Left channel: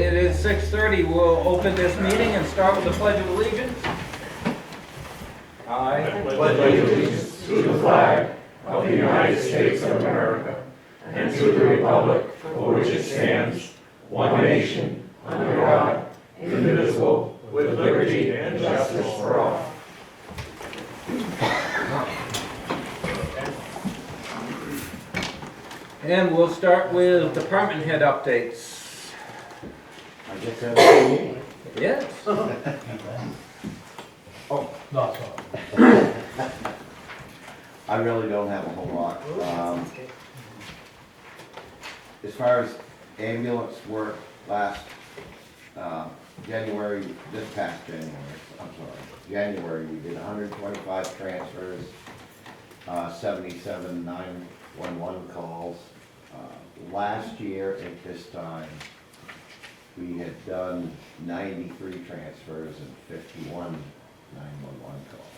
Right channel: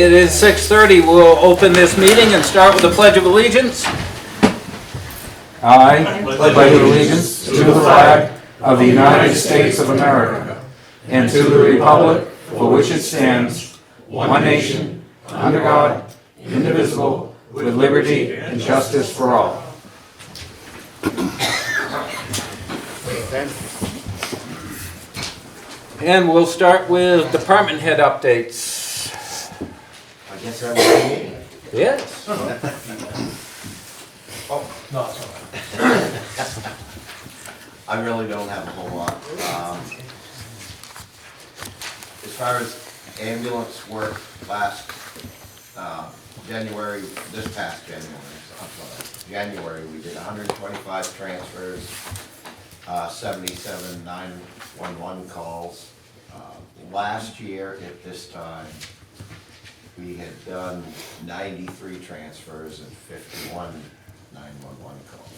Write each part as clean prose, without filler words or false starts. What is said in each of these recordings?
It is 6:30. We'll open this meeting and start with the Pledge of Allegiance. I pledge allegiance to the flag of the United States of America and to the republic for which it stands, one nation, under God, indivisible, with liberty and justice for all. And we'll start with department head updates. I guess I'm meeting. Yes. Oh, No, it's all right. I really don't have a whole lot. As far as ambulance work last January, this past January, we did 125 transfers, 77 911 calls. Last year at this time, we had done 93 transfers and 51 911 calls.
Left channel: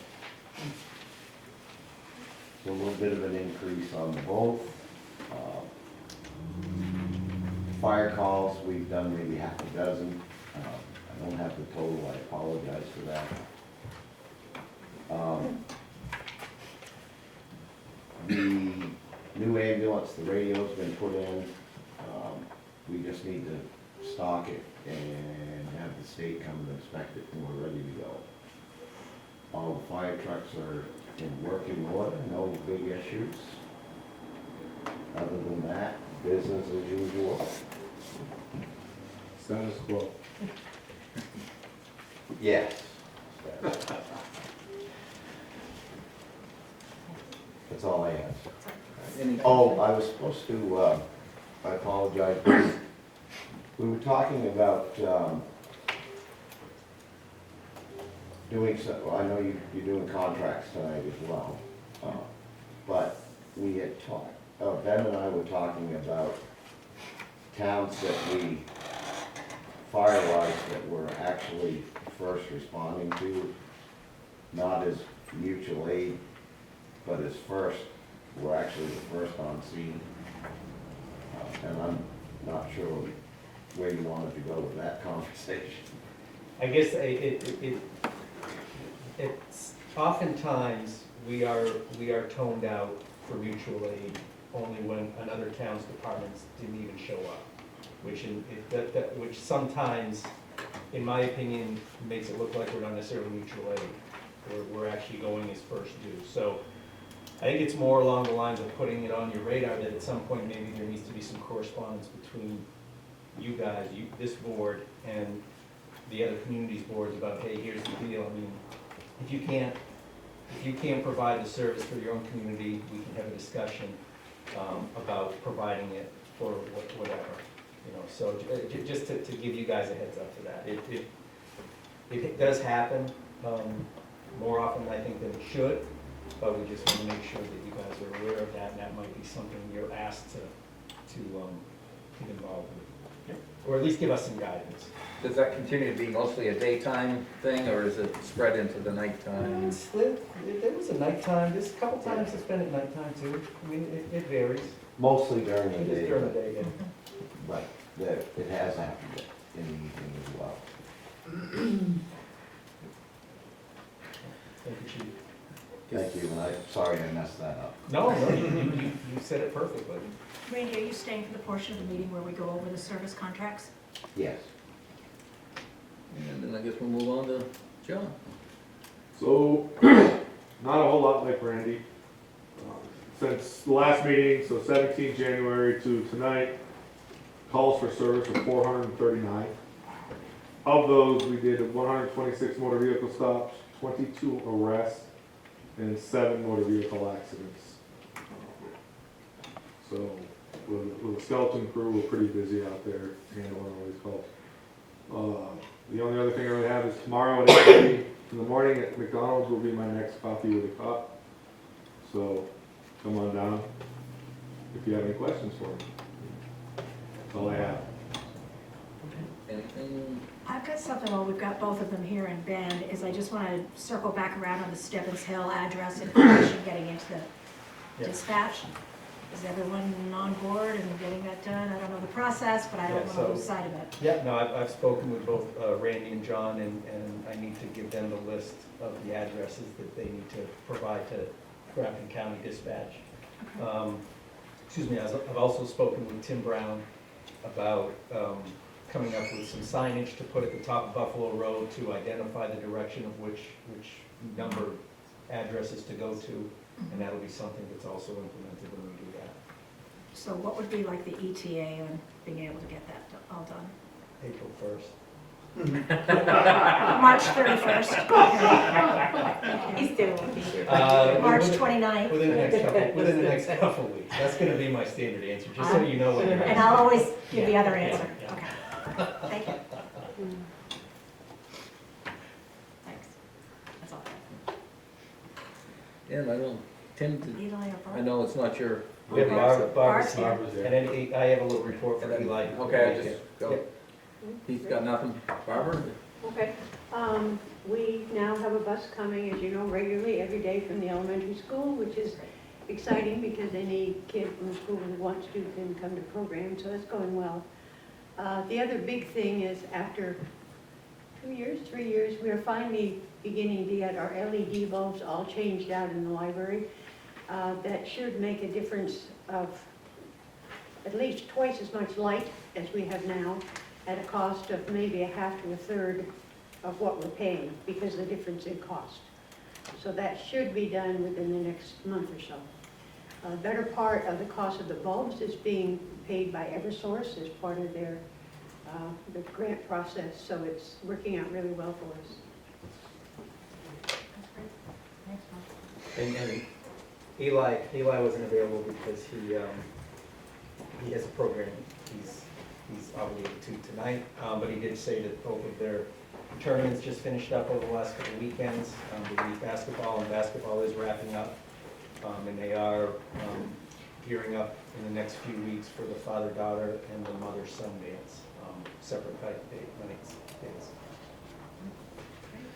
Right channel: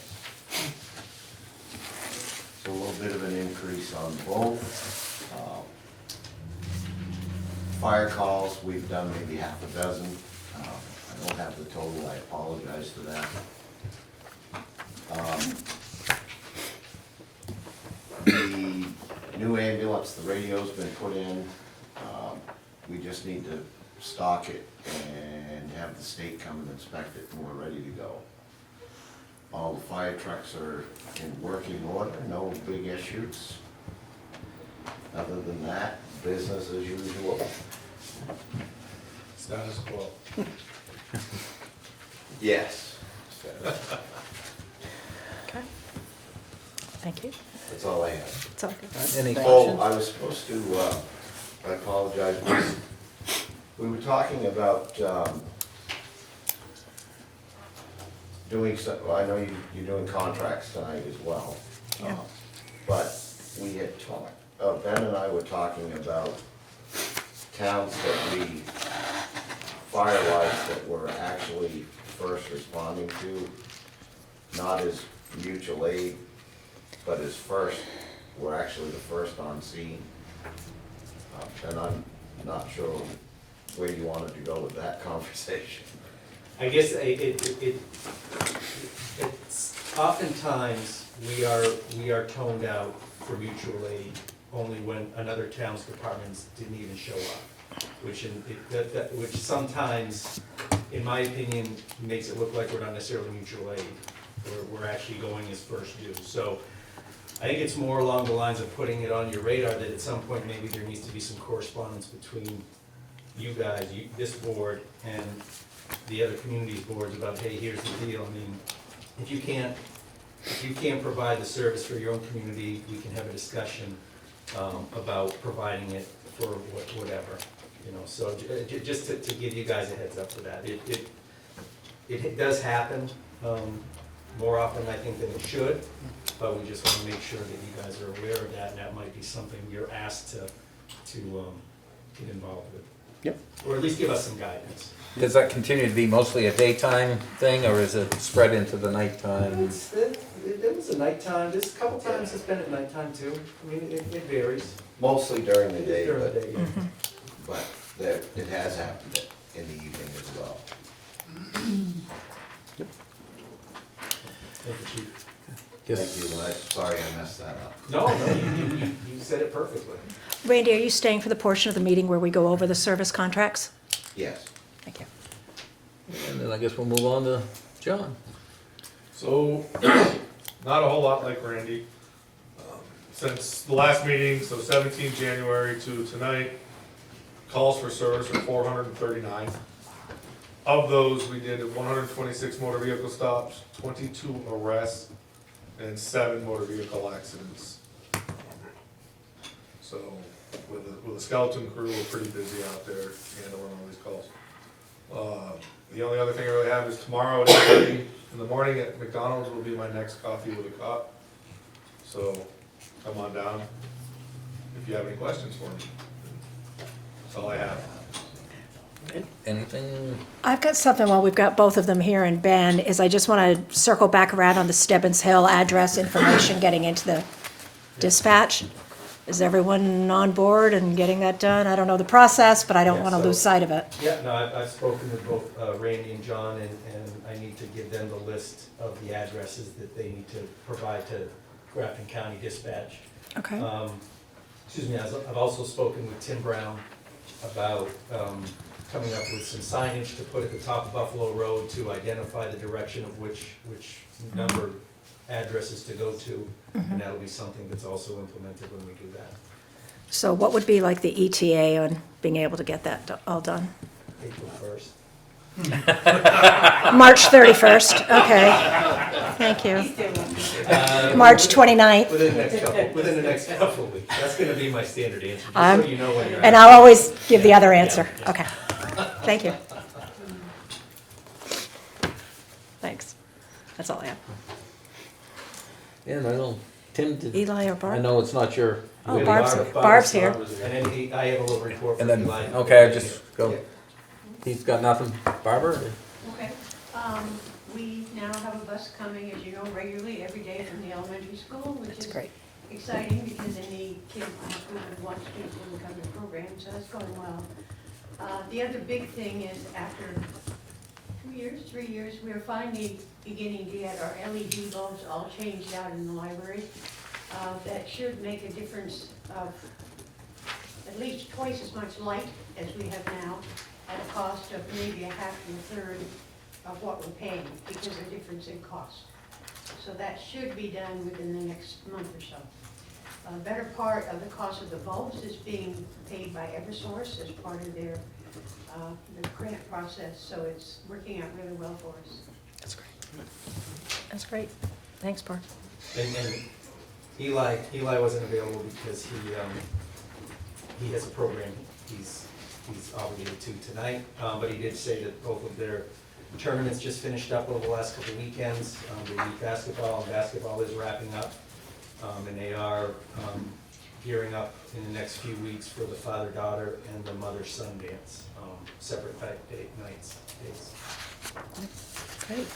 So a little bit of an increase on both. Fire calls, we've done maybe half a dozen. I don't have the total, I apologize for that. The new ambulance, the radio's been put in. We just need to stock it and have the state come and inspect it when we're ready to go. All the fire trucks are in working order, no big issues. Other than that, business as usual. Status quo. Yes. Okay. Thank you. That's all I have. It's all good. Any Oh, questions? I was supposed to, I apologize. We were talking about doing some, well, I know you're doing contracts tonight as well. Yeah. But we had talked, Ben and I were talking about towns that we fire-wise that we're actually first responding to, not as mutual aid, but as first, we're actually the first on scene. And I'm not sure where you wanted to go with that conversation. I guess it's oftentimes we are toned out for mutual aid only when another town's departments didn't even show up, which sometimes, in my opinion, makes it look like we're not necessarily mutual aid. We're actually going as first due. So I think it's more along the lines of putting it on your radar that at some point maybe there needs to be some correspondence between you guys, this board, and the other communities boards about, hey, here's the deal. I mean, if you can't provide the service for your own community, we can have a discussion about providing it for whatever. You know, so just to give you guys a heads up for that. It does happen more often, I think, than it should, but we just want to make sure that you guys are aware of that, and that might be something you're asked to get involved with. Yep. Or at least give us some guidance. Does that continue to be mostly a daytime thing, or is it spread into the nighttime? It was a nighttime, there's a couple times it's been at nighttime too. I mean, it varies. Mostly during the day, During the day, yeah. but it has happened in the evening as well. Thank you, Chief. Thank you, and I'm sorry I messed that up. No, you said it perfectly. Randy, are you staying for the portion of the meeting where we go over the service contracts? Yes. Thank you. And then I guess we'll move on to John. So, not a whole lot like Randy. Since the last meeting, so 17 January to tonight, calls for service are 439. Of those, we did 126 motor vehicle stops, 22 arrests, and 7 motor vehicle accidents. So, with the skeleton crew, we're pretty busy out there handling all these calls. The only other thing I really have is tomorrow at 8:30 in the morning at McDonald's will be my next coffee with a cop. So come on down if you have any questions for me. That's all I have. Anything? I've got something while we've got both of them here, and Ben, is I just want to circle back around on the Stebbins Hill address information getting into the dispatch. Is everyone on board and getting that done? I don't know the process, but I don't Yeah, want to so- lose sight of it. Yeah, no, I've spoken with both Randy and John, and I need to give them the list of the addresses that they need to provide to Grafton County Dispatch. Okay. Excuse me, I've also spoken with Tim Brown about coming up with some signage to put at the top of Buffalo Road to identify the direction of which number of addresses to go to, and that'll be something that's also implemented when we do that. So what would be like the ETA on being able to get that all done? April 1st. March 31st, okay. Thank you. March 29th. Within the next couple of weeks. That's gonna be my standard answer, just so you know what. And I'll always give the other answer. Okay. Thank you. Thanks. That's all I have. And I don't, Tim, did, Eli or I Barb? know it's not your. Oh, Yeah, Barb's here. And then I have a little report And from then, Eli. okay, I just go, he's got nothing. Barbara? Okay, we now have a bus coming, as you know, regularly every day from the elementary school, which That's is great. exciting because any kid from the school who wants to can come to programs, so that's going well. The other big thing is after 3 years, we are finally beginning to get our LED bulbs all changed out in the library. That should make a difference of at least twice as much light as we have now at a cost of maybe a half to a third of what we're paying because of the difference in cost. So that should be done within the next month or so. A better part of the cost of the bulbs is being paid by Eversource as part of their the grant process, so it's working out really well for us. That's great. Thanks, Barb. And Eli wasn't available because he has a program he's obligated to tonight, but he did say that both of their tournaments just finished up over the last couple of weekends. The youth basketball and basketball is wrapping up, and they are gearing up in the next few weeks for the father-daughter and the mother-son dance, separate nights. Great.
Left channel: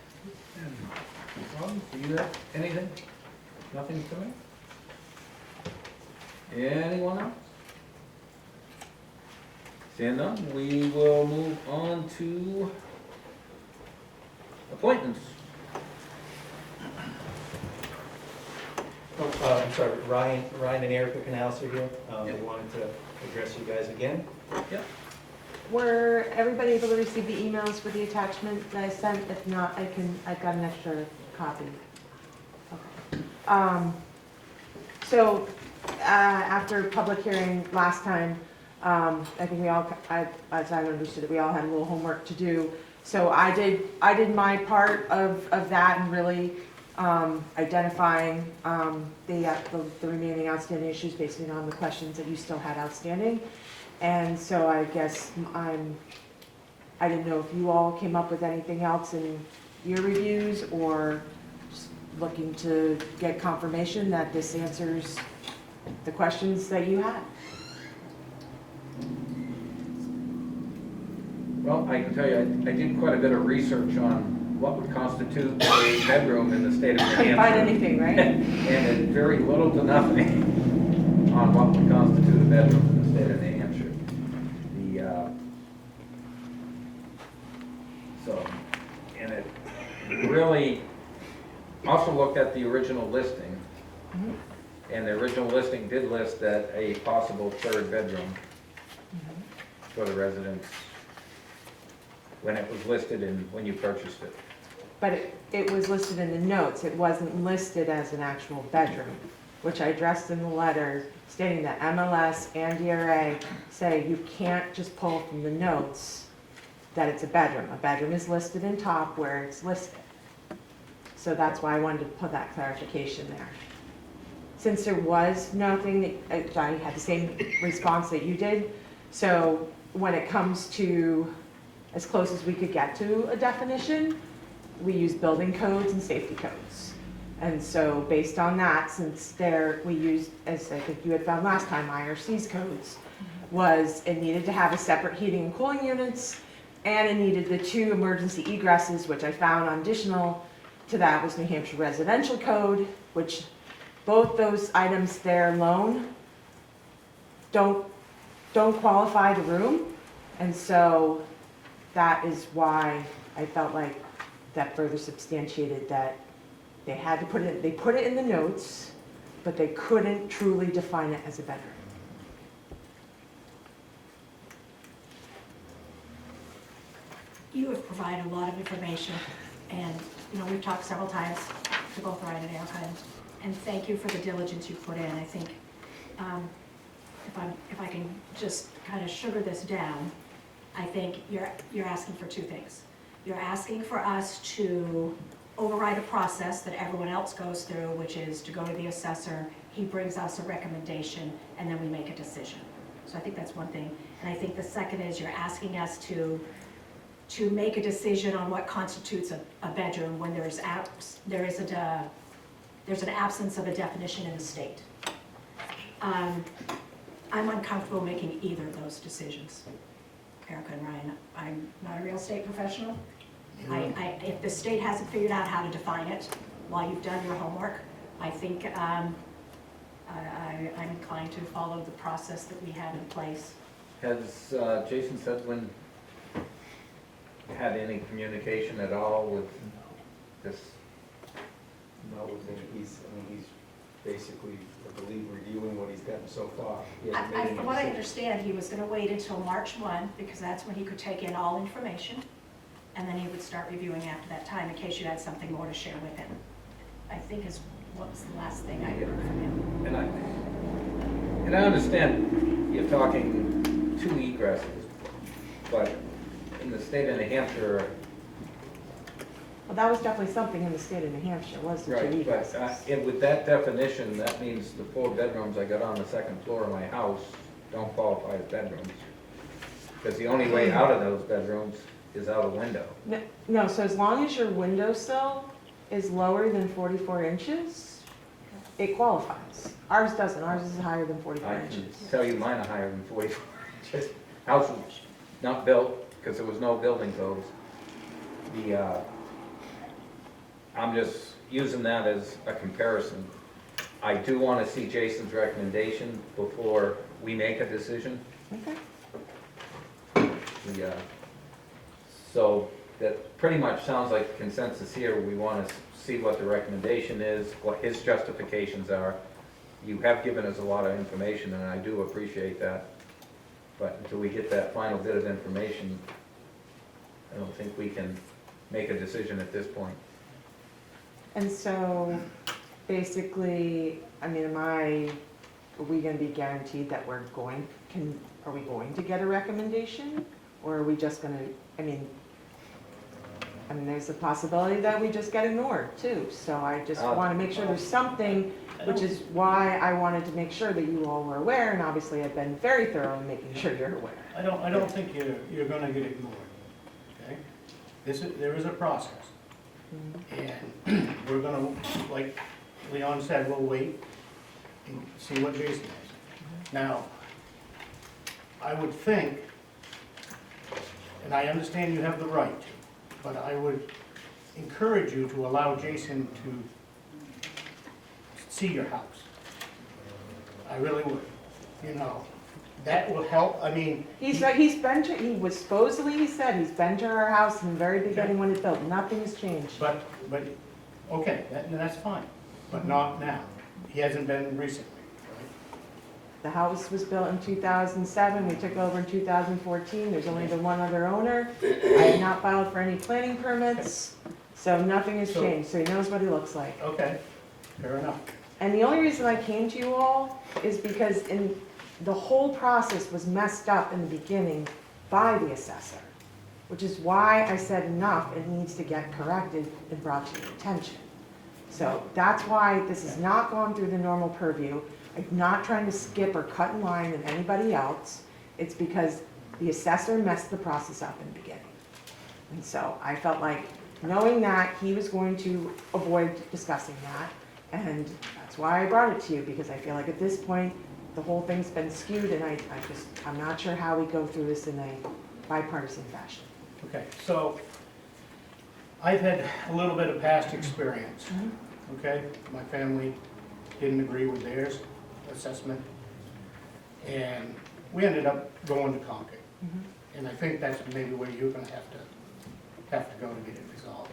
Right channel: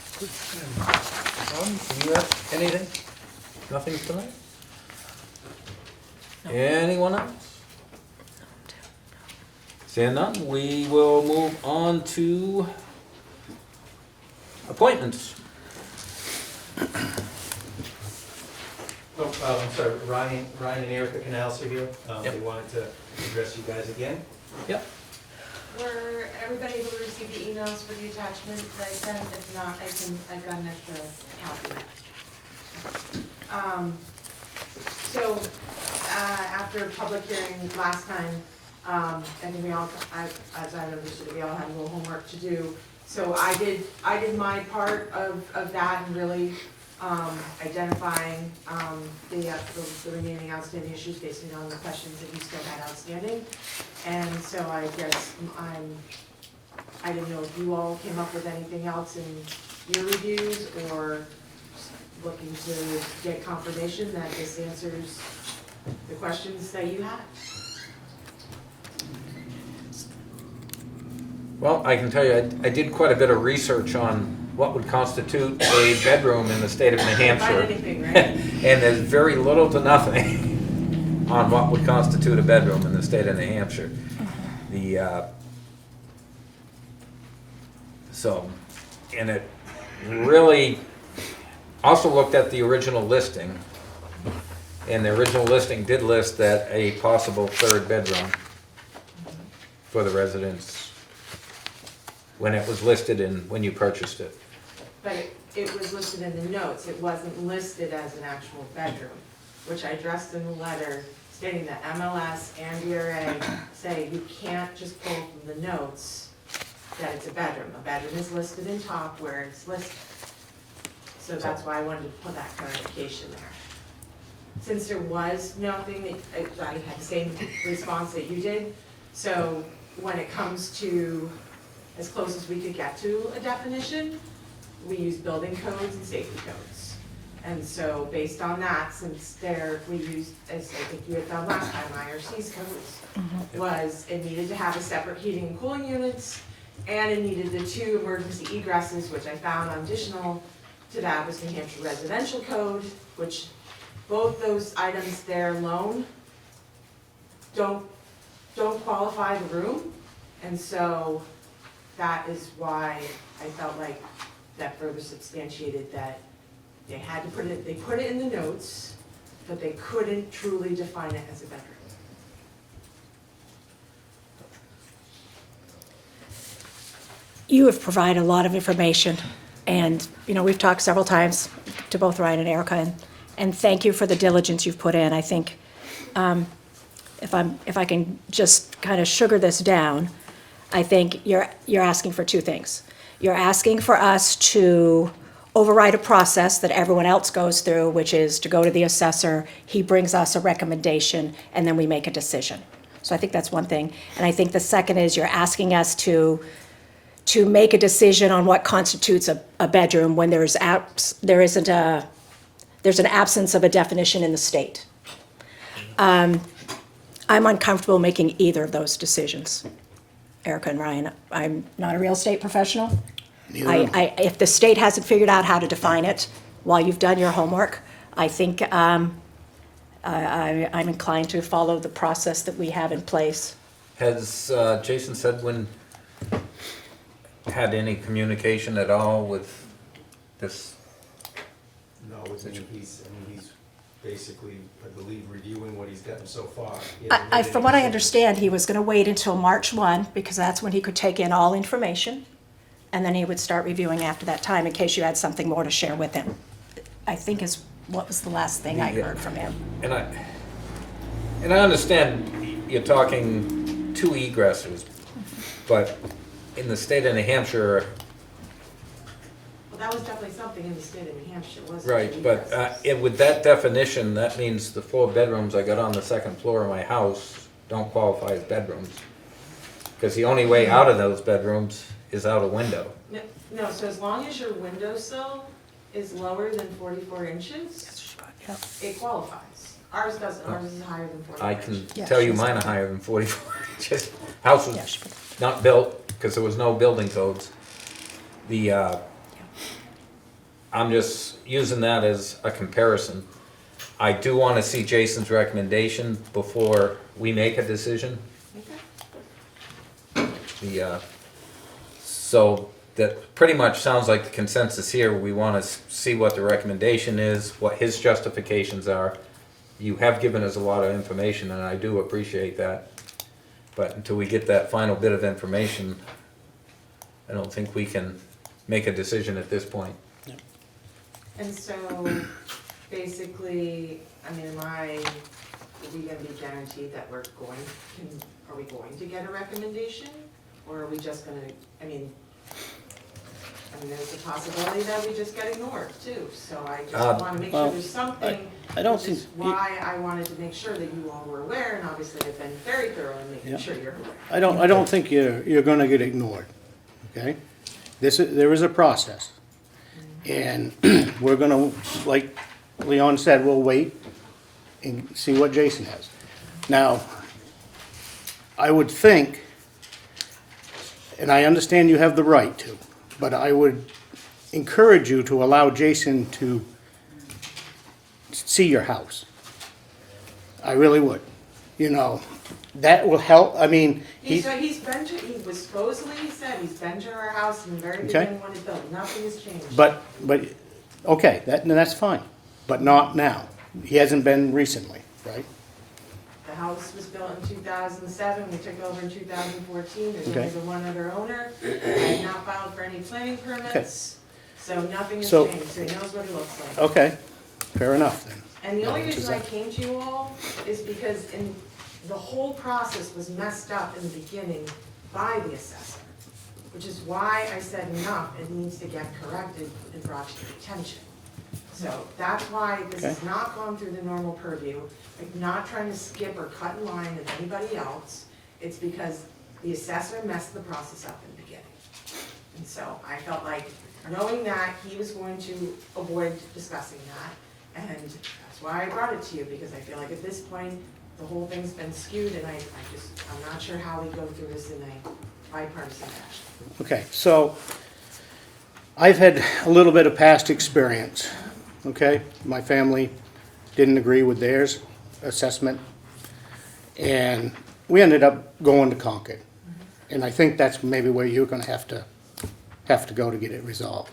You have anything? Nothing tonight? Anyone else? Seeing none, we will move on to appointments. Oh, I'm sorry, Ryan and Erica Canals are here. They Yep. wanted to address you guys again. Yep. Were everybody able to receive the emails with the attachments that I sent? If not, I've got an extra copy. So, after public hearing last time, I think we all, as I understood it, we all had a little homework to do. So I did my part of that and really, identifying, the remaining outstanding issues based on the questions that you still had outstanding. And so I guess I didn't know if you all came up with anything else in your reviews or just looking to get confirmation that this answers the questions that you had. Well, I can tell you, I did quite a bit of research on what would constitute a bedroom in the state of New Find Hampshire. anything, right? And there's very little to nothing on what would constitute a bedroom in the state of New Hampshire. And it really, also looked at the original listing. And the original listing did list that a possible third bedroom for the residents when it was listed and when you purchased it. But it was listed in the notes, it wasn't listed as an actual bedroom, which I addressed in the letter stating that MLS and DRA say you can't just pull from the notes that it's a bedroom. A bedroom is listed in top where it's listed. So that's why I wanted to put that clarification there. Since there was nothing, I had the same response that you did, so when it comes to as close as we could get to a definition, we use building codes and safety codes. And so based on that, since we used, as I think you had found last time, IRC's codes, was it needed to have a separate heating and cooling units, and it needed the 2 emergency egresses, which I found additional to that was New Hampshire residential code, which both those items there alone don't qualify the room. And so that is why I felt like that further substantiated that they had to they put it in the notes, but they couldn't truly define it as a bedroom. You have provided a lot of information, and, we've talked several times to both Ryan and Erica, and thank you for the diligence you've put in. I think, if I can just kind of sugar this down, I think you're asking for two things. You're asking for us to override a process that everyone else goes through, which is to go to the assessor, he brings us a recommendation, and then we make a decision. So I think that's one thing. And I think the second is you're asking us to make a decision on what constitutes a bedroom when there's an absence of a definition in the state. I'm uncomfortable making either of those decisions. Erica and Ryan, I'm not a real estate professional. If the state hasn't figured out how to define it while you've done your homework, I think I'm inclined to follow the process that we have in place. Has Jason Sedwin had any communication at all with this? No, he's basically, I believe, reviewing what he's gotten so far. From what I understand, he was going to wait until March 1, because that's when he could take in all information, and then he would start reviewing after that time, in case you had something more to share with him. I think is what was the last thing I heard from him. And I understand you're talking two egresses, but in the state of New Hampshire, Well, that was definitely something in the state of New Hampshire, wasn't it? right, but with that definition, that means the 4 bedrooms I got on the second floor of my house don't qualify as bedrooms. Because the only way out of those bedrooms is out a window. No, so as long as your windowsill is lower than 44 inches, it qualifies. Ours doesn't, ours is higher than 44 I inches. can tell you mine are higher than 44 inches. House was not built because there was no building codes. I'm just using that as a comparison. I do want to see Jason's recommendation before we make a decision. Okay. So that pretty much sounds like the consensus here. We want to see what the recommendation is, what his justifications are. You have given us a lot of information, and I do appreciate that. But until we get that final bit of information, I don't think we can make a decision at this point. And so, basically, I mean, are we gonna be guaranteed that are we going to get a recommendation? Or are we just gonna, I mean, there's a possibility that we just get ignored too. So I just wanna make sure there's something, which is why I wanted to make sure that you all were aware, and obviously I've been very thorough in making sure you're aware. I don't think you're gonna get ignored, okay? There is a process. And we're gonna, like Leon said, we'll wait and see what Jason has. Now, I would think, and I understand you have the right to, but I would encourage you to allow Jason to see your house. I really would. That will help, I mean. He was supposedly, he said, he's been to our house in the very beginning when it's built, nothing has changed. But, okay, that's fine, but not now. He hasn't been recently, right? The house was built in 2007, we took over in 2014, there's only Okay. been one other owner. I have not filed for any planning permits, so nothing has So- changed, so he knows what he looks like. Okay, fair enough. And the only reason I came to you all is because the whole process was messed up in the beginning by the assessor, which is why I said, enough, it needs to get corrected and brought to your attention. So that's why this has not gone through the normal purview. I'm not trying to skip or cut in line with anybody else. It's because the assessor messed the process up in the beginning. And so I felt like, knowing that, he was going to avoid discussing that, and that's why I brought it to you, because I feel like at this point, the whole thing's been skewed, and I'm not sure how we go through this in a bipartisan fashion. Okay, so I've had a little bit of past experience, okay? My family didn't agree with theirs assessment. And we ended up going to Concord. And I think that's maybe where you're gonna have to go to get it resolved.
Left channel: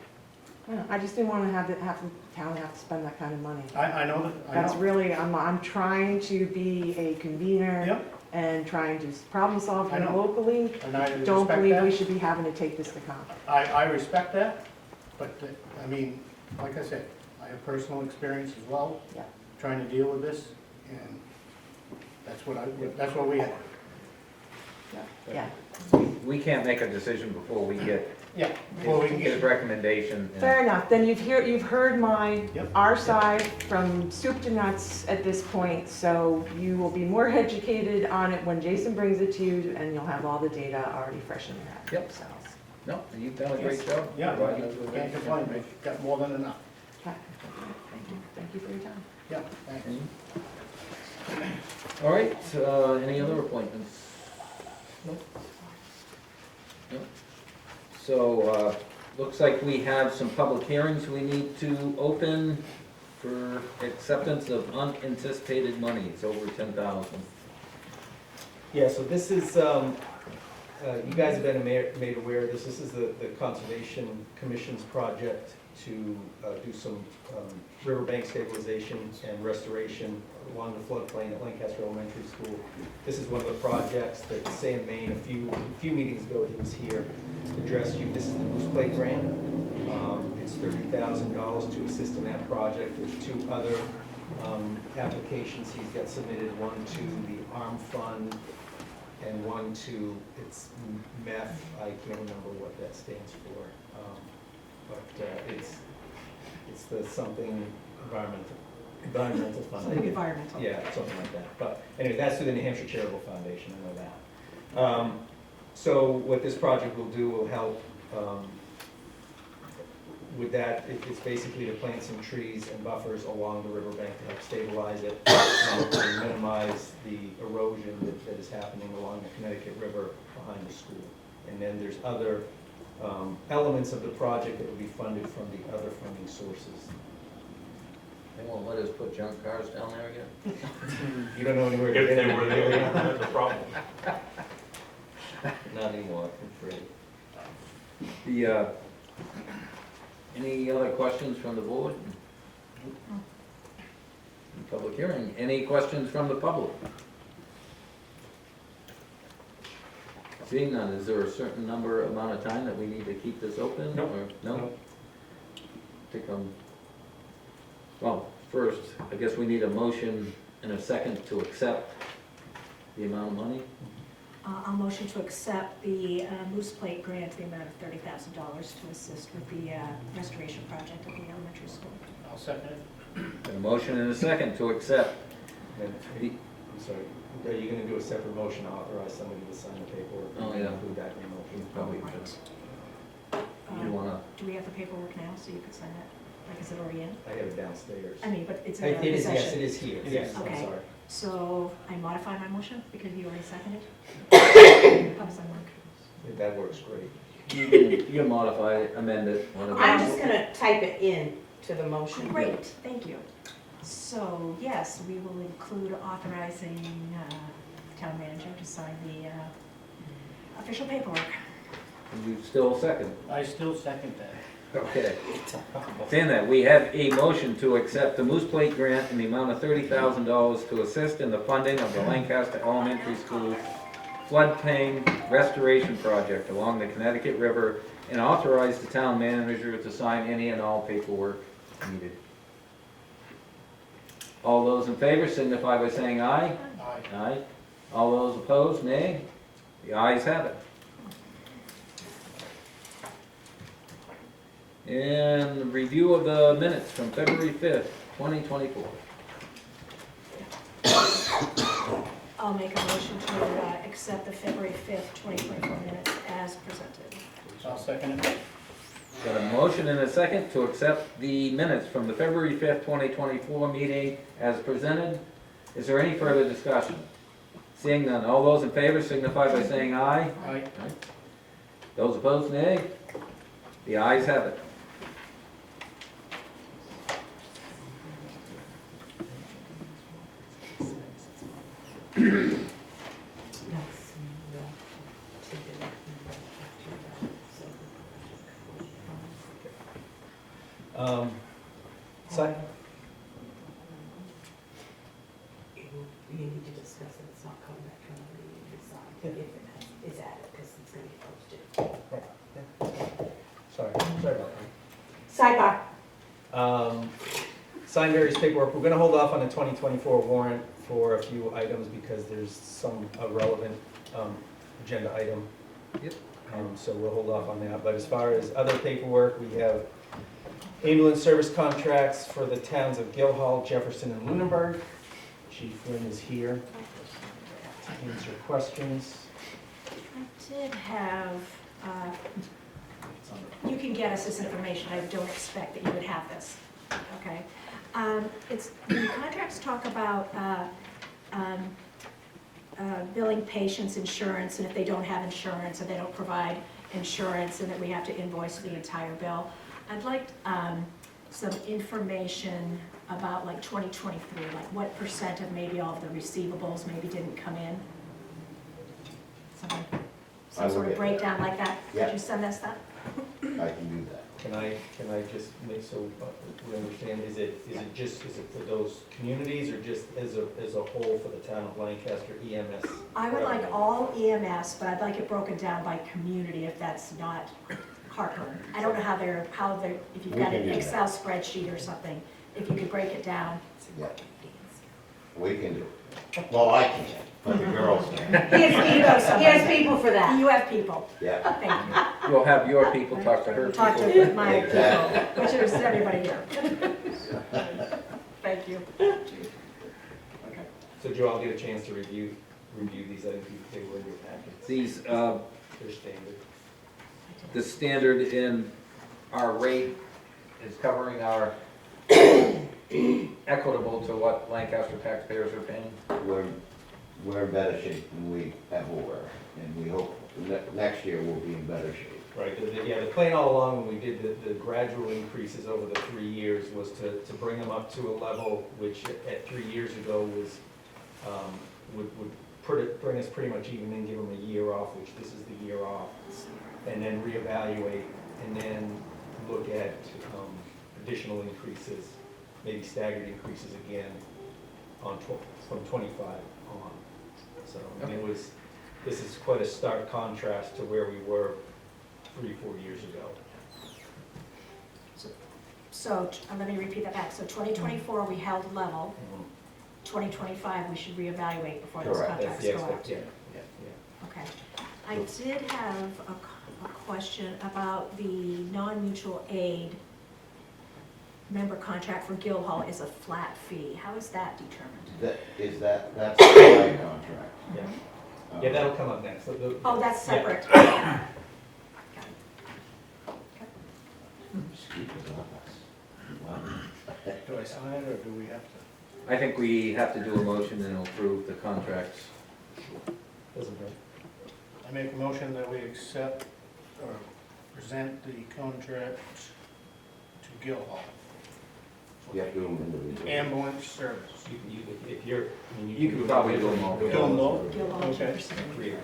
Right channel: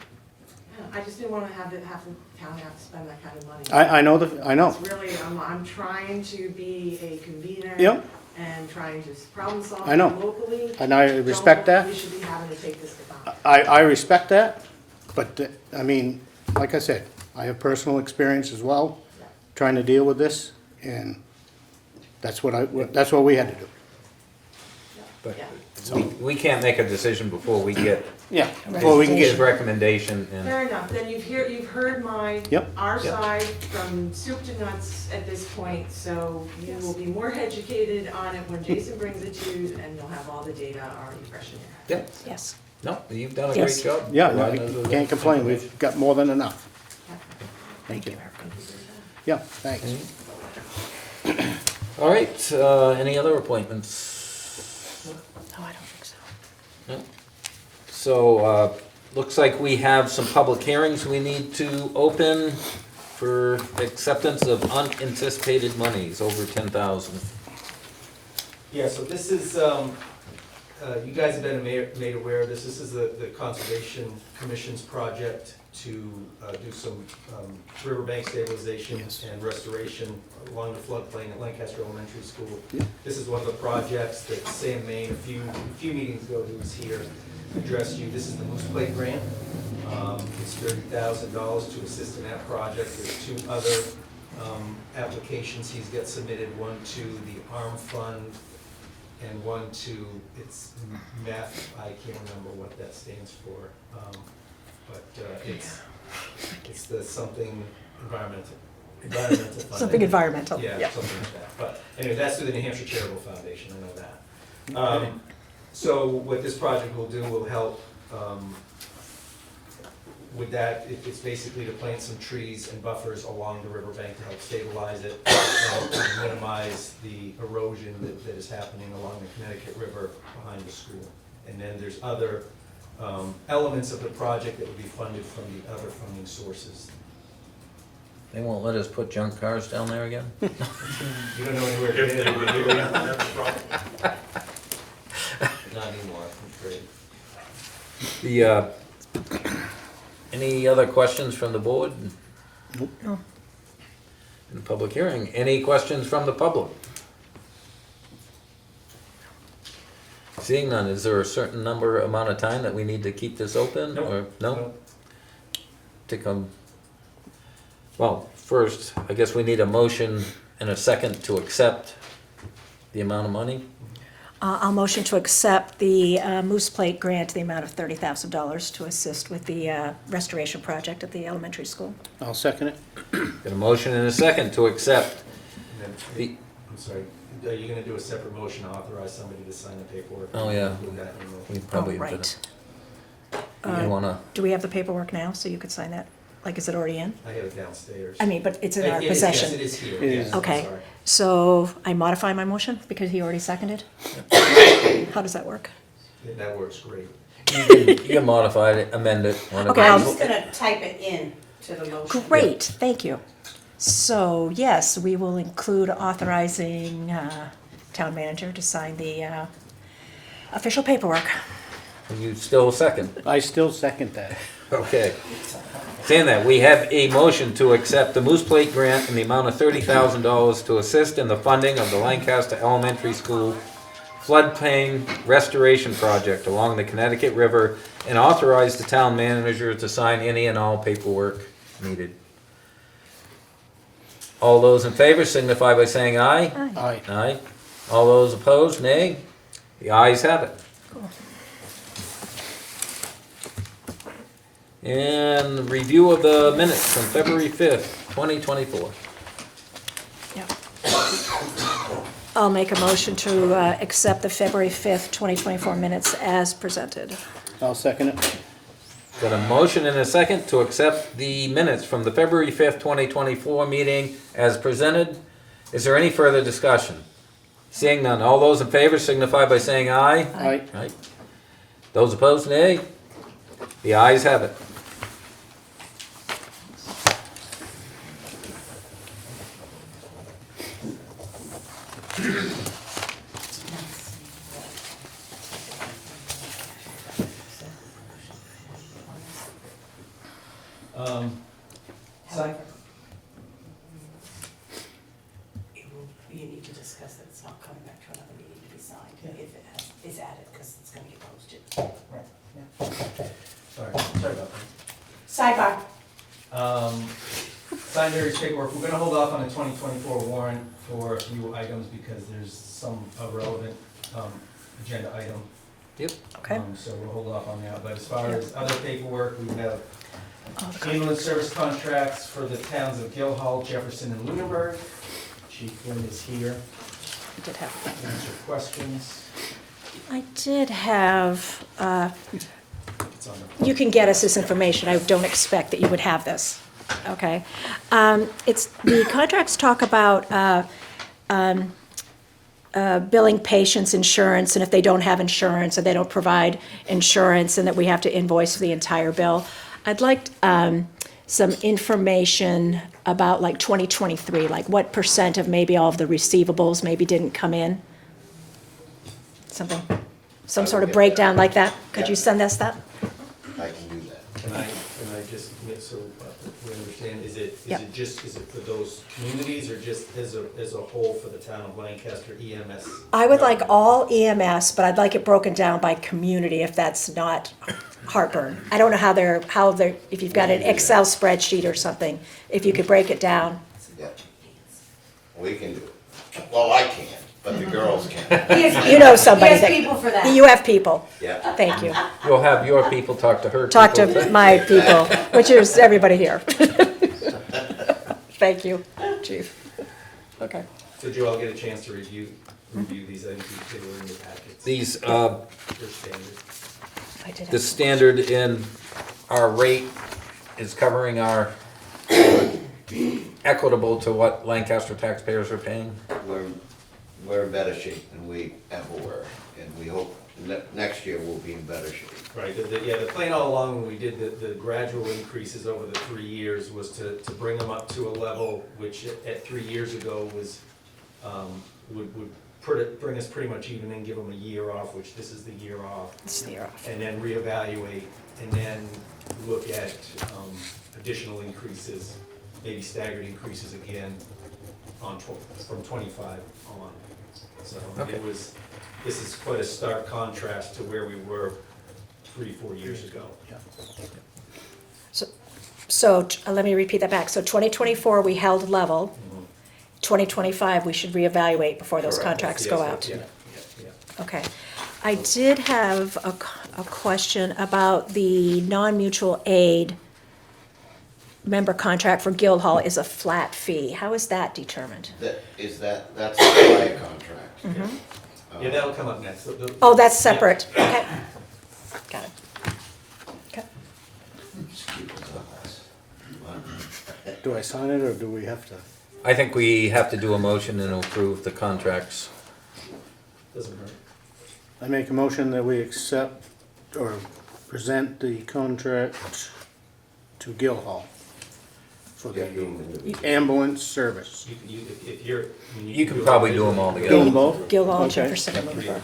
Yeah, I just didn't wanna have the town have to spend that kind of money. I know, I know. That's really, I'm trying to be a convener. Yep. And trying to problem solve I know. locally. And I respect Don't that. believe we should be having to take this to council. I respect that, but, I mean, like I said, I have personal experience as well, Yeah. trying to deal with this, and that's what we had to do. But- Yeah. We can't make a decision before we get Yeah, before we can his get, recommendation. Fair enough, then you've heard Yep. our side from soup to nuts at this point, so you will be more educated on it when Jason brings it to you, and you'll have all the data already fresh in your head. Yep. So, Yes. No, you've done a Yes. great job. yeah, providing us with can't that complain, information. we've got more than enough. okay. Thank you. Thank you for your time. Yeah, thanks. All right, any other appointments? No, I don't think so. So, looks like we have some public hearings we need to open for acceptance of unanticipated monies over 10,000. Yeah, so this is, you guys have been made aware of this. This is the Conservation Commission's project to do some riverbank stabilization Yes. and restoration along the floodplain at Lancaster Elementary School. This is one of the projects that Sam Main, a few meetings ago, he was here, addressed you. This is the Moose Plate Grant. It's $30,000 to assist in that project. There's two other applications he's got submitted, one to the ARM Fund and one to, it's math, I can't remember what that stands for. But it's the something environmental fund. Something environmental. Yeah, something like that. But anyway, that's through the New Hampshire Charitable Foundation, I know that. So what this project will do will help with that. It's basically to plant some trees and buffers along the riverbank to help stabilize it, to minimize the erosion that is happening along the Connecticut River behind the school. And then there's other elements of the project that will be funded from the other funding sources. They won't let us put junk cars down there again? You don't know anywhere to get it. Not anymore, that's great. The, any other questions from the board? Nope. No. In the public hearing, any questions from the public? Seeing none, is there a certain amount of time that we need to keep this open, Nope. or, no? Nope. Well, first, I guess we need a motion and a second to accept the amount of money. I'll motion to accept the Moose Plate grant, the amount of $30,000 to assist with the restoration project at the elementary school. I'll second it. A motion and a second to accept And the, I'm sorry, are you gonna do a separate motion to authorize somebody to sign the paperwork? Oh, yeah. Include that in the- we probably. Oh, right. You wanna, Do we have the paperwork now, so you could sign that? Like, is it already in? I have it downstairs. I mean, but it's in our It is, yes, possession. it is here, It yes, is. I'm Okay. sorry. So I modify my motion because he already seconded? How does that work? That works great. you can modify it, amend it. whatever. Okay, I'm just gonna type it in to the motion. Great, thank you. So, yes, we will include authorizing town manager to sign the official paperwork. You still second? I still second that. Okay. Saying that, we have a motion to accept the Moose Plate grant in the amount of $30,000 to assist in the funding of the Lancaster Elementary School floodplain restoration project along the Connecticut River, and authorize the town manager to sign any and all paperwork needed. All those in favor signify by saying aye. Aye. Aye. All those opposed, nay. The ayes have it. And review of the minutes from February 5th, 2024. I'll make a motion to accept the February 5th, 2024 minutes as presented. I'll second it. Got a motion and a second to accept the minutes from the February 5th, 2024 meeting as presented. Is there any further discussion? Seeing none, all those in favor signify by saying aye. Aye. Aye. Those opposed, nay. The ayes have it. process that it's not coming back to another meeting to be signed, if it is added, because it's gonna get posted. Sorry about Sidebar. that. Sign various paperwork, we're gonna hold off on the 2024 warrant for a few items because there's some irrelevant agenda item. Okay. So we'll hold off on that, but as far as other paperwork, we have ambulance service contracts for the towns of Guildhall, Jefferson, and Lunenburg. Chief Lynn is here I did have, to answer questions. I did have, It's on the- you can get us this information, I don't expect that you would have this, okay? It's, the contracts talk about billing patients insurance, and if they don't have insurance, or they don't provide insurance, and that we have to invoice for the entire bill. I'd like some information about like 2023, like what % of maybe all of the receivables maybe didn't come in? Something, some sort of breakdown like that? Could you send us that? I can do that. Can I just make so we understand, is it Yep. is it for those communities or just as a whole for the town of Lancaster EMS? I would like all EMS, but I'd like it broken down by community if that's not heartburn. I don't know how they're, if you've got an Excel spreadsheet or something, if you could break it down. Yeah. We can do it. Well, I can't, but the girls can. You know somebody He has that, people for that. you have people, Yeah. thank you. You'll have your people talk to her. Talk people. to my people, which is everybody here. Thank you, chief. Okay. So did you all get a chance to review these items they were in your packets? These, They're standard. I did the have, standard in our rate is covering our equitable to what Lancaster taxpayers are paying. We're in better shape than we ever were, and we hope next year we'll be in better shape. Right, the plan all along when we did the gradual increases over the 3 years was to bring them up to a level which at 3 years ago was, would bring us pretty much even and give them a year off, which this is the year off. it's the off. And then reevaluate, and then look at additional increases, maybe staggered increases again from 25 on. So Okay. this is quite a stark contrast to where we were 3-4 years ago. So, let me repeat that back. So 2024, we held level. 2025, we should reevaluate before those Correct. contracts Yes, go yes, out. yeah. Okay. I did have a question about the non-mutual aid member contract for Guildhall is a flat fee. How is that determined? That's a fire contract. Mhm. Yeah, that'll come up next. Oh, that's separate. Okay. Got it. Okay. Just keep us honest. Do I sign it, or do we have to? I think we have to do a motion and approve the contracts. Doesn't hurt. I make a motion that we accept or present the contract to Guildhall for Yeah, the do them individually. ambulance service. If you're. I mean, You can probably do them all Do together. them both? Guildhall, Okay. Jefferson, and Lunenburg.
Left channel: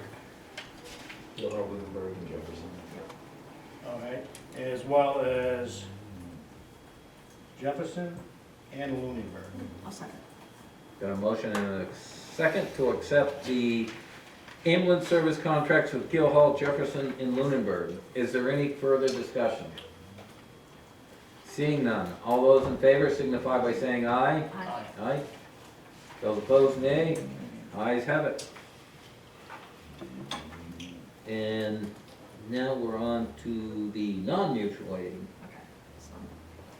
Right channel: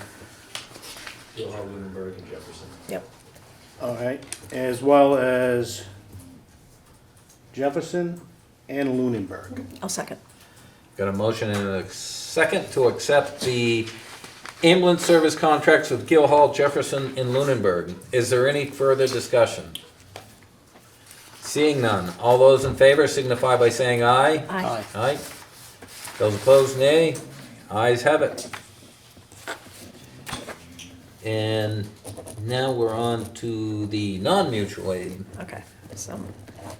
Guildhall, Lunenburg, and Jefferson. Yep. All right, as well as Jefferson and Lunenburg. I'll second. Got a motion and a second to accept the ambulance service contracts with Guildhall, Jefferson, and Lunenburg. Is there any further discussion? Seeing none, all those in favor signify by saying aye. Aye. Aye. Those opposed, nay. Ayes have it. And now we're on to the non-mutual aid. Okay.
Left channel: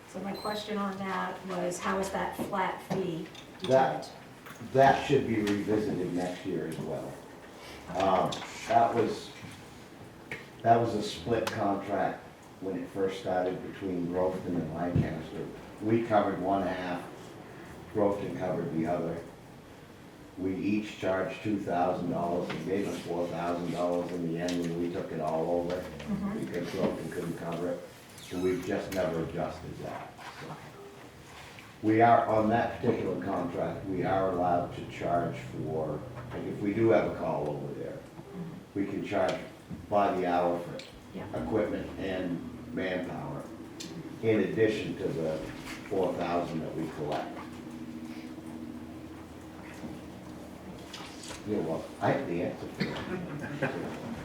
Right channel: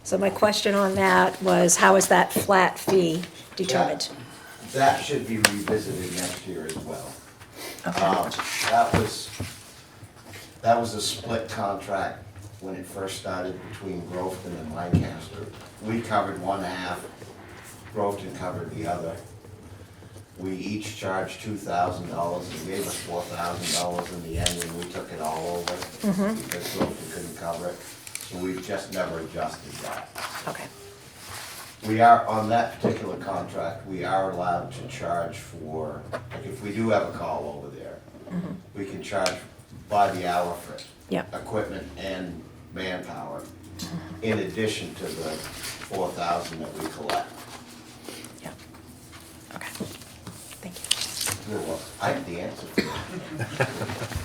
So my question on that was, how is that flat fee determined? That should be revisited next year as well. That was a split contract when it first started between Grofton and Lancaster. We covered one half, Grofton covered the other. We each charged $2,000 and gave us $4,000 in the end, and we took it all over because Grofton couldn't cover it. So we've just never adjusted that. Okay. We are, on that particular contract, we are allowed to charge for, like if we do have a call over there, we can charge by the hour for Yep. equipment and manpower, in addition to the $4,000 that we collect. Yep. Okay. Thank you. Well, I have the answer for it.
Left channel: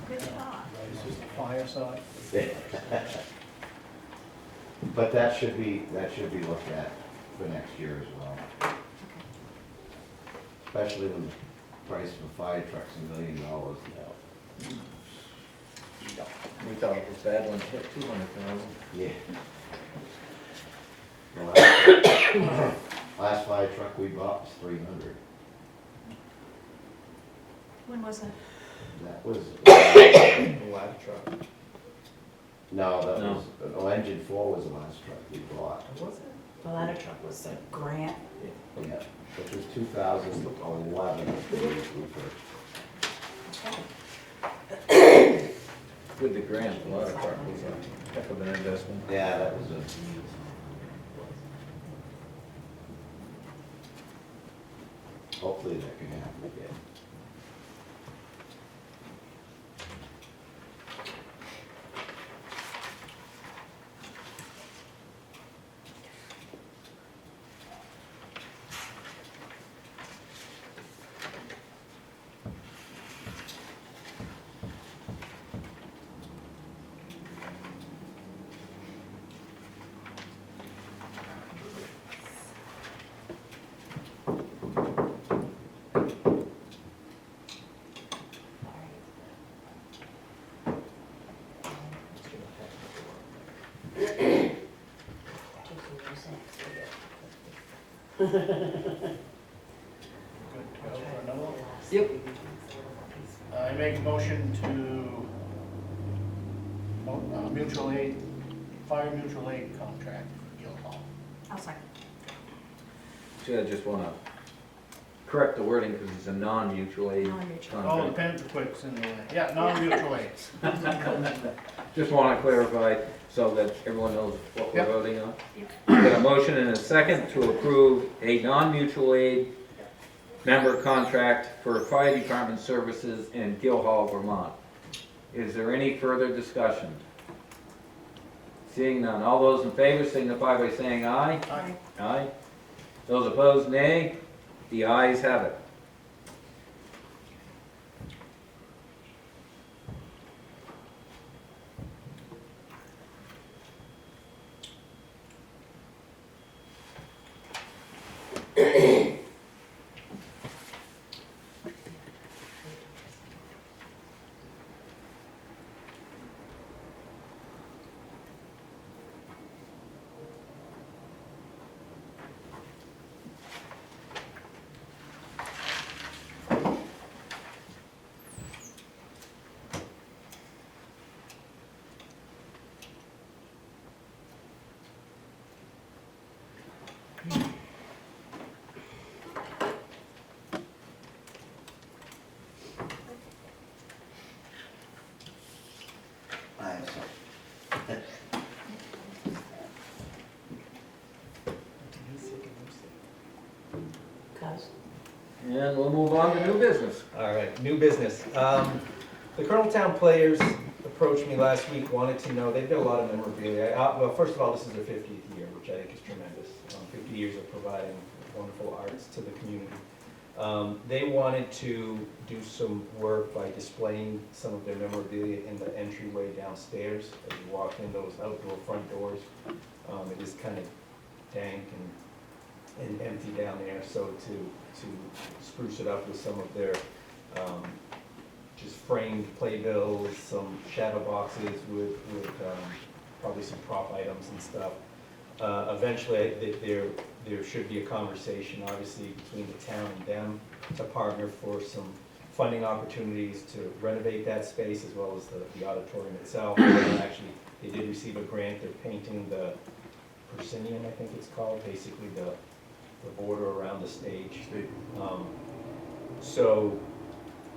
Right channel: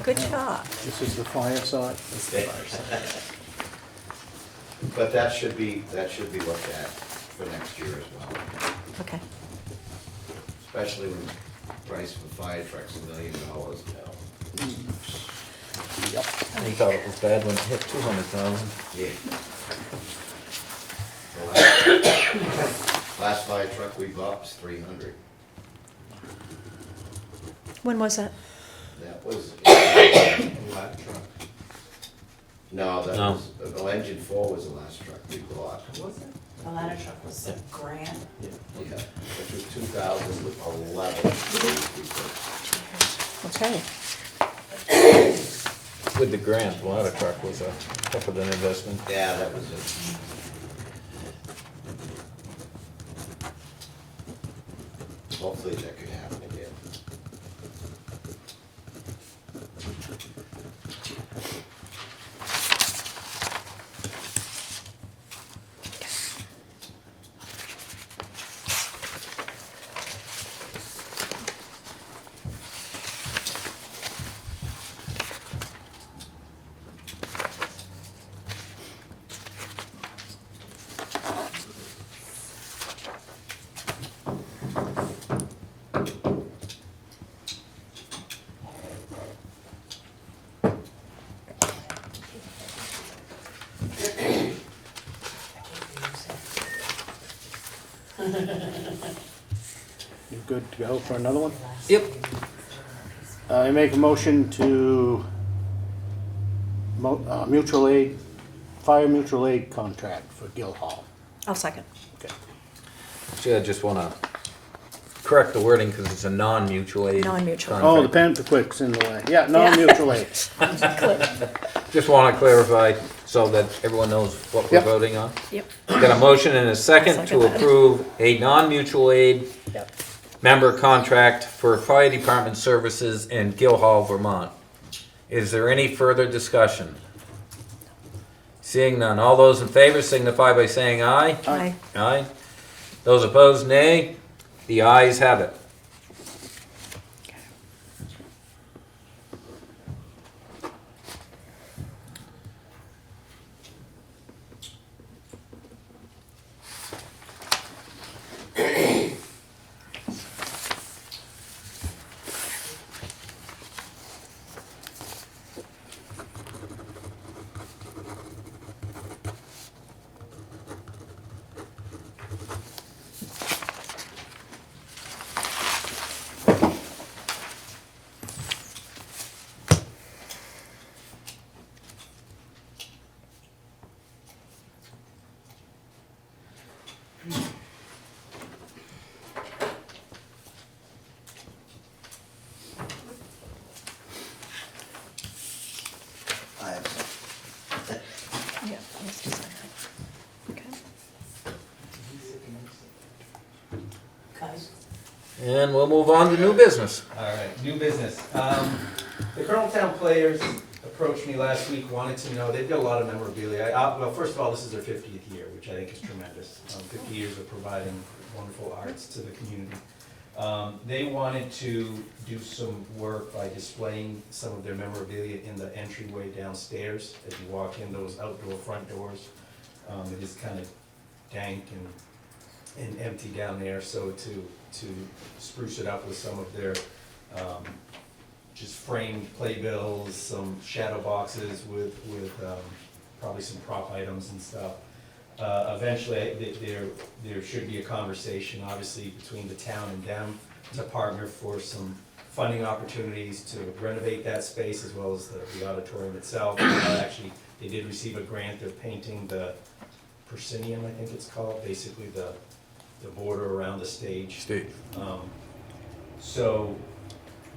Good job. This is the fire side. But that should be looked at for next year as well, Okay. especially when the price of a fire truck's $1 million now. We thought it was bad when it hit 200,000. Yeah. The last fire truck we bought was 300. When was that? That was, Black truck. no, that No. was, the engine 4 was the last truck we bought. Was it? The ladder truck was a Grant. Yeah, which was 2011. Okay. With the grant, the ladder truck was a heck of an investment. Yeah, that was hopefully that could happen again. You good to go for another one? Yep. I make a motion to mutual aid, fire mutual aid contract for Guildhall. I'll second. Actually, I just want to correct the wording because it's a non-mutual aid. Non-mutual. Oh, the contract. pen quick's in the way. Yeah, non-mutual aid. Just want to clarify so that everyone knows what we're Yep. voting on. Yep. Got a motion and a second Second to that. approve a non-mutual aid Yep. member contract for fire department services in Guildhall, Vermont. Is there any further discussion? Seeing none, all those in favor signify by saying aye. Aye. Aye. Those opposed, nay. The ayes have it. I have Yeah, let's just- okay. Guys, And we'll move on to new business. All right, new business. The Coloneltown players approached me last week, wanted to know, they've got a lot of memorabilia. Well, first of all, this is their 50th year, which I think is tremendous. 50 years of providing wonderful arts to the community. They wanted to do some work by displaying some of their memorabilia in the entryway downstairs. As you walk in those outdoor front doors, it is kind of dank and empty down there, so to spruce it up with some of their just framed playbills, some shadow boxes with probably some prop items and stuff. Eventually, there should be a conversation, obviously, between the town and them to partner for some funding opportunities to renovate that space as well as the auditorium itself. Actually, they did receive a grant, they're painting the proscenium, I think it's called, basically the border around the stage. So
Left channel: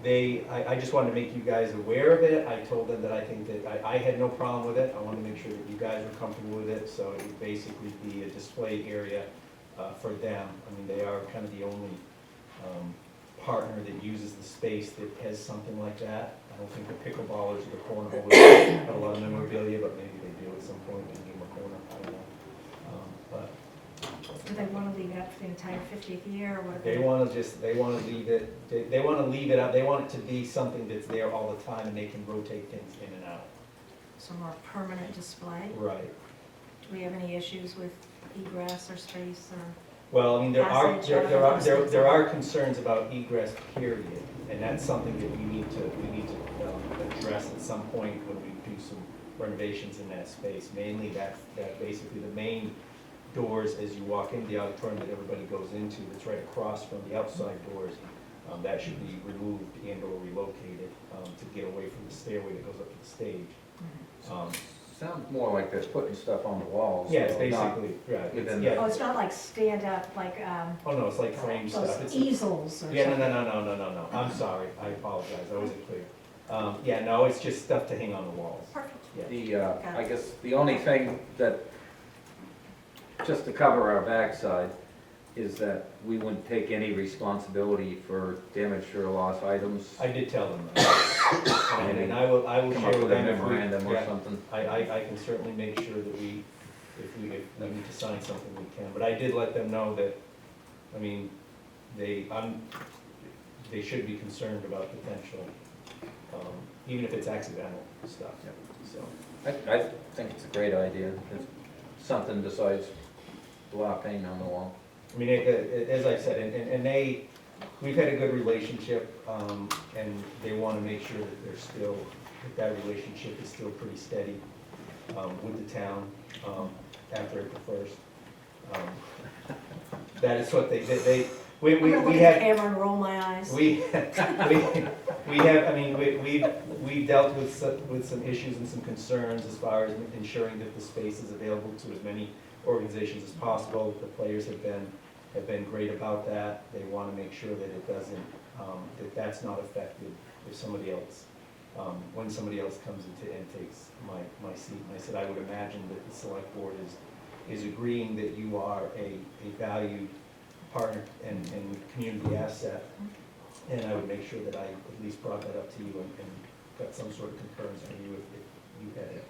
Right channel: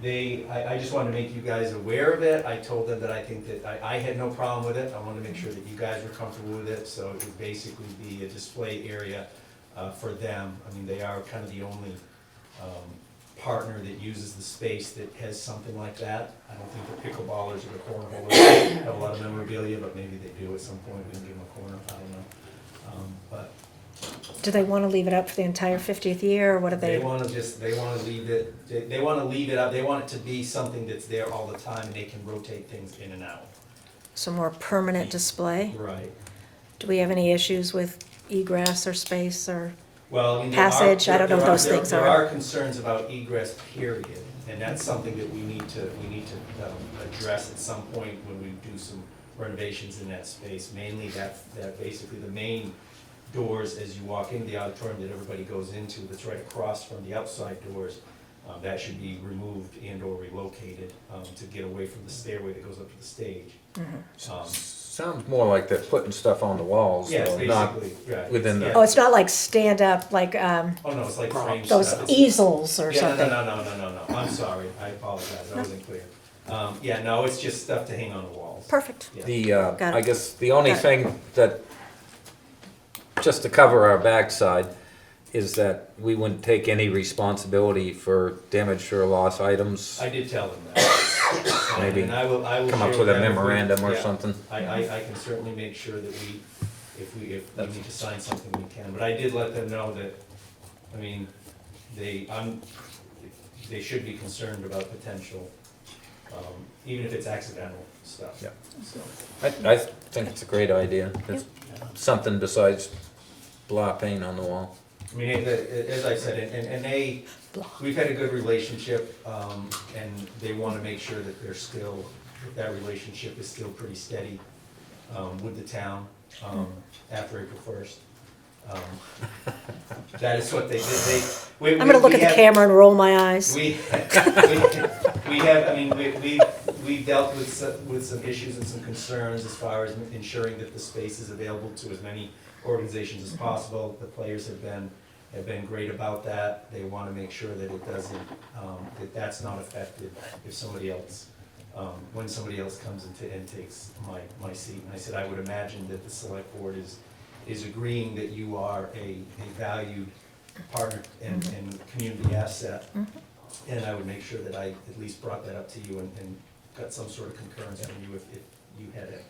I just wanted to make you guys aware of it. I told them that I think that I had no problem with it. I wanted to make sure that you guys were comfortable with it, so it would basically be a display area for them. I mean, they are kind of the only partner that uses the space that has something like that. I don't think the pickleballers or the cornholers have a lot of memorabilia, but maybe they do at some point, and give them a corner, I don't know. But Do they want to leave it up for the entire 50th year, or what do They they? wanna they wanna leave it, they wanna leave it up, they want it to be something that's there all the time and they can rotate things in and out. Some more permanent display? Right. Do we have any issues with egress or space or? Well, I mean, Passage, I don't know what those things there are. are concerns about egress, period, and that's something that we need to address at some point when we do some renovations in that space. Mainly that basically the main doors as you walk into the auditorium that everybody goes into, that's right across from the outside doors, that should be removed and or relocated, to get away from the stairway that goes up to the stage. Sounds more like they're putting stuff on the walls, Yes, though, not basically, right. within the- Yeah. Oh, it's not like stand up, like Oh, no, it's like frame those stuff. easels or Yeah, something? no, I'm sorry, I apologize, I wasn't clear. Yeah, no, it's just stuff to hang on the walls. Perfect. Yeah. The, Got I it. guess the only Got it. thing that, just to cover our backside, is that we wouldn't take any responsibility for damaged or lost items. I did tell them that. Maybe And I will come share up with a them if we- memorandum or yeah, something. I can certainly make sure that if we need to sign something, we can. But I did let them know that, I mean, they should be concerned about potential, even if it's accidental stuff. Yeah. So, I think it's a great idea. It's something besides blah paint on the wall. I mean, as I said, and we've had a good relationship, and they wanna make sure that they're still, that relationship is still pretty steady, with the town, after April 1st. That is what I'm gonna look at the camera and roll my eyes. We have, I mean, we've dealt with some issues and some concerns as far as ensuring that the space is available to as many organizations as possible. The players have been great about that. They wanna make sure that it doesn't, that's not affected if somebody else, when somebody else comes and takes my seat. And I said, I would imagine that the select board is agreeing that you are a valued partner and community asset. And I would make sure that I at least brought that up to you and got some sort of concurrence from you if you had it.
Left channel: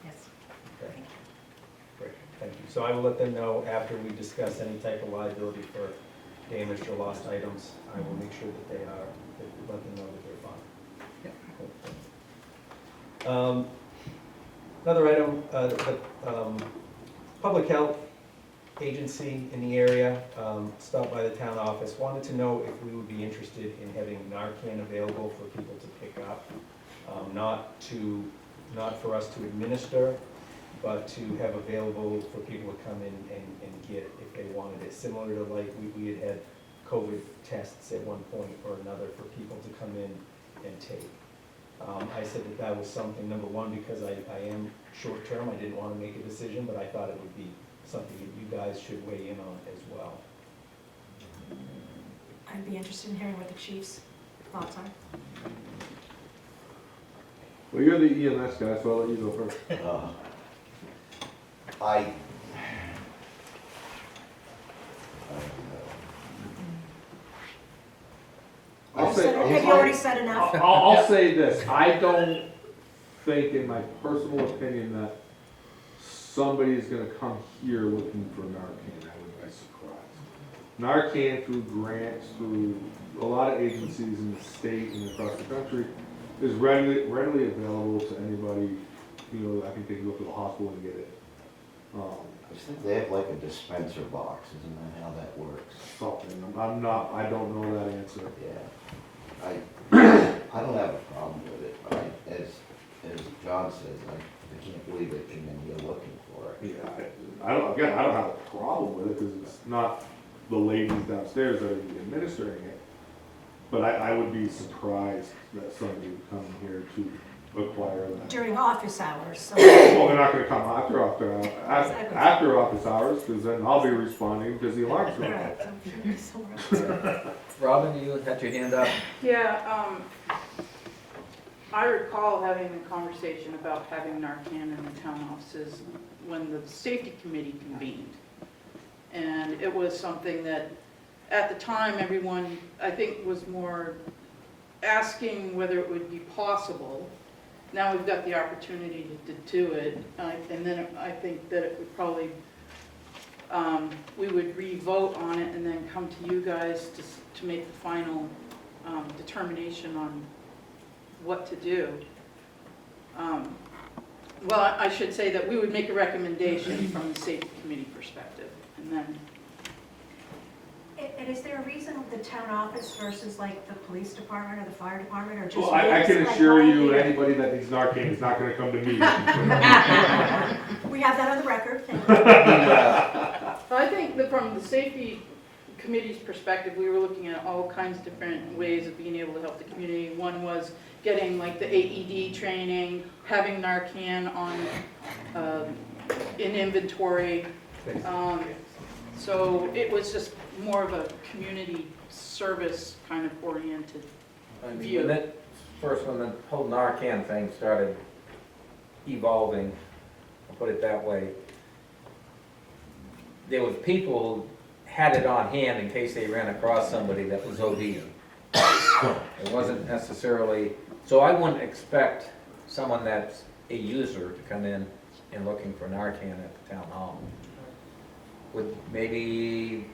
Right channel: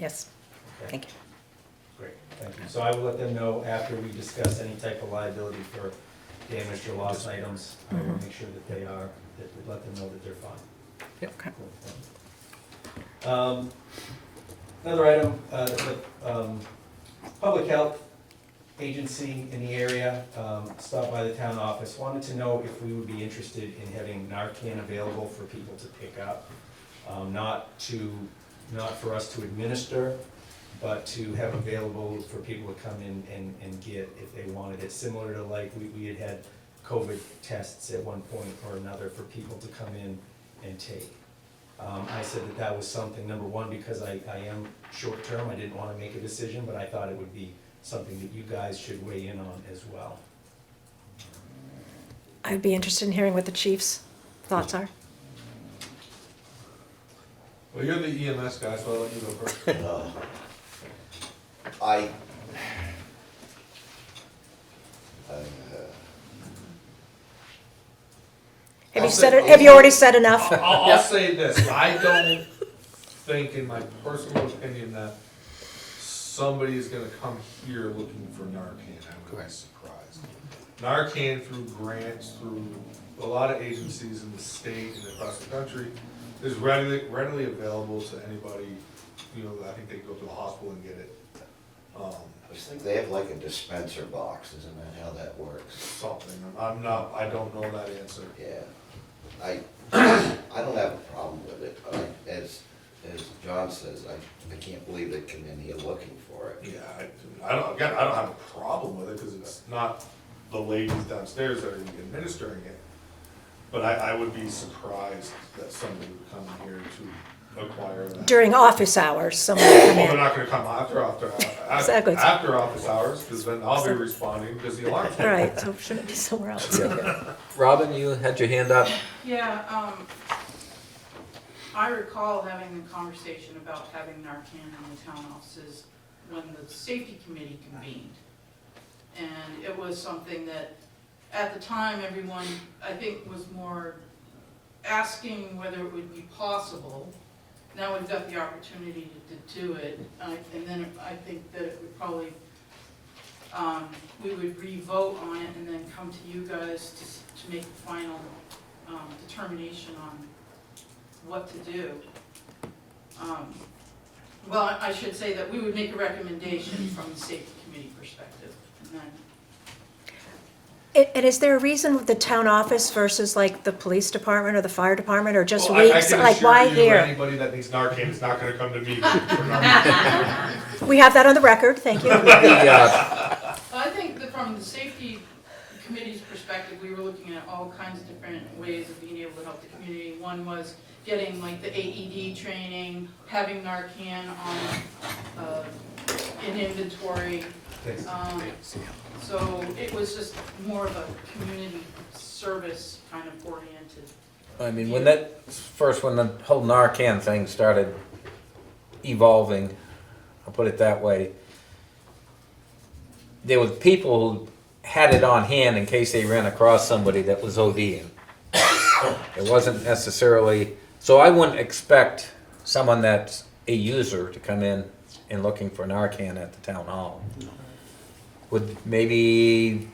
Yes, Okay? thank you. Great, thank you. So I will let them know after we discuss any type of liability for damaged or lost items. I will make sure that they are, let them know that they're fine. Okay. Another item, the public health agency in the area stopped by the town office, wanted to know if we would be interested in having Narcan available for people to pick up. Not for us to administer, but to have available for people to come in and get if they wanted it. Similar to like we had COVID tests at one point or another for people to come in and take. I said that was something, number one, because I am short-term, I didn't want to make a decision, but I thought it would be something that you guys should weigh in on as well. I'd be interested in hearing what the chief's thoughts are. Well, you're the EMS guy, so I'll let you go first. Have you already said enough? I'll say this, I don't think, in my personal opinion, that somebody's gonna come here looking for Narcan. I would be surprised. Narcan through grants, through a lot of agencies in the state and across the country, is readily available to anybody. You know, I think they can go to the hospital and get it. I just think they have like a dispenser box, isn't that how that works? Something, I don't know that answer. Yeah, I don't have a problem with it, but as John says, I can't believe they come in here looking for it. Yeah, I don't have a problem with it, because it's not the ladies downstairs that are administering it. But I would be surprised that somebody would come here to acquire that. During office hours, someone would come Well, they're in. not gonna come Exactly. after office hours, because then I'll be responding because the alarm's. All right, so shouldn't be somewhere else. Robin, you had your hand up? Yeah, I recall having the conversation about having Narcan in the town offices when the safety committee convened. And it was something that, at the time, everyone, I think, was more asking whether it would be possible. Now we've got the opportunity to do it, and then I think that it would probably we would re-vote on it and then come to you guys to make the final determination on what to do. Well, I should say that we would make a recommendation from the safety committee perspective, and then, And is there a reason with the town office versus like the police department or the fire department, or just Well, I weeks, can like assure why you, here? anybody that needs Narcan is not gonna come to me. We have that on the record, thank you. well, I think that from the safety committee's perspective, we were looking at all kinds of different ways of being able to help the community. One was getting like the AED training, having Narcan on, in inventory. So it was just more of a community service kind of oriented. I mean, when the whole Narcan thing started evolving, I'll put it that way, there were people who had it on hand in case they ran across somebody that was ODing. It wasn't necessarily, so I wouldn't expect someone that's a user to come in and looking for Narcan at the town hall. Would maybe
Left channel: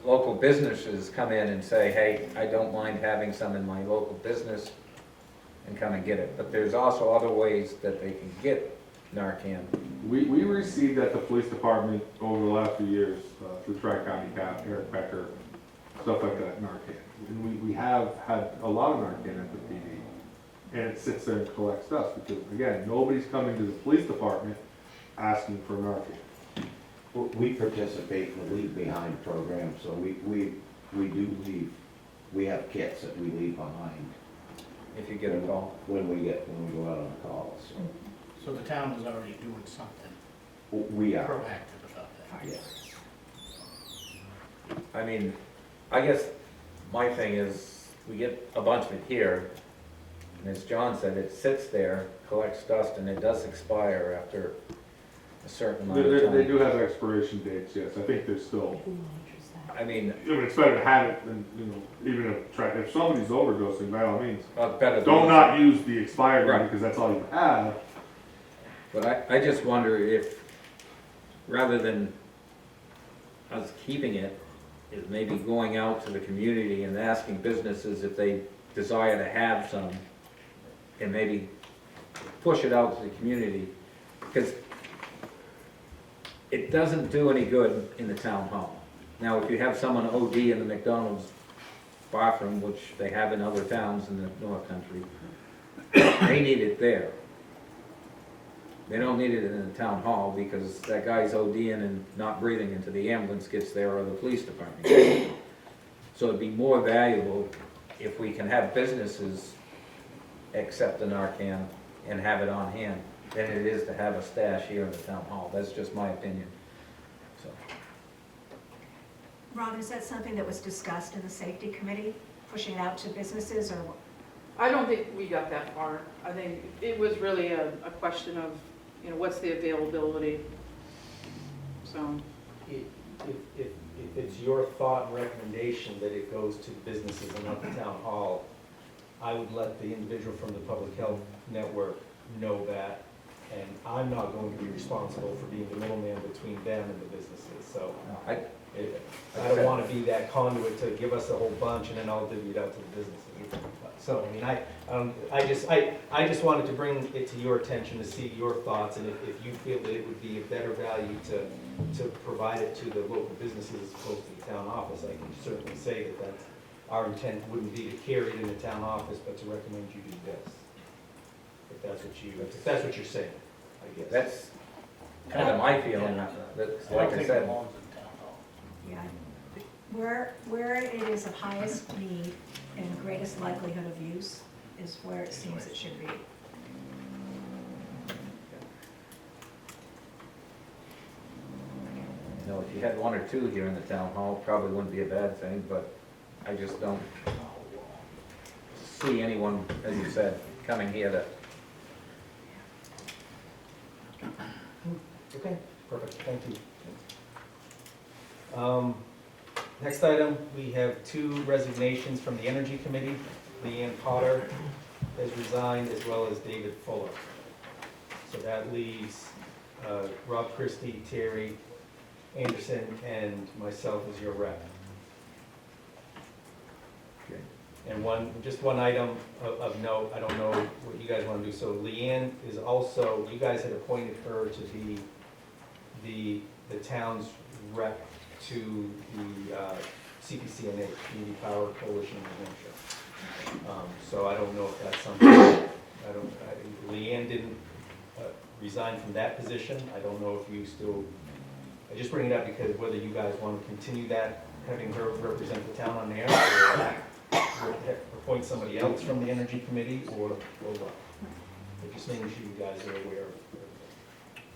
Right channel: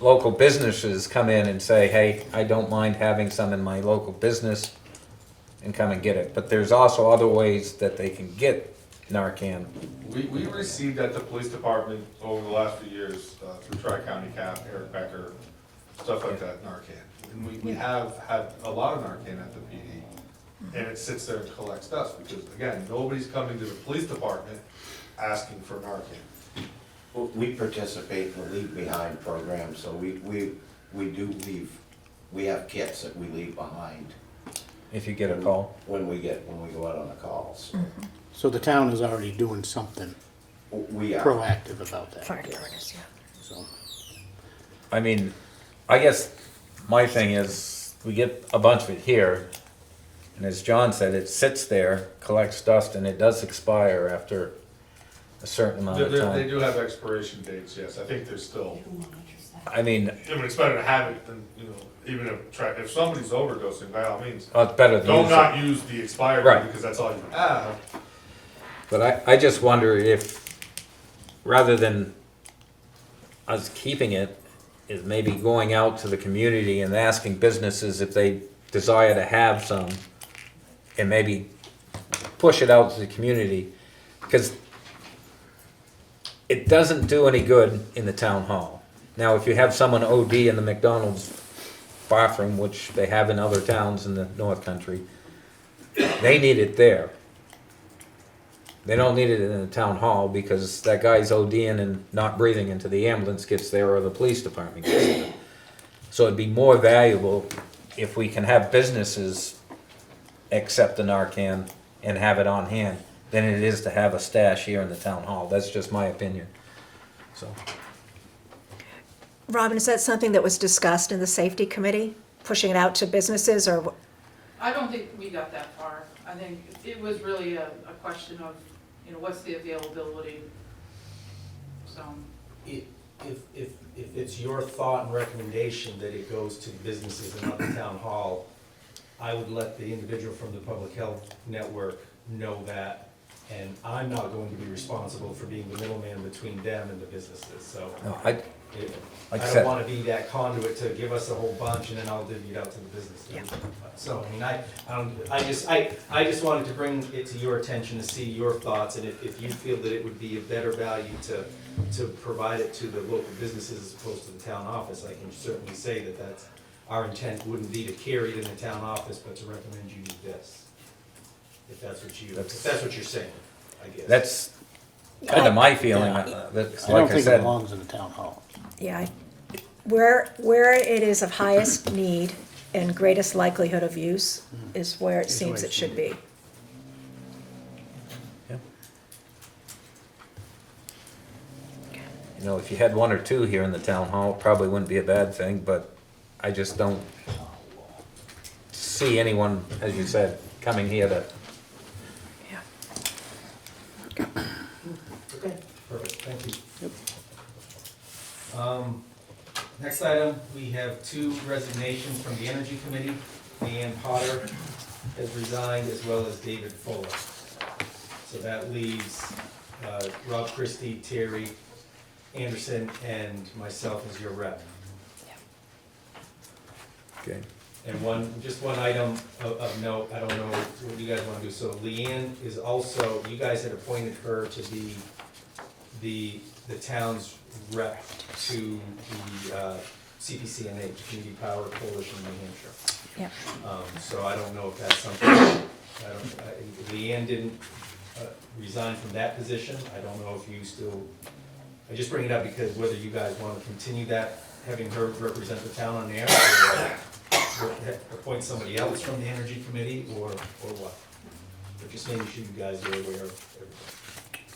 local businesses come in and say, hey, I don't mind having some in my local business, and come and get it. But there's also other ways that they can get Narcan. We received at the police department over the last few years, through Tri-County Cap, Eric Becker, stuff like that, Narcan. And we have had a lot of Narcan at the PD, and it sits there and collects dust, because again, nobody's coming to the police department asking for Narcan. We participate in the Leave Behind program, so we do leave, we have kits that we leave behind If you get a call. when we go out on the calls. So the town is already doing something We are. proactive about that. Fire department. So, I mean, I guess my thing is, we get a bunch of it here, and as John said, it sits there, collects dust, and it does expire after a certain amount of They time. do have expiration dates, yes, I think there's still, I mean, I mean, it's better to have it than, you know, even if somebody's overdosing, by all means, it's better than. don't not use the expired one, Right. because that's all you have. But I just wonder if, rather than us keeping it, is maybe going out to the community and asking businesses if they desire to have some, and maybe push it out to the community, because it doesn't do any good in the town hall. Now, if you have someone OD in the McDonald's bathroom, which they have in other towns in the North Country, they need it there. They don't need it in the town hall, because that guy's ODing and not breathing until the ambulance gets there or the police department gets there. So it'd be more valuable if we can have businesses accept the Narcan and have it on hand than it is to have a stash here in the town hall. That's just my opinion. So, Robin, is that something that was discussed in the safety committee, pushing it out to businesses, or? I don't think we got that far. I think it was really a question of, you know, what's the availability? So, If it's your thought and recommendation that it goes to businesses and not the town hall, I would let the individual from the public health network know that, and I'm not going to be responsible for being the middleman between them and the businesses, so. no, I like I don't said, wanna be that conduit to give us a whole bunch and then I'll divvy it out to the businesses. So, I mean, I just wanted to bring it to your attention to see your thoughts, and if you feel that it would be of better value to provide it to the local businesses as opposed to the town office, I can certainly say that that's, our intent wouldn't be to carry it in the town office, but to recommend you do this. If that's what you're saying, I guess. that's kind of my feeling. That's I like don't I think it said. belongs in the town hall. Yeah, where it is of highest need and greatest likelihood of use is where it seems it should be. You know, if you had one or two here in the town hall, it probably wouldn't be a bad thing, but I just don't see anyone, as you said, coming here to. Okay, perfect, thank you. Next item, we have two resignations from the Energy Committee. Leanne Potter has resigned, as well as David Fuller. So that leaves Rob Christie, Terry, Anderson and myself as your rep. Okay. And just one item of note, I don't know what you guys wanna do, so Leanne is also, you guys had appointed her to be the town's rep to the CPCNA, Community Power Coalition of New Hampshire. Yeah. So I don't know if that's something, Leanne didn't resign from that position, I don't know if you still, I just bring it up because whether you guys wanna continue that, having her represent the town on air, or appoint somebody else from the Energy Committee, or what? But just making sure you guys are aware of.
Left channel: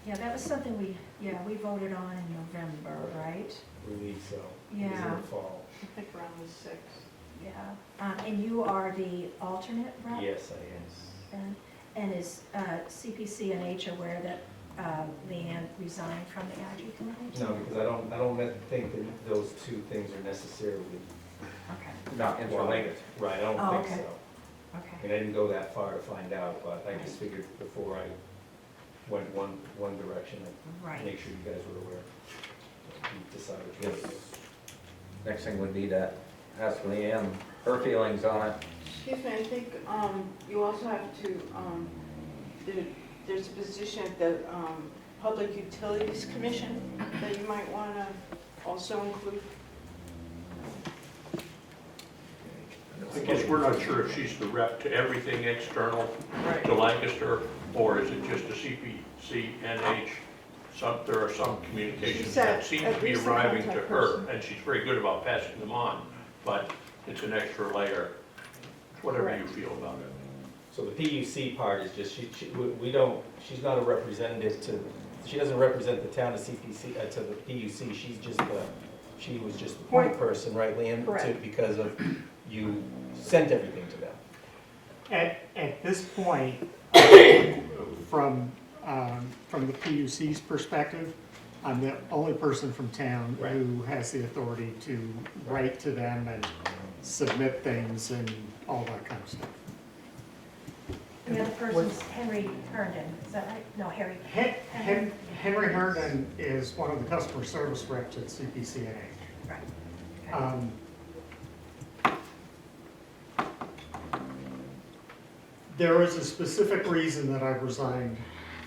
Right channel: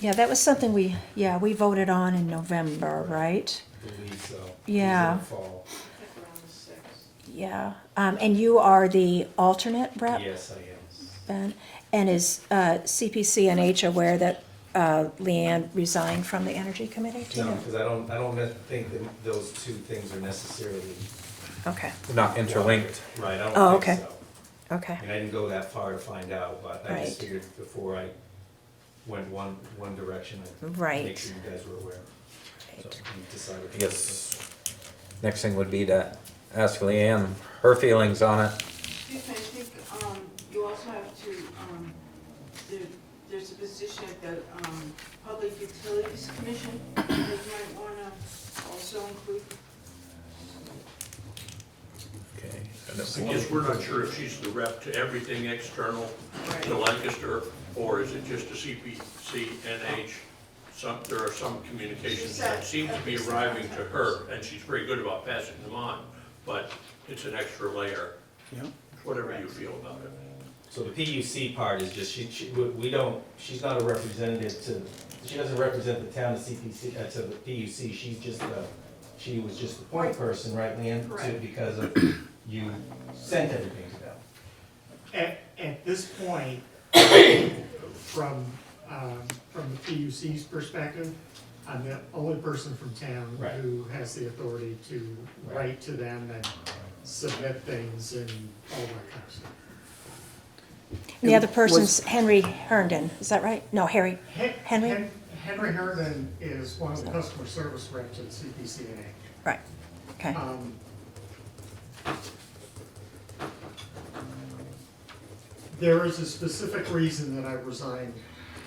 Yeah, that was something we voted on in November, right? I believe so. Yeah. In the fall. I think around the 6th. Yeah, and you are the alternate rep, Yes, I am. Ben? And is CPCNH aware that Leanne resigned from the Energy Committee too? No, because I don't think that those two things are necessarily. Okay, Not interlinked. Right, I Oh, don't okay. think so. okay, I mean, I didn't go that far to find out, but I just Right. figured before I went one direction, I'd make right. sure you guys were aware. So you decided. Yes. Next thing would be to ask Leanne her feelings on it. Excuse me, I think, you also have to, there's a position at the, Public Utilities Commission that you might wanna also include. Okay. I guess we're not sure if she's the rep to everything external Right. to Lancaster, or is it just a CPCNH? There are some communications that seem to be arriving to her, and she's very good about passing them on, but it's an extra layer. Whatever you feel about it. So the PUC part is just, we don't, she's not a representative to, she doesn't represent the town of CPC, to the PUC, she was just the point person, right, Leanne? Correct. Because of, you sent everything to them. At this point, from the PUC's perspective, I'm the only person from town Right. who has the authority to write to them and submit things and all that kind of stuff. The other person's Henry Herndon, is that right? No, Henry. Henry Herndon is one of the customer service reps at CPCNH. Right, okay. There is a specific reason that I resigned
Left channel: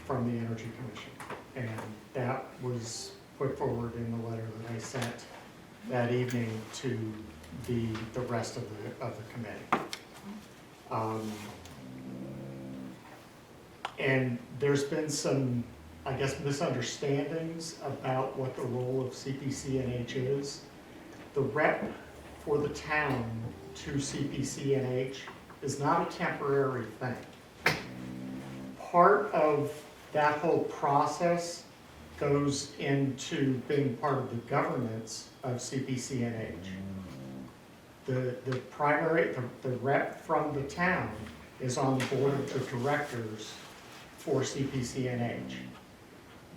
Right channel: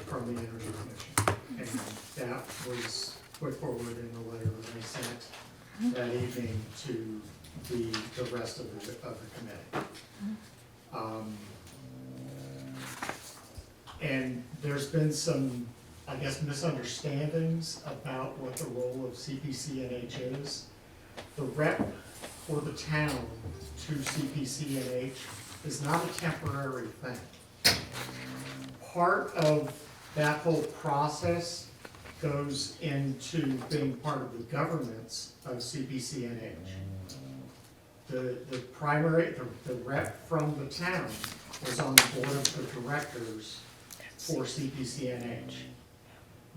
from the Energy Commission, and that was put forward in the letter that I sent that evening to the rest of the committee. And there's been some, I guess, misunderstandings about what the role of CPCNH is. The rep for the town to CPCNH is not a temporary thing. Part of that whole process goes into being part of the governance of CPCNH. The rep from the town is on the board of directors for CPCNH.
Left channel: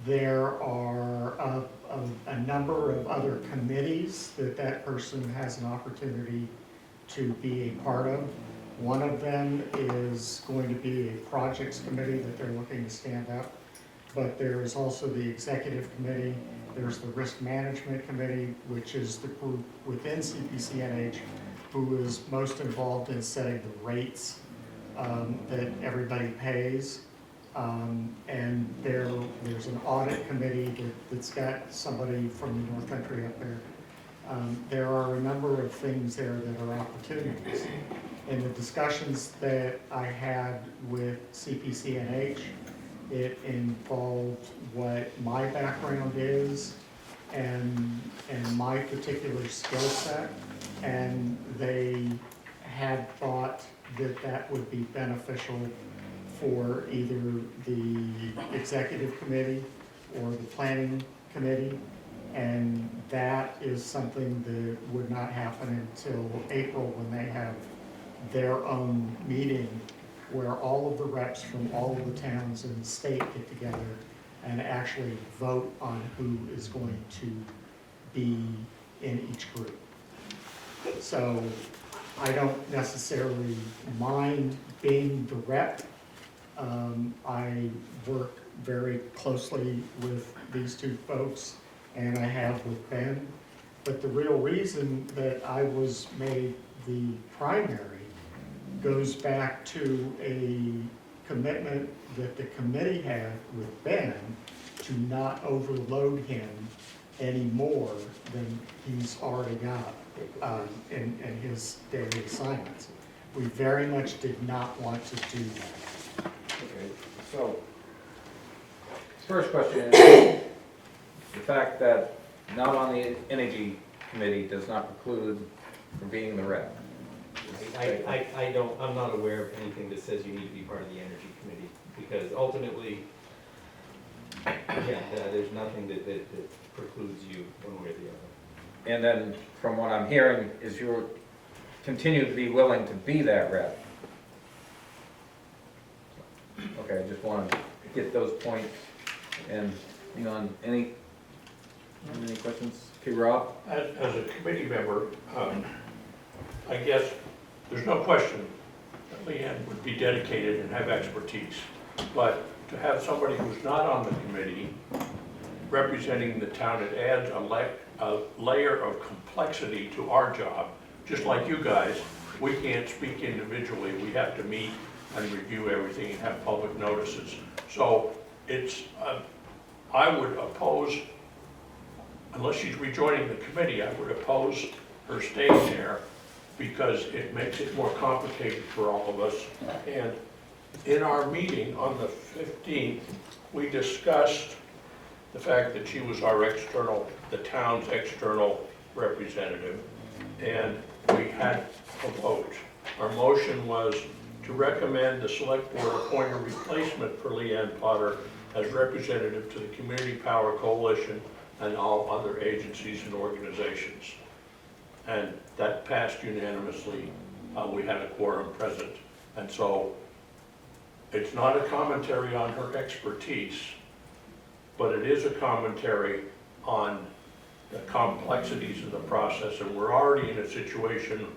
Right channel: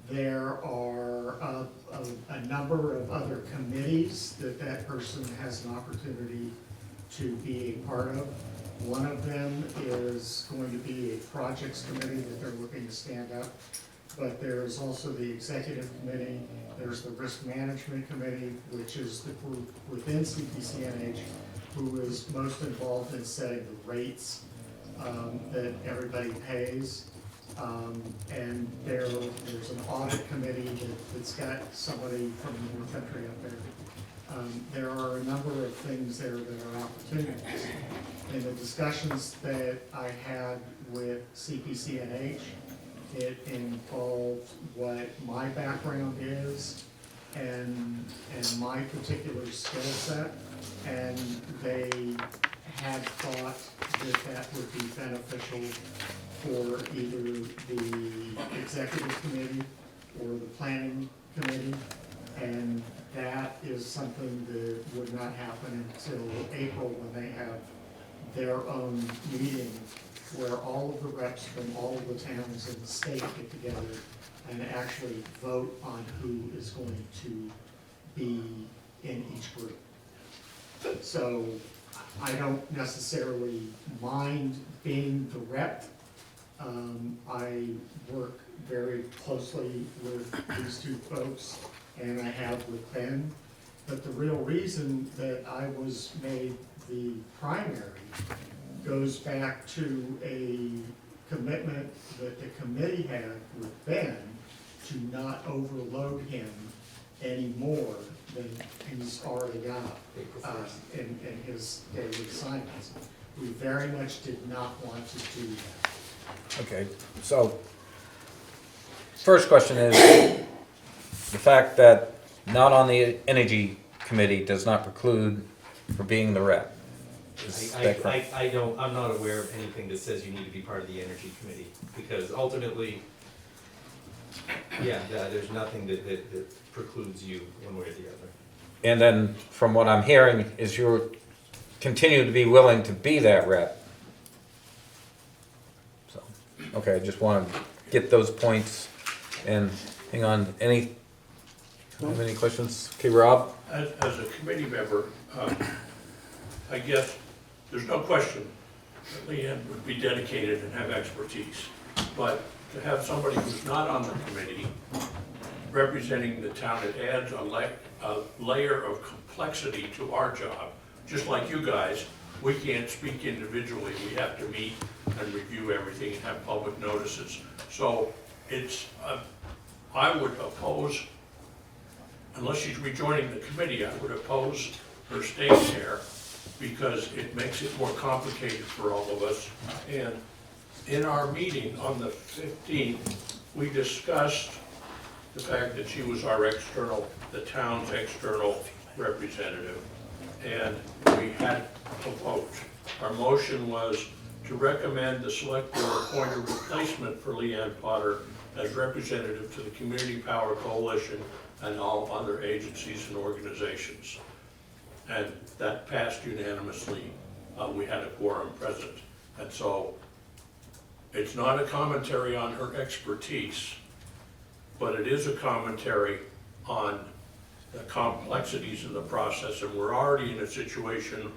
There are a number of other committees that person has an opportunity to be a part of. One of them is going to be a projects committee that they're looking to stand up. But there is also the executive committee, there's the risk management committee, which is the group within CPCNH who is most involved in setting the rates that everybody pays. And there's an audit committee that's got somebody from the North Country up there. There are a number of things there that are opportunities. In the discussions that I had with CPCNH, it involved what my background is and my particular skill set, and they had thought that would be beneficial for either the executive committee or the planning committee, and that is something that would not happen until April when they have their own meeting where all of the reps from all of the towns in the state get together and actually vote on who is going to be in each group. So I don't necessarily mind being the rep. I work very closely with these two folks and I have with Ben. But the real reason that I was made the primary goes back to a commitment that the committee had with Ben to not overload him any more than he's already got in his daily assignments. We very much did not want to do that. Okay, so, first question is, the fact that not on the Energy Committee does not preclude for being the rep. Is that correct? I'm not aware of anything that says you need to be part of the Energy Committee, because ultimately, there's nothing that precludes you one way or the other. And then, from what I'm hearing, is you continue to be willing to be that rep. So, okay, I just want to get those points, and hang on, have any questions? Okay, Rob? As a committee member, I guess there's no question that Leanne would be dedicated and have expertise. But to have somebody who's not on the committee representing the town, it adds a layer of complexity to our job. Just like you guys, we can't speak individually. We have to meet and review everything and have public notices. So it's, I would oppose, unless she's rejoining the committee, I would oppose her staying there because it makes it more complicated for all of us. And in our meeting on the 15th, we discussed the fact that she was our the town's external representative, and we had a vote. Our motion was to recommend the select board appoint a replacement for Leanne Potter as representative to the Community Power Coalition and all other agencies and organizations. And that passed unanimously. We had a quorum present. And so it's not a commentary on her expertise, but it is a commentary on the complexities of the process. And we're already in a situation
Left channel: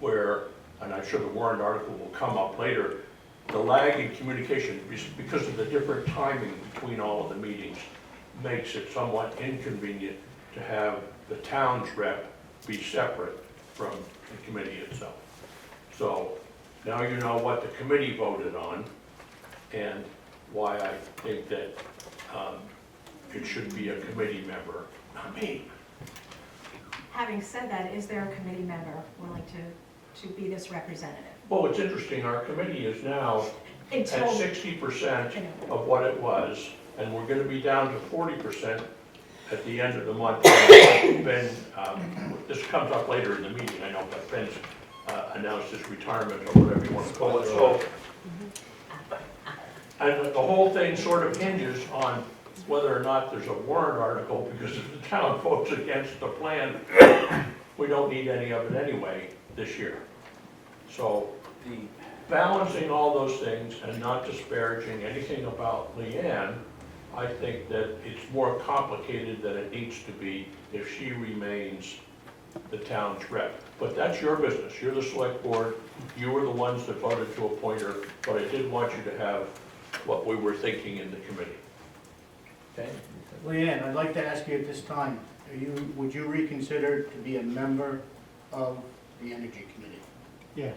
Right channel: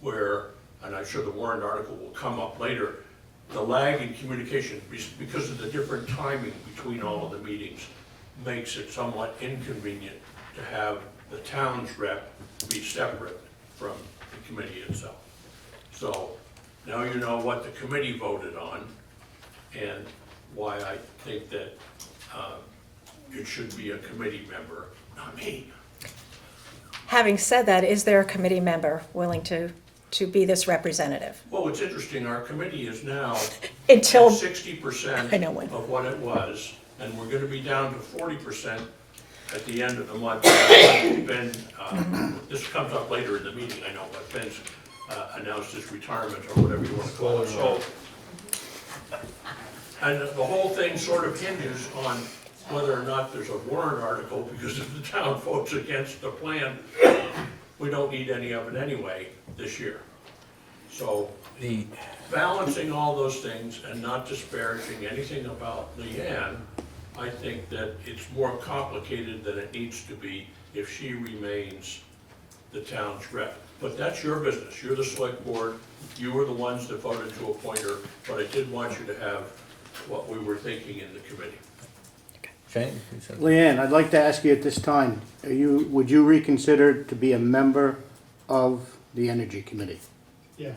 where, and I'm sure the warrant article will come up later, the lag in communication, because of the different timing between all of the meetings, makes it somewhat inconvenient to have the town's rep be separate from the committee itself. So now you know what the committee voted on and why I think that it should be a committee member, not me. Having said that, is there a committee member willing to be this representative? Well, it's interesting, our committee is now Until, at 60% I know when. of what it was, and we're gonna be down to 40% at the end of the month. Ben, this comes up later in the meeting, I know, but Ben's announced his retirement or whatever you want to call it. So, and the whole thing sort of hinges on whether or not there's a warrant article, because if the town votes against the plan, we don't need any of it anyway this year. So the balancing all those things and not disparaging anything about Leanne, I think that it's more complicated than it needs to be if she remains the town's rep. But that's your business. You're the select board. You were the ones that voted to appoint her, but I did want you to have what we were thinking in the committee. Shane? Leanne, I'd like to ask you at this time, would you reconsider to be a member of the Energy Committee? Yes.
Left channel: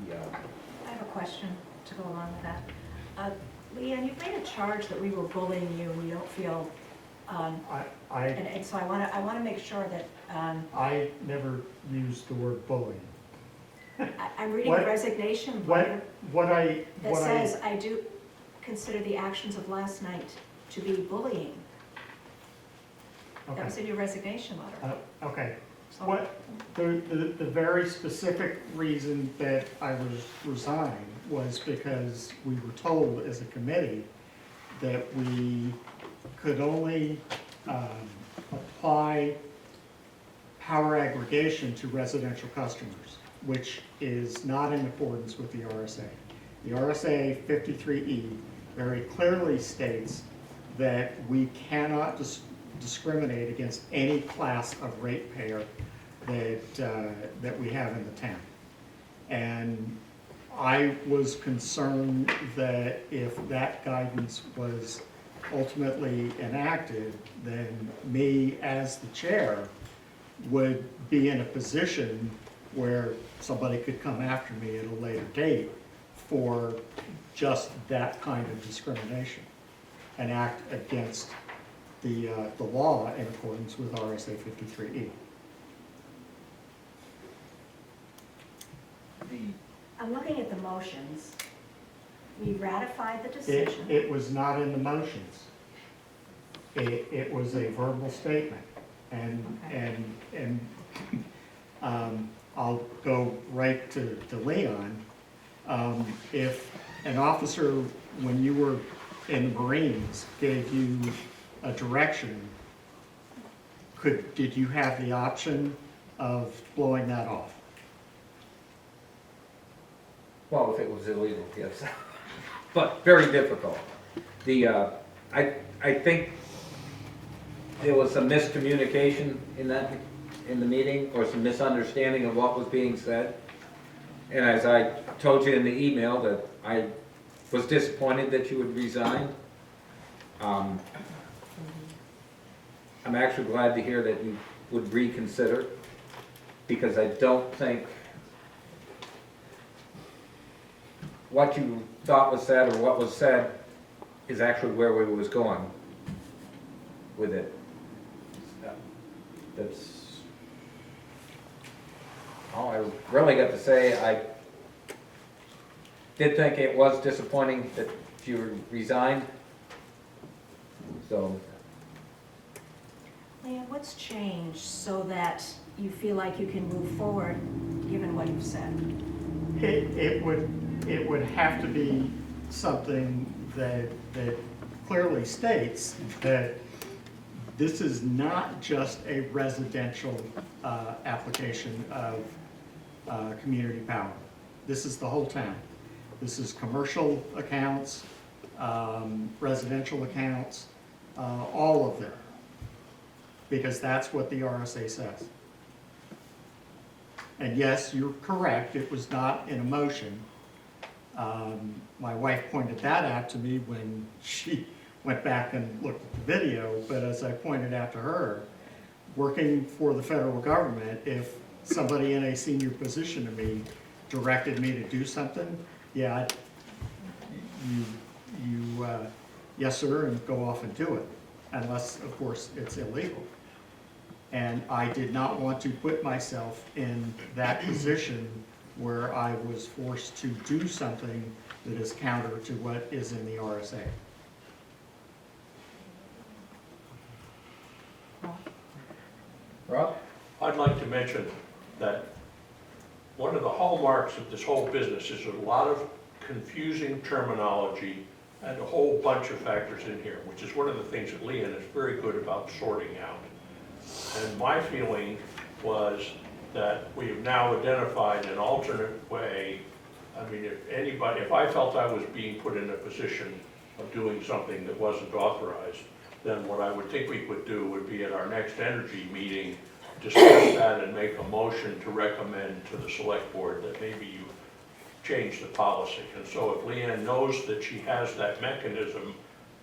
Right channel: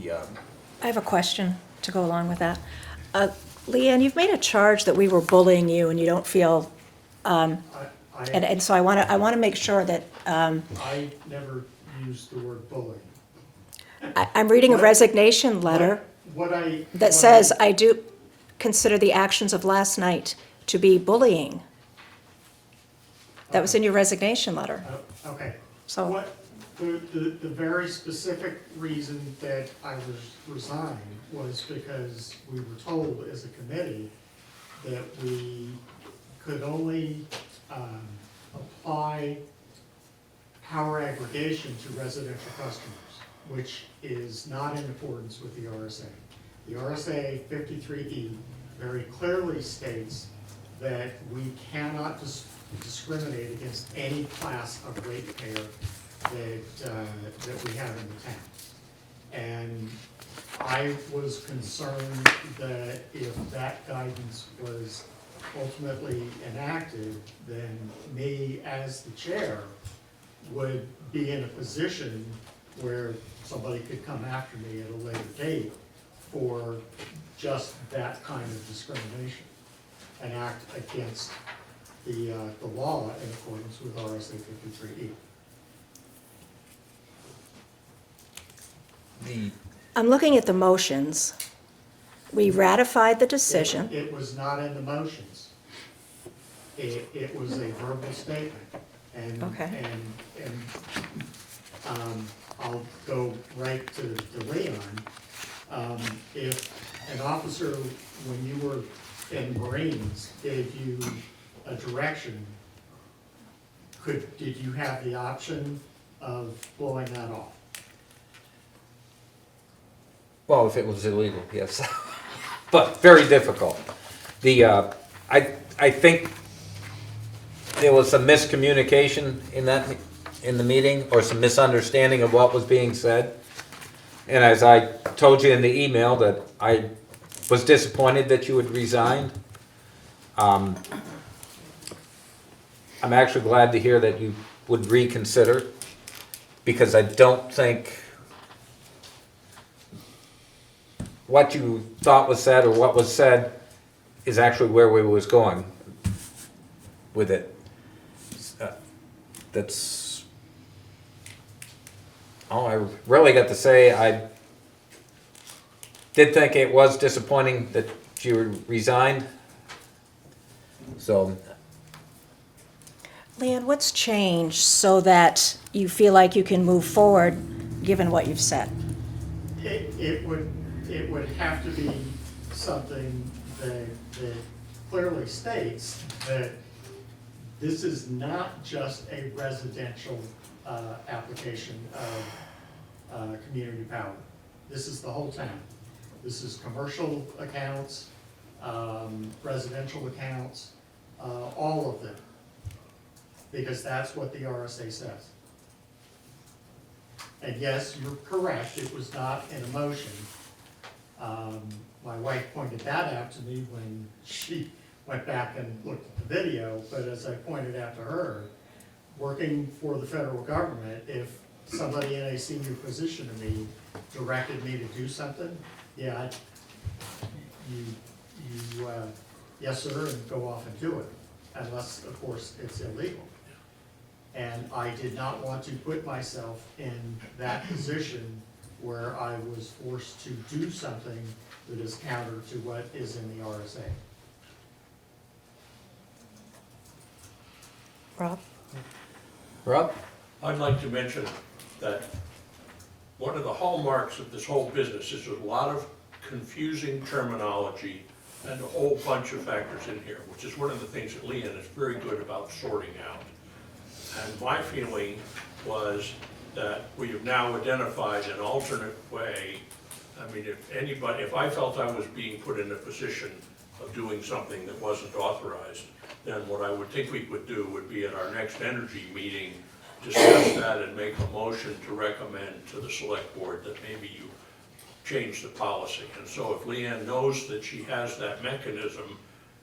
Yeah. I have a question to go along with that. Leanne, you've made a charge that we were bullying you and you don't feel, and so I want to make sure that, I never used the word bullying. I'm reading a resignation letter that says, I do consider the actions of last night to be bullying. That was in your resignation letter. Okay. So, The very specific reason that I was resigned was because we were told as a committee that we could only apply power aggregation to residential customers, which is not in accordance with the RSA. The RSA 53E very clearly states that we cannot discriminate against any class of ratepayer that we have in the town. And I was concerned that if that guidance was ultimately enacted, then me as the chair would be in a position where somebody could come after me at a later date for just that kind of discrimination and act against the law in accordance with RSA 53E. I'm looking at the motions. We ratified the decision. It was not in the motions. It was a verbal statement. And, Okay. I'll go right to Leon. If an officer, when you were in the Marines, gave you a direction, did you have the option of blowing that off? Well, if it was illegal, yes. But very difficult. I think there was some miscommunication in the meeting, or some misunderstanding of what was being said. And as I told you in the email, that I was disappointed that you had resigned. I'm actually glad to hear that you would reconsider, because I don't think what you thought was said or what was said is actually where we was going with it. That's all I really got to say. I did think it was disappointing that you resigned. So, Leanne, what's changed so that you feel like you can move forward, given what you've said? It would have to be something that clearly states that this is not just a residential application of community power. This is the whole town. This is commercial accounts, residential accounts, all of them, because that's what the RSA says. And yes, you're correct, it was not in a motion. My wife pointed that out to me when she went back and looked at the video, but as I pointed out to her, working for the federal government, if somebody in a senior position to me directed me to do something, yeah, yes sir, and go off and do it, unless of course it's illegal. And I did not want to put myself in that position where I was forced to do something that is counter to what is in the RSA. Rob? Rob? I'd like to mention that one of the hallmarks of this whole business is a lot of confusing terminology and a whole bunch of factors in here, which is one of the things that Leanne is very good about sorting out. And my feeling was that we have now identified an alternate way. I mean, if I felt I was being put in a position of doing something that wasn't authorized, then what I would think we would do would be at our next energy meeting, discuss that and make a motion to recommend to the select board that maybe you change the policy. And so if Leanne knows that she has that mechanism,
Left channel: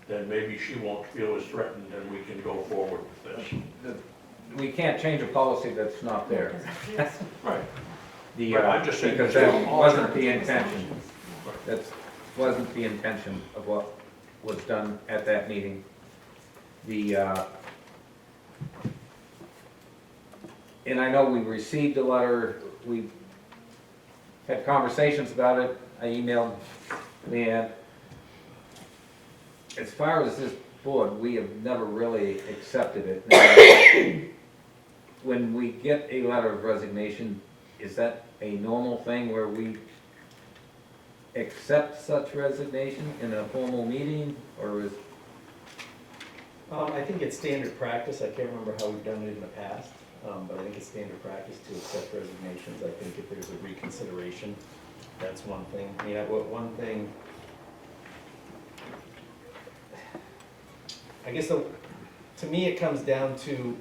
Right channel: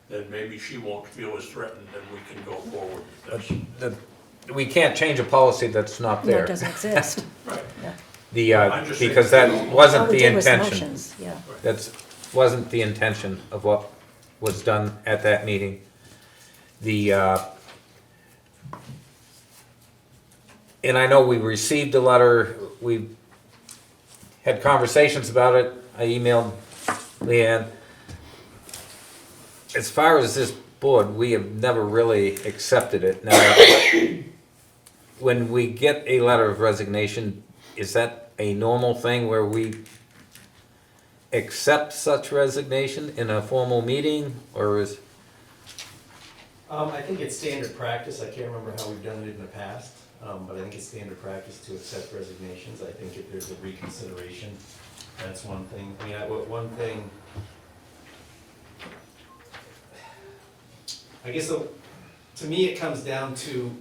then maybe she won't feel as threatened and we can go forward with this. We can't change a policy that's not No, there. it doesn't exist. Right. I'm just saying- Because that wasn't All we the did was intention. motions, yeah. That wasn't the intention of what was done at that meeting. And I know we received a letter, we had conversations about it, I emailed Leanne. As far as this board, we have never really accepted it. Now, when we get a letter of resignation, is that a normal thing where we accept such resignation in a formal meeting, or is? I think it's standard practice, I can't remember how we've done it in the past, but I think it's standard practice to accept resignations. I think if there's a reconsideration, that's one thing. I mean, one thing, I guess, to me, it comes down to,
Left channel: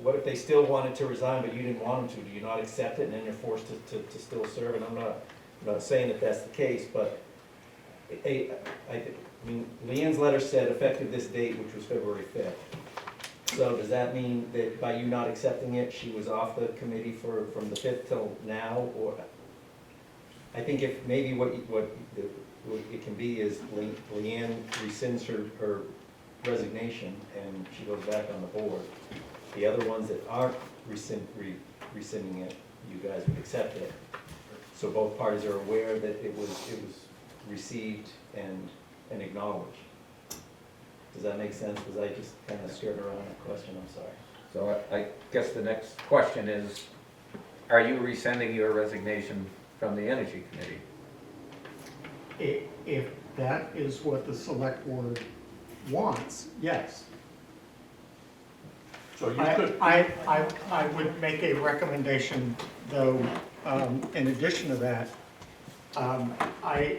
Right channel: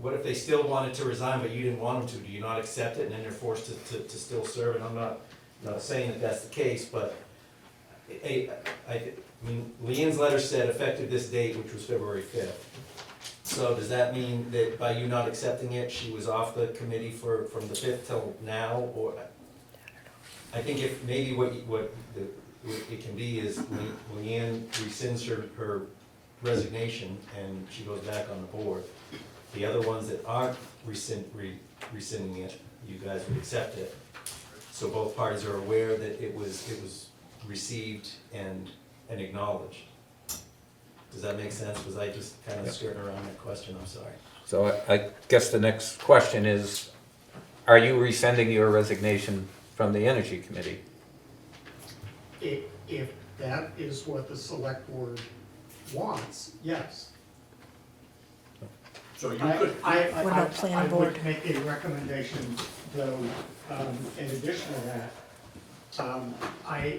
what if they still wanted to resign, but you didn't want them to? Do you not accept it, and then they're forced to still serve? And I'm not saying that that's the case, but I mean, Leanne's letter said effective this date, which was February 5th. So does that mean that by you not accepting it, she was off the committee from the 5th till now, or? I think if, maybe what it can be is Leanne rescinds her resignation and she goes back on the board. The other ones that aren't rescinding it, you guys would accept it. So both parties are aware that it was received and acknowledged. Does that make sense? Because I just kind of skirted around that question, I'm sorry. So I guess the next question is, are you rescinding your resignation from the Energy Committee? If that is what the select board wants, yes. So you could, I would make a recommendation, though, in addition to that,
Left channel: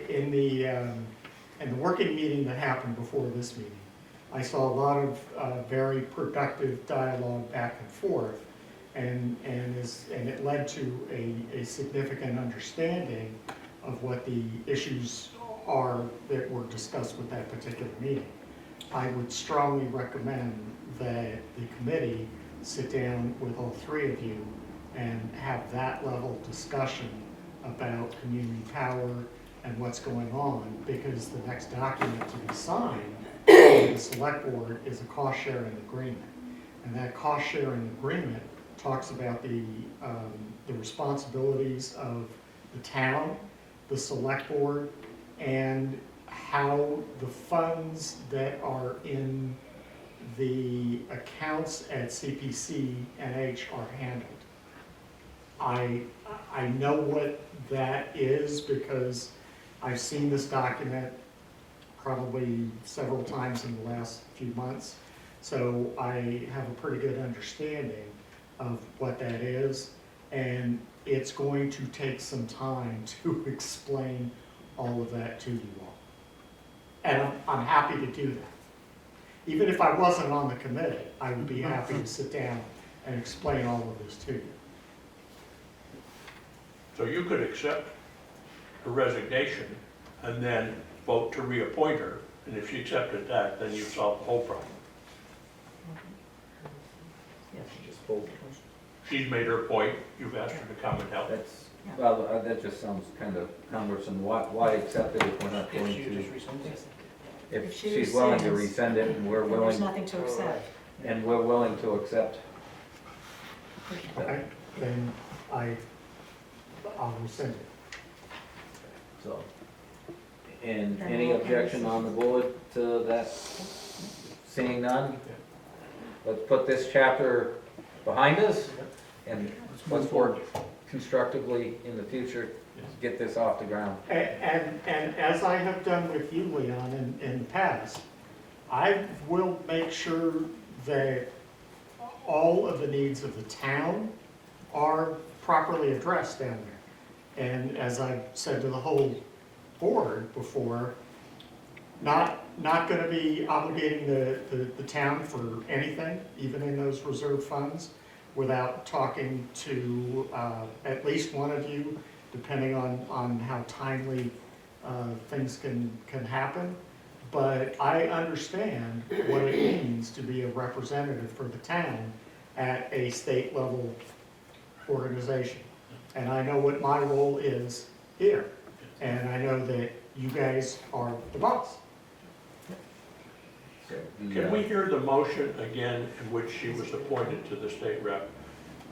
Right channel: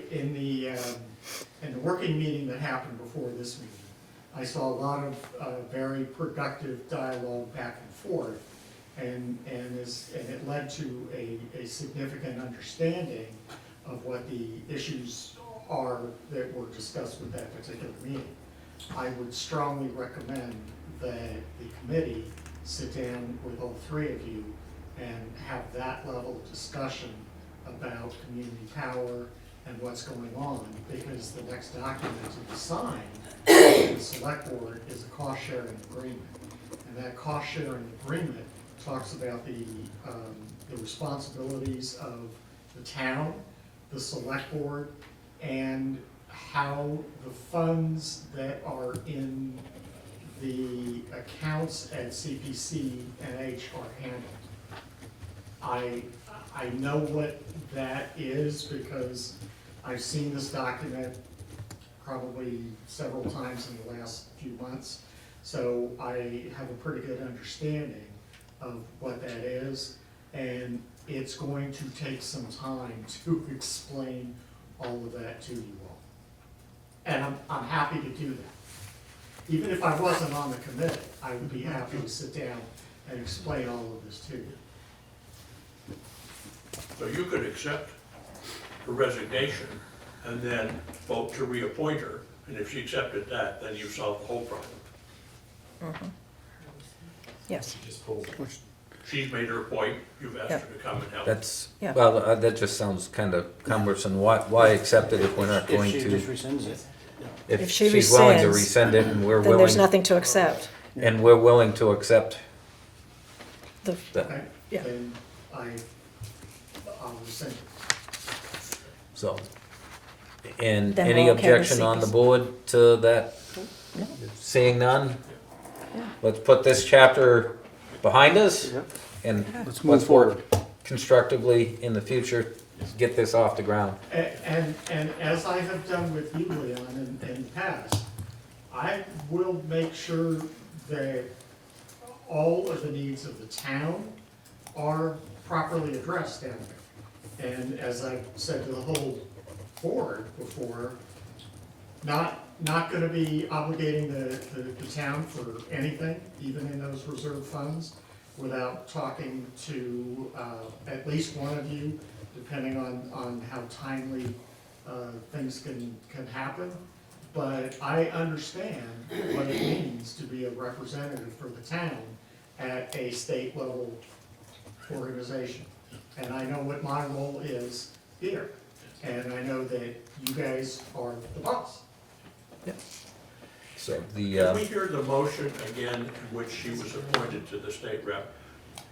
in the working meeting that happened before this meeting, I saw a lot of very productive dialogue back and forth, and it led to a significant understanding of what the issues are that were discussed with that particular meeting. I would strongly recommend that the committee sit down with all three of you and have that level of discussion about community power and what's going on, because the next document to be signed by the select board is a cost sharing agreement. And that cost sharing agreement talks about the responsibilities of the town, the select board, and how the funds that are in the accounts at CPC&H are handled. I know what that is because I've seen this document probably several times in the last few months. So I have a pretty good understanding of what that is, and it's going to take some time to explain all of that to you all. And I'm happy to do that. Even if I wasn't on the committee, I would be happy to sit down and explain all of this to you. so you could accept her resignation and then vote to reappoint her, and if she accepted that, then you solved the whole problem. Yes. Just hold it. She's made her point, you've asked her to come and help. That's, Yeah. well, that just sounds kind of cumbersome. Why accept it if we're not going If she to? just rescinds it. If she She's willing to rescinds, rescind it and we're Then there's willing, nothing to accept. and we're willing to accept The- that, Yeah. Then I'll rescind it. so. And Then any we're okay with objection on the CPC. board to that? Seeing none? Let's put this chapter behind us and Let's let's work constructively in the future, get this off the ground. And as I have done with you, Leon, in the past, I will make sure that all of the needs of the town are properly addressed down there. And as I've said to the whole board before, not gonna be obligating the town for anything, even in those reserve funds, without talking to at least one of you, depending on how timely things can happen. But I understand what it means to be a representative for the town at a state level organization. And I know what my role is here, and I know that you guys are the boss. So Can we the, hear the motion again in which she was appointed to the state rep?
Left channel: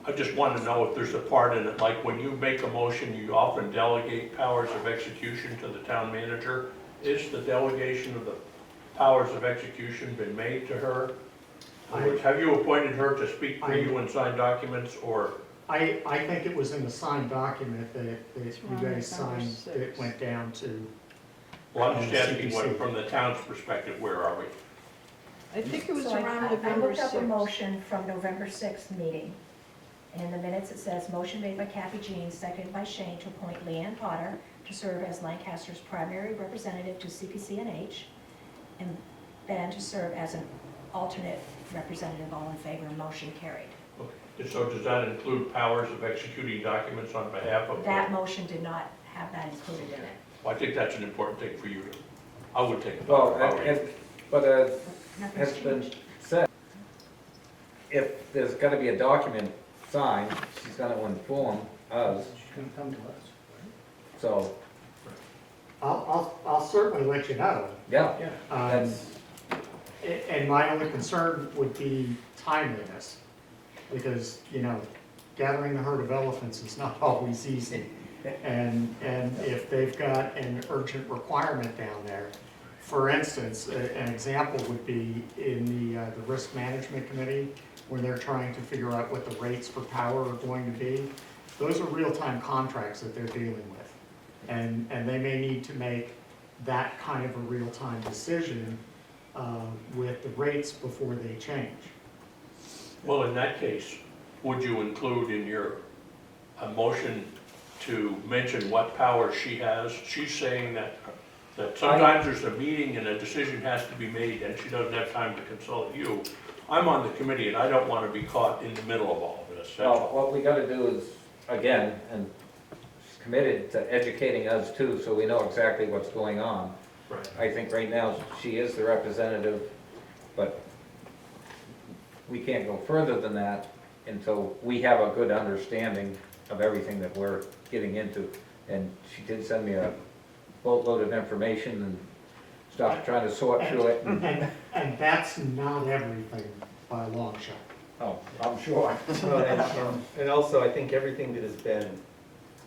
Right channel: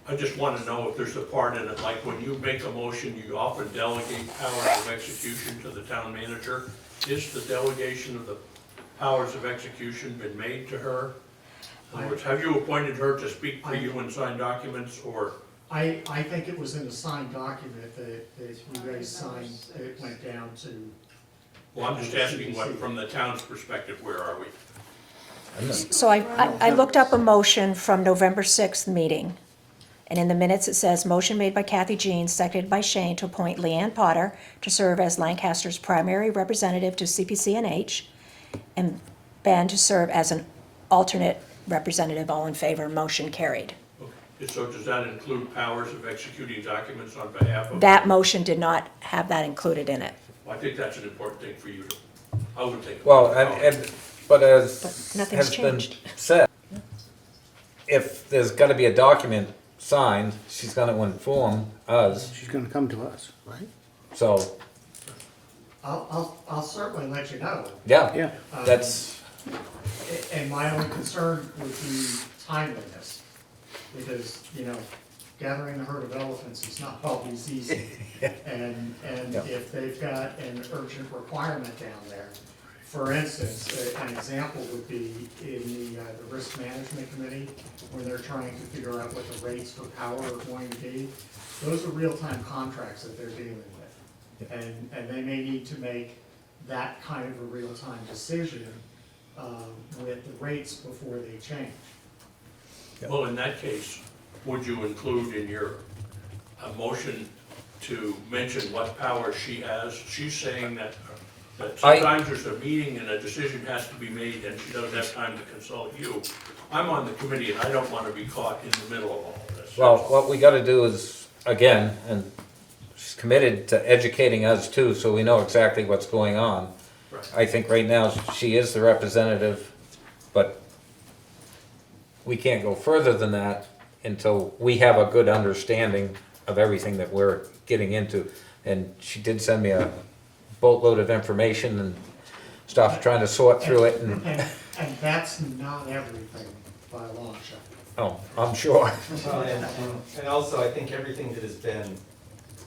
I just want to know if there's a part in it, like when you make a motion, you often delegate powers of execution to the town manager. Is the delegation of the powers of execution been made to her? In other words, have you appointed her to speak for you and sign documents, or? I think it was in the signed document that you guys signed that went down to. Well, I'm just asking what, from the town's perspective, where are we? So I looked up a motion from November 6th meeting, and in the minutes it says, motion made by Kathy Jean, seconded by Shane, to appoint Leanne Potter to serve as Lancaster's primary representative to CPC&H, and Ben to serve as an alternate representative. All in favor, motion carried. Okay. So does that include powers of executing documents on behalf of? That motion did not have that included in it. Well, I think that's an important thing for you to I would think. Well, but But as nothing's has been changed. said, if there's gotta be a document signed, she's gonna inform us, She's gonna come to us, right? so, I'll certainly let you know. yeah, Yeah. that's, And my only concern would be timeliness, because, gathering a herd of elephants is not always easy. And if they've got an urgent requirement down there, for instance, an example would be in the risk management committee, when they're trying to figure out what the rates for power are going to be. Those are real-time contracts that they're dealing with. And they may need to make that kind of a real-time decision with the rates before they change. Well, in that case, would you include in your motion to mention what power she has? She's saying that sometimes there's a meeting and a decision has to be made and she doesn't have time to consult you. I'm on the committee and I don't want to be caught in the middle of all of this. well, what we gotta do is, again, and she's committed to educating us too, so we know exactly what's going on. Right. I think right now she is the representative, but we can't go further than that until we have a good understanding of everything that we're getting into. And she did send me a boatload of information and stuff, trying to sort through it, and, And that's not everything by a long shot. oh, I'm sure. Well, and also, I think everything that has been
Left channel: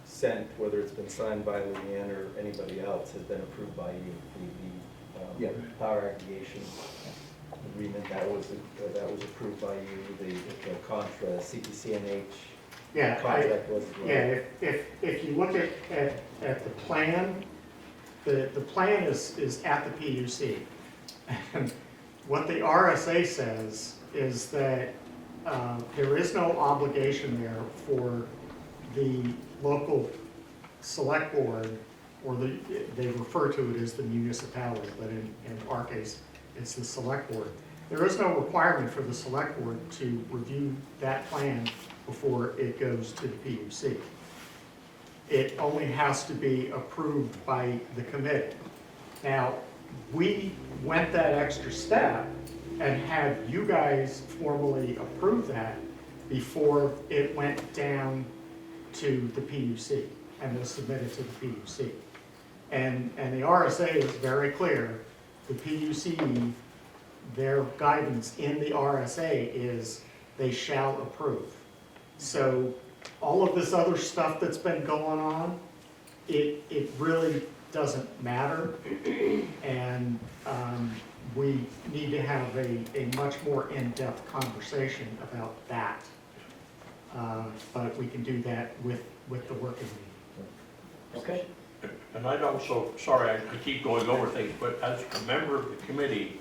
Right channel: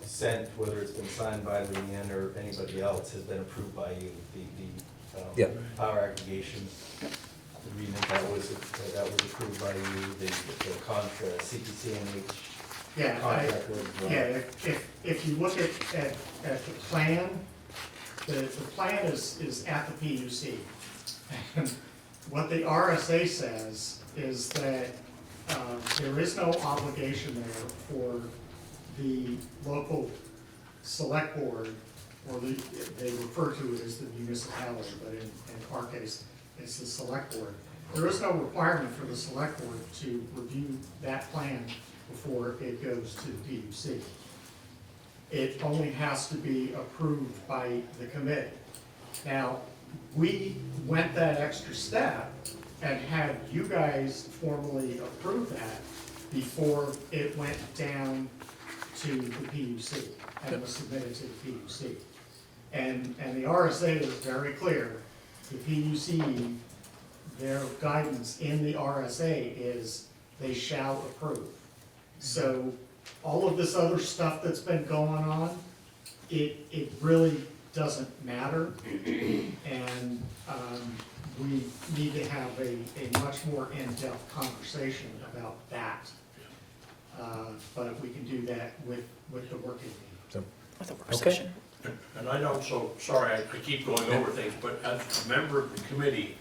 sent, whether it's been signed by Leanne or anybody else, has been approved by you. Yeah. Power aggregation agreement, that was approved by you, the CPCNH Yeah, contract was as well. yeah, if you look at the plan, the plan is at the PUC. And what the RSA says is that there is no obligation there for the local select board, or they refer to it as the municipality, but in our case, it's the select board. There is no requirement for the select board to review that plan before it goes to the PUC. It only has to be approved by the committee. Now, we went that extra step and had you guys formally approve that before it went down to the PUC and was submitted to the PUC. And the RSA is very clear, the PUC, their guidance in the RSA is they shall approve. So all of this other stuff that's been going on, it really doesn't matter. And we need to have a much more in-depth conversation about that. But we can do that with the working meeting. With a work Okay. session. And I'd also, sorry, I keep going over things, but as a member of the committee,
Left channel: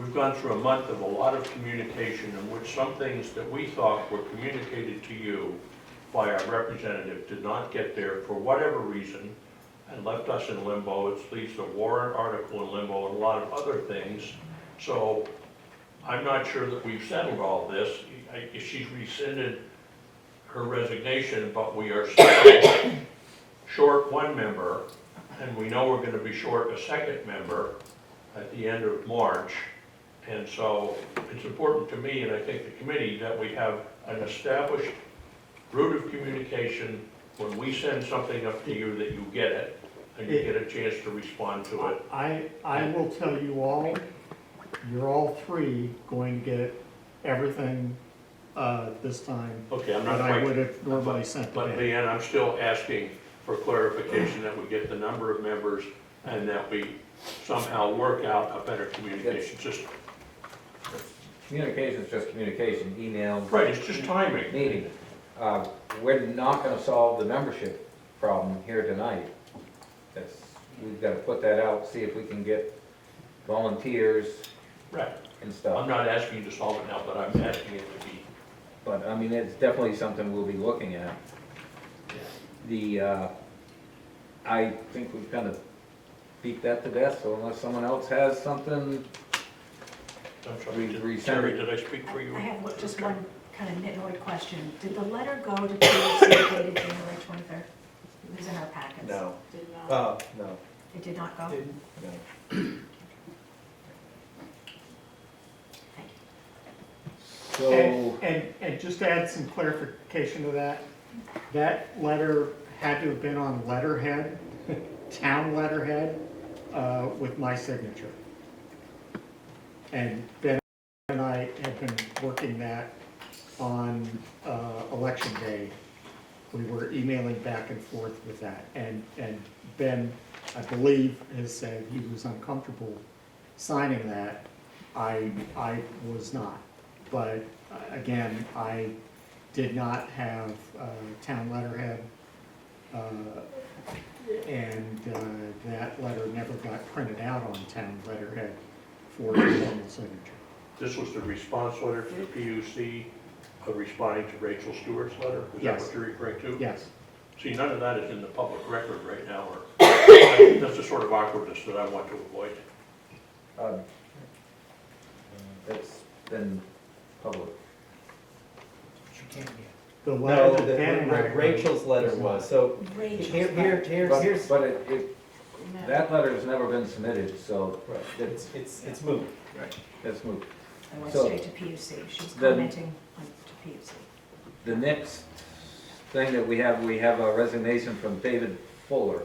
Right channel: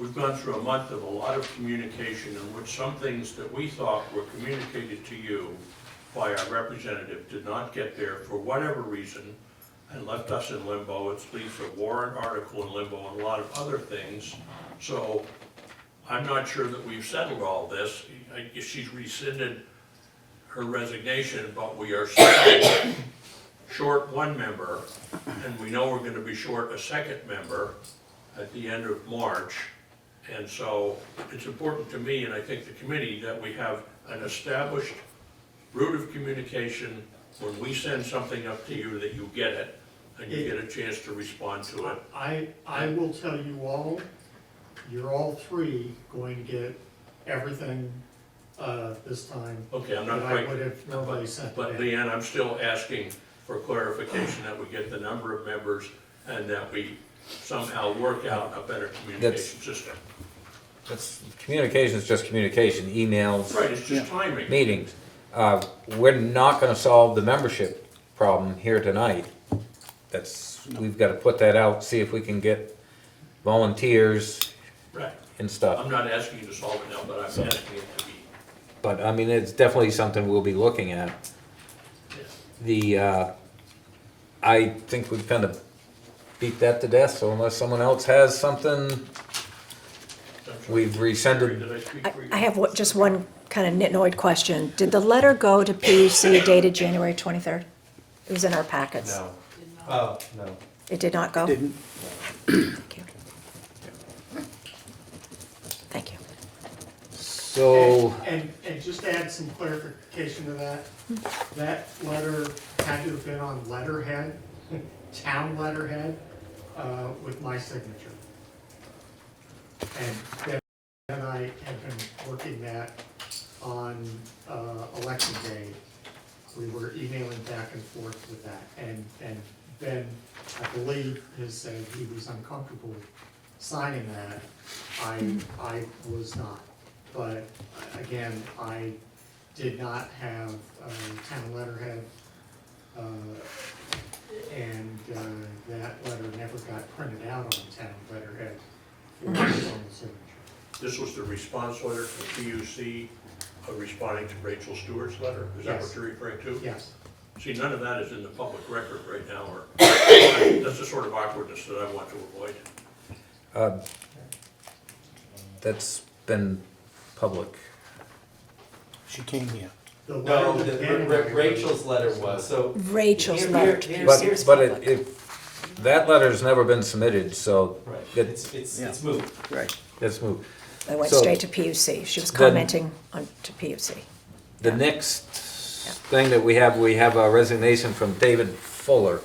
we've gone through a month of a lot of communication in which some things that we thought were communicated to you by our representative did not get there for whatever reason and left us in limbo. It leaves a warrant article in limbo and a lot of other things. So I'm not sure that we've settled all this. She's rescinded her resignation, but we are still short one member, and we know we're gonna be short a second member at the end of March. And so it's important to me, and I think the committee, that we have an established route of communication. When we send something up to you, that you get it, and you get a chance to respond to it. I will tell you all, you're all three going to get everything this time Okay, I'm not that I quite, would have normally sent. but today. Leanne, I'm still asking for clarification that we get the number of members and that we somehow work out a better communication system. Communication is just communication, emails, Right, it's just timing. meetings. We're not gonna solve the membership problem here tonight. We've gotta put that out, see if we can get volunteers Right. and stuff. I'm not asking you to solve it now, but I'm asking it to be. But, I mean, it's definitely something we'll be looking at. I think we've kind of beat that to death, so unless someone else has something, I'm sorry. we've rescinded. Did I speak for you? I have just one kind of nitnoid question. Did the letter go to PUC dated January 23rd? It was in our packets. No, Did not. no. It did not go? Didn't, Thank you. Thank you. So, And just to add some clarification to that, that letter had to have been on letterhead, town letterhead, with my signature. And Ben and I have been working that on, election day. We were emailing back and forth with that, and Ben, I believe, has said he was uncomfortable signing that. I was not, but again, I did not have town letterhead, and that letter never got printed out on town letterhead for the formal signature. This was the response letter to PUC, responding to Rachel Stewart's letter? Is that Yes. what you're referring to? Yes. See, none of that is in the public record right now, or, that's the sort of awkwardness that I want to avoid. that's been public. she came here. The No, letter that Ben and I wrote- Rachel's letter was, so. Rachel's Here- letter. here- But, here's but public. that letter's never been submitted, so Right, it's Yeah. moved. Right. let's move. I went So- straight to PUC. She was Then- commenting on, to PUC. The next thing that we have a resignation from David Fuller.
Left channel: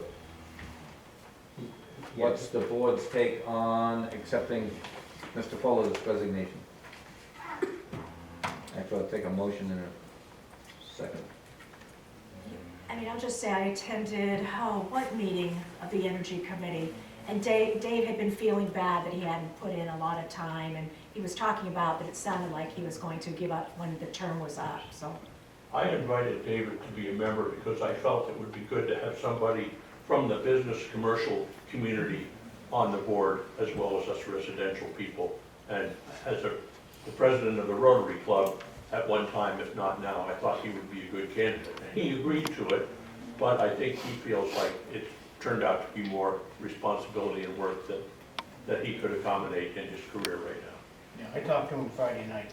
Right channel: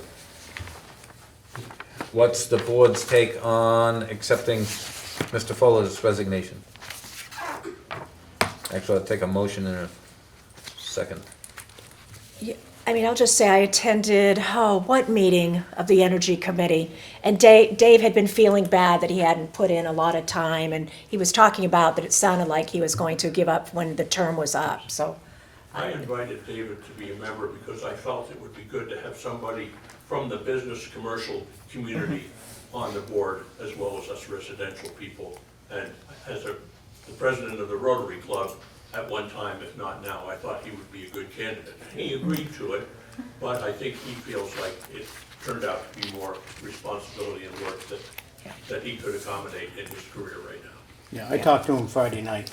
What's the board's take on accepting Mr. Fuller's resignation? Actually, I'll take a motion in a second. I mean, I'll just say I attended, what meeting of the Energy Committee? And Dave had been feeling bad that he hadn't put in a lot of time, and he was talking about that it sounded like he was going to give up when the term was up, so. I invited David to be a member because I felt it would be good to have somebody from the business commercial community on the board, as well as us residential people. And as the president of the Rotary Club at one time, if not now, I thought he would be a good candidate. And he agreed to it, but I think he feels like it turned out to be more responsibility and work that he could accommodate in his career right now. Yeah, I talked to him Friday night,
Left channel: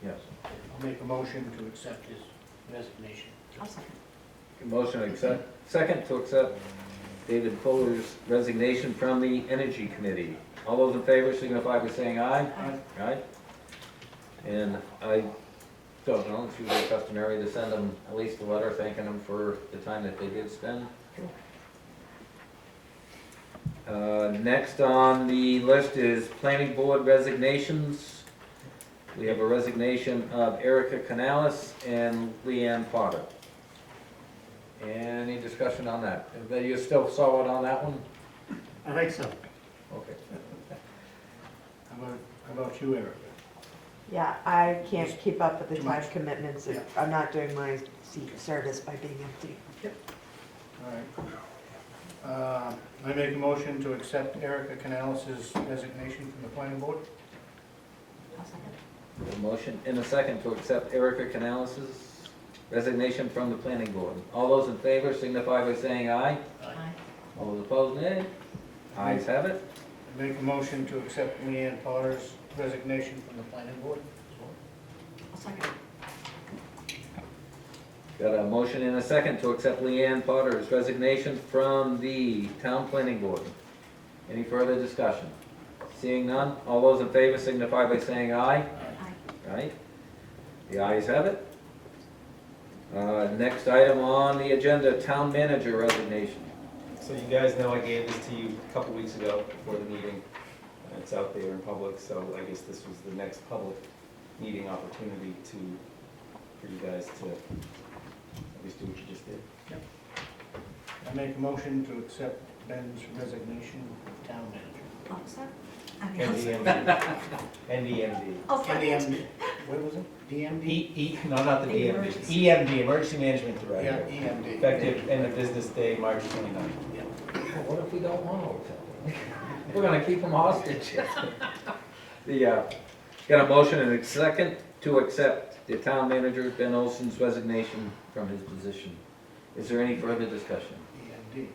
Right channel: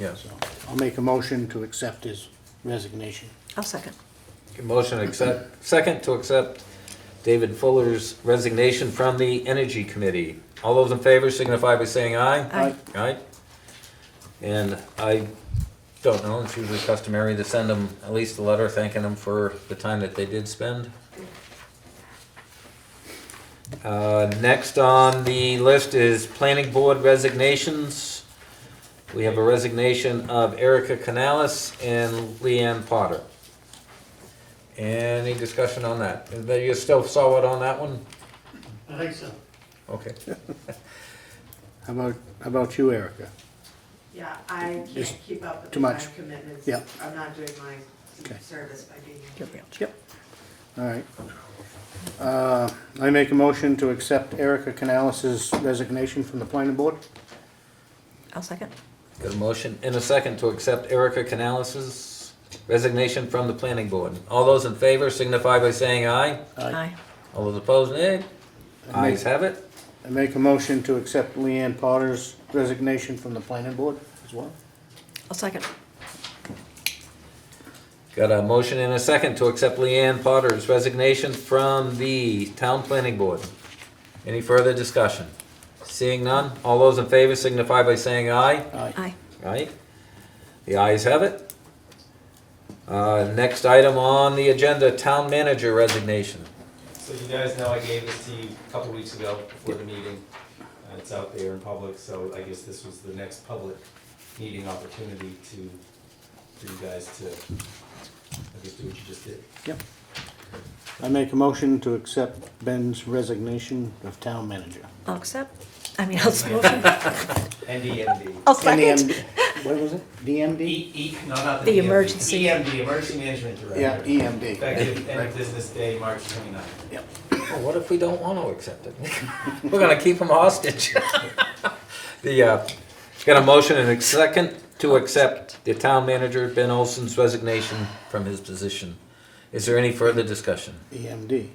Yes. so I'll make a motion to accept his resignation. I'll second. Motion second to accept David Fuller's resignation from the Energy Committee. All those in favor signify by saying aye. Aye. Aye. And I don't know, it's usually customary to send them at least a letter thanking them for the time that they did spend. Next on the list is Planning Board resignations. We have a resignation of Erica Canales and Leanne Potter. Any discussion on that? You still saw it on that one? I think so. Okay. How about you, Erica? Yeah, I can't Just keep up with the too time much. commitments. Yeah. I'm not doing my Okay. service by being in here. Yep. All right. I make a motion to accept Erica Canales' resignation from the planning board. I'll second. Got a motion and a second to accept Erica Canales' resignation from the planning board. All those in favor signify by saying aye. Aye. All those opposed, nay. I Ayes have it. make a motion to accept Leanne Potter's resignation from the planning board as well. I'll second. Got a motion and a second to accept Leanne Potter's resignation from the town planning board. Any further discussion? Seeing none, all those in favor signify by saying aye. Aye. Aye. Aye. The ayes have it. Next item on the agenda, town manager resignation. So you guys know I gave this to you a couple weeks ago before the meeting. It's out there in public, so I guess this was the next public meeting opportunity for you guys to, I guess, do what you just did. I make a motion to accept Ben's resignation of town manager. I'll accept. I'll second. NDMD. I'll second. NEM what was it? DMD? No, not The DMD. emergency. EMD, Emergency Management Yeah, Director. EMD. Effective end of business day, March 29th. Well, what if we don't want to accept it? We're gonna keep them hostage. Got a motion and a second to accept the town manager, Ben Olson's resignation from his position. Is there any further discussion? EMD.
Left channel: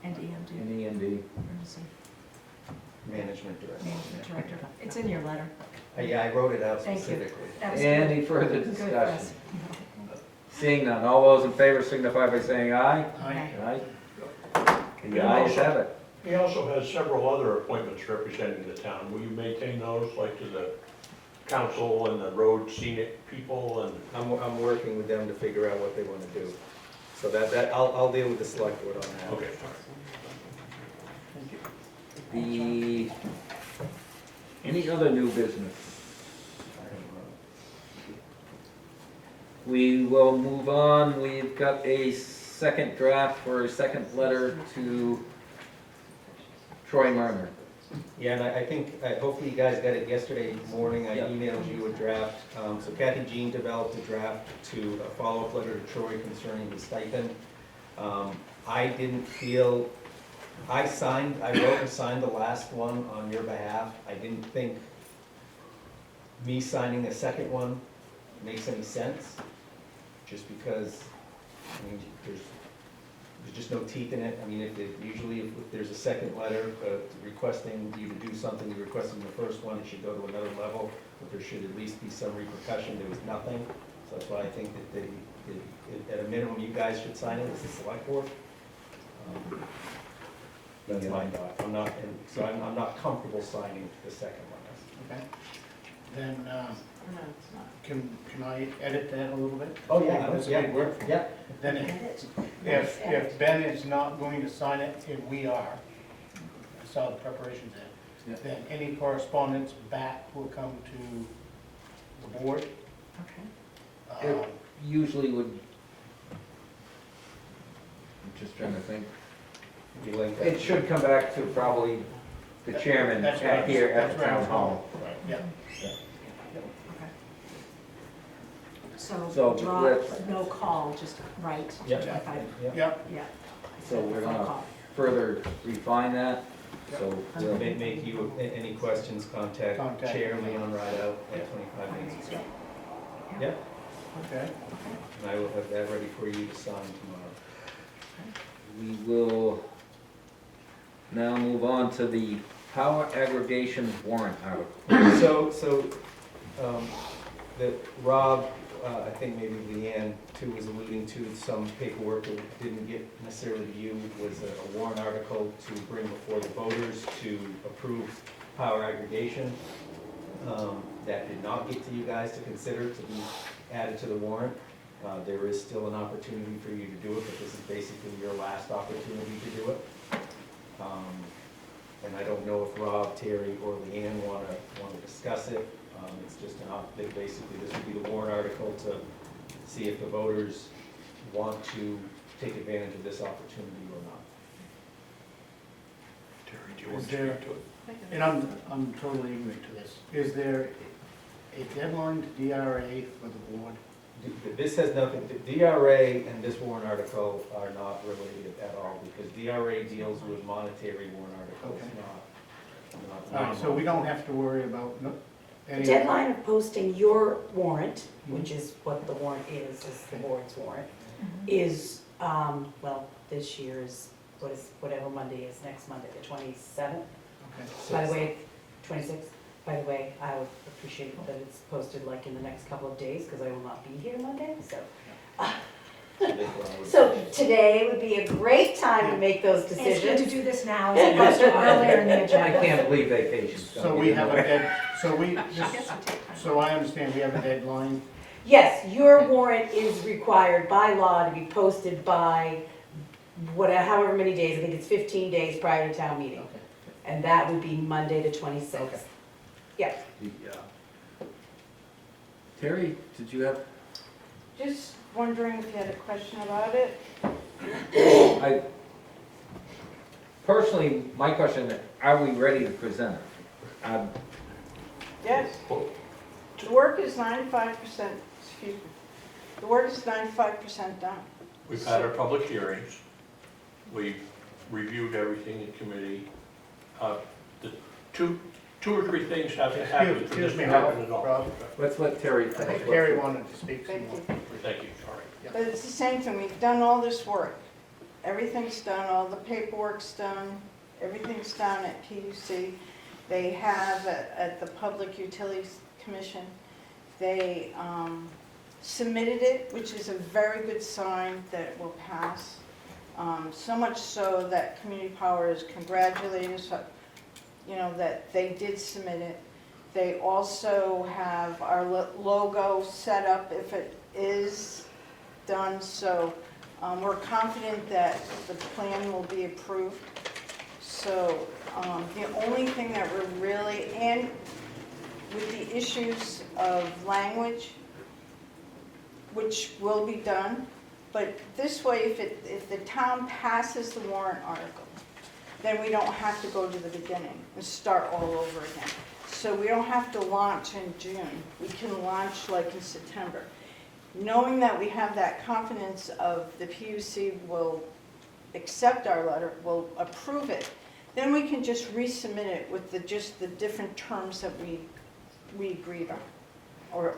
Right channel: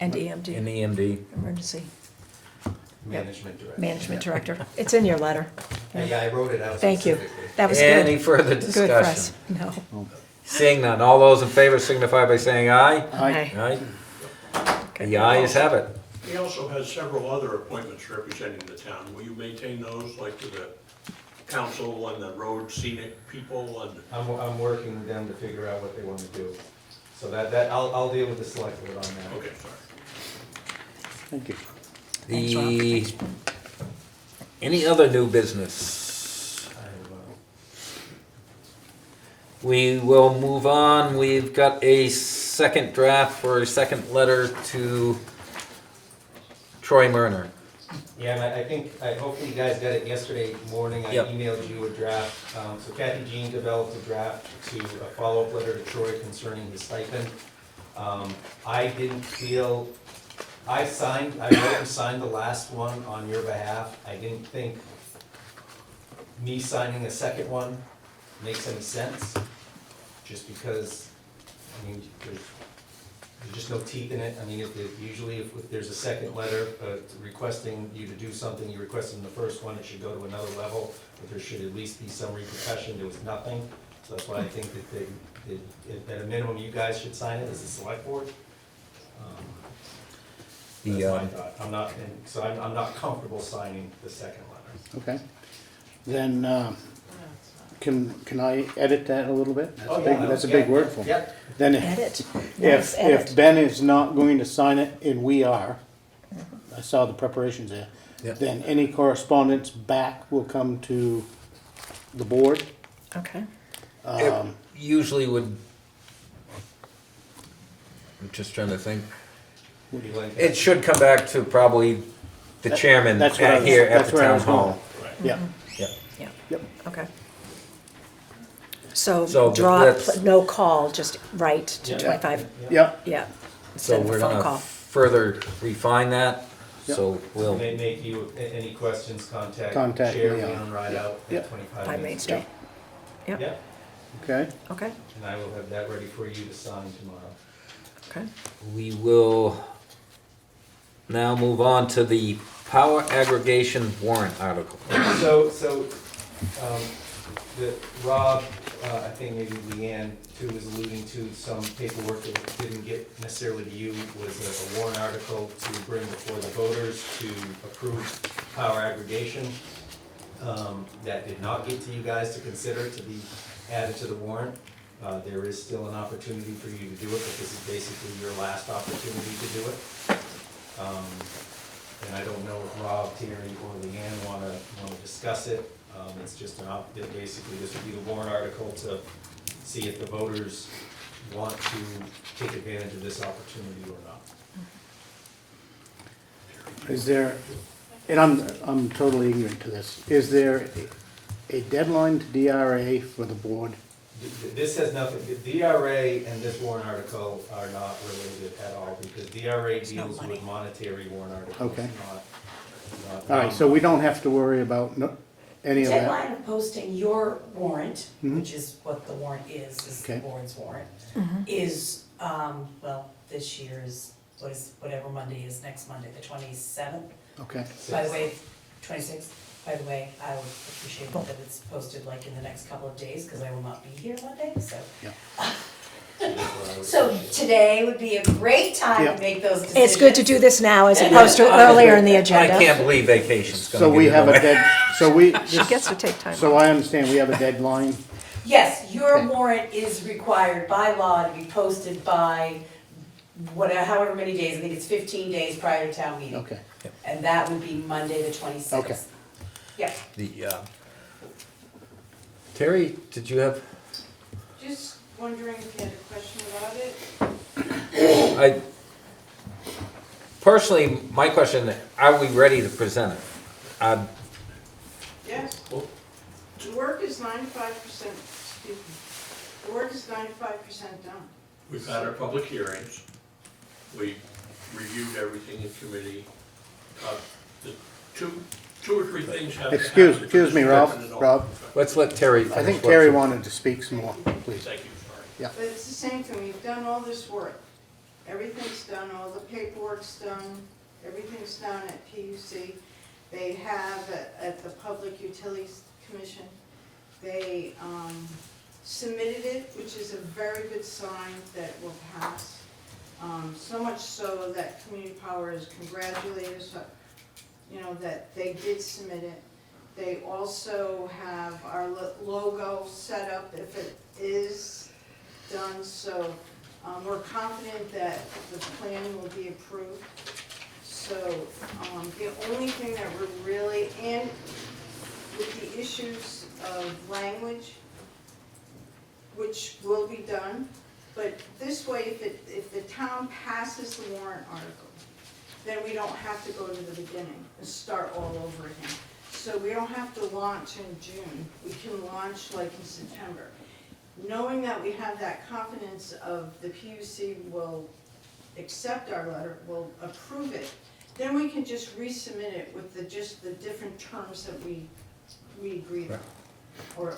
And EMD, In EMD? Emergency Management Director. Management Director. It's in your letter. Yeah, I wrote it out Thank you. specifically. That was good. Any further Good for discussion? us. No. Seeing none, all those in favor signify by saying aye. Aye. Aye. The ayes have it. He also has several other appointments representing the town. Will you maintain those, like to the council and the road scenic people and? I'm working with them to figure out what they wanna do. So I'll deal with the select board on that. Okay, fine. Thank you. Thanks, Rob. Any other new business? We will move on. We've got a second draft for a second letter to Troy Murner. Yeah, and I think, hopefully you guys got it yesterday morning, I Yep. emailed you a draft. So Kathy Jean developed a draft to a follow-up letter to Troy concerning the stipend. I didn't feel, I wrote and signed the last one on your behalf. I didn't think me signing a second one makes any sense, just because, I mean, there's just no teeth in it. I mean, usually if there's a second letter requesting you to do something, you requested in the first one, it should go to another level, but there should at least be some repercussion. There was nothing, so that's why I think that at a minimum, you guys should sign it as the select board. That's my thought. I'm not comfortable signing the second letter. Okay. Then, can I edit that a little bit? Oh, yeah. That's a big word for me. Yeah. Then Edit. Nice edit. if Ben is not going to sign it and we are, I saw the preparations there, Yeah. then any correspondence back will come to the board. Okay. It usually would, I'm just trying to think. You like that? It should come back to probably the chairman That's what I was- here at that's the where I town was going. hall. Yeah, Okay. So So draw, that's- no call, just write to Yeah. 25, yeah, yeah. So Instead of a we're phone gonna call. further refine that, so we'll, Make you, any questions, contact Contact Chair me, yeah. Ian right out Yeah. at 25 5 Main Main Street. Yep. Yeah, okay. Okay, and I will have that ready for you to sign tomorrow. okay. we will now move on to the power aggregation warrant article. Rob, I think maybe Leanne too was alluding to some paperwork that didn't get necessarily to you, was a warrant article to bring before the voters to approve power aggregation. That did not get to you guys to consider to be added to the warrant. There is still an opportunity for you to do it, but this is basically your last opportunity to do it. And I don't know if Rob, Terry, or Leanne wanna discuss it. It's just basically this would be the warrant article to see if the voters want to take advantage of this opportunity or not. Is there, and I'm totally ignorant to this, is there a deadline to DRA for the board? This has nothing, the DRA and this warrant article are not related at all, because DRA no deals money. with monetary warrant articles, Okay. not. All right, so we don't have to worry about any of that? Deadline of posting your warrant, Mhm. which is what the warrant is the Okay. board's warrant, Mhm. is, well, this year's, whatever Monday is, next Monday, the 27th. Okay, By the way, 26th, by the way, I would appreciate that it's posted like in the next couple of days, because I will not be here Monday, so. So today would be a great time Yeah. to make those decisions. It's good to do this now as opposed to earlier in the I agenda. can't believe vacation's so gonna we get in have the a way. so we, She gets to take time. so I understand, we have a deadline? Yes, your Okay. warrant is required by law to be posted by however many days, I think it's 15 days prior to town meeting. Okay, And that would be Monday, the 26th. Okay. Yeah. Terry, did you have, Just wondering if you had a question about it? I, personally, my question, are we ready to present it? Yes. The work is 95%, excuse me, the work is 95% done. We've had our public hearings. We reviewed everything in committee. The two or three things have to happen. excuse me, Rob, Let's let Terry I finish. think what Terry she- wanted to speak some more, please. Thank you, sorry. But it's the same thing, we've done all this work. Everything's done, all the paperwork's done, everything's done at PUC. They have at the Public Utilities Commission, they submitted it, which is a very good sign that it will pass. So much so that Community Power has congratulated us, that they did submit it. They also have our logo set up if it is done, so we're confident that the plan will be approved. So the only thing that we're really, and with the issues of language, which will be done, but this way, if the town passes the warrant article, then we don't have to go to the beginning and start all over again. So we don't have to launch in June, we can launch like in September. Knowing that we have that confidence of the PUC will accept our letter, will approve it, then we can just resubmit it with just the different terms that we agreed on, or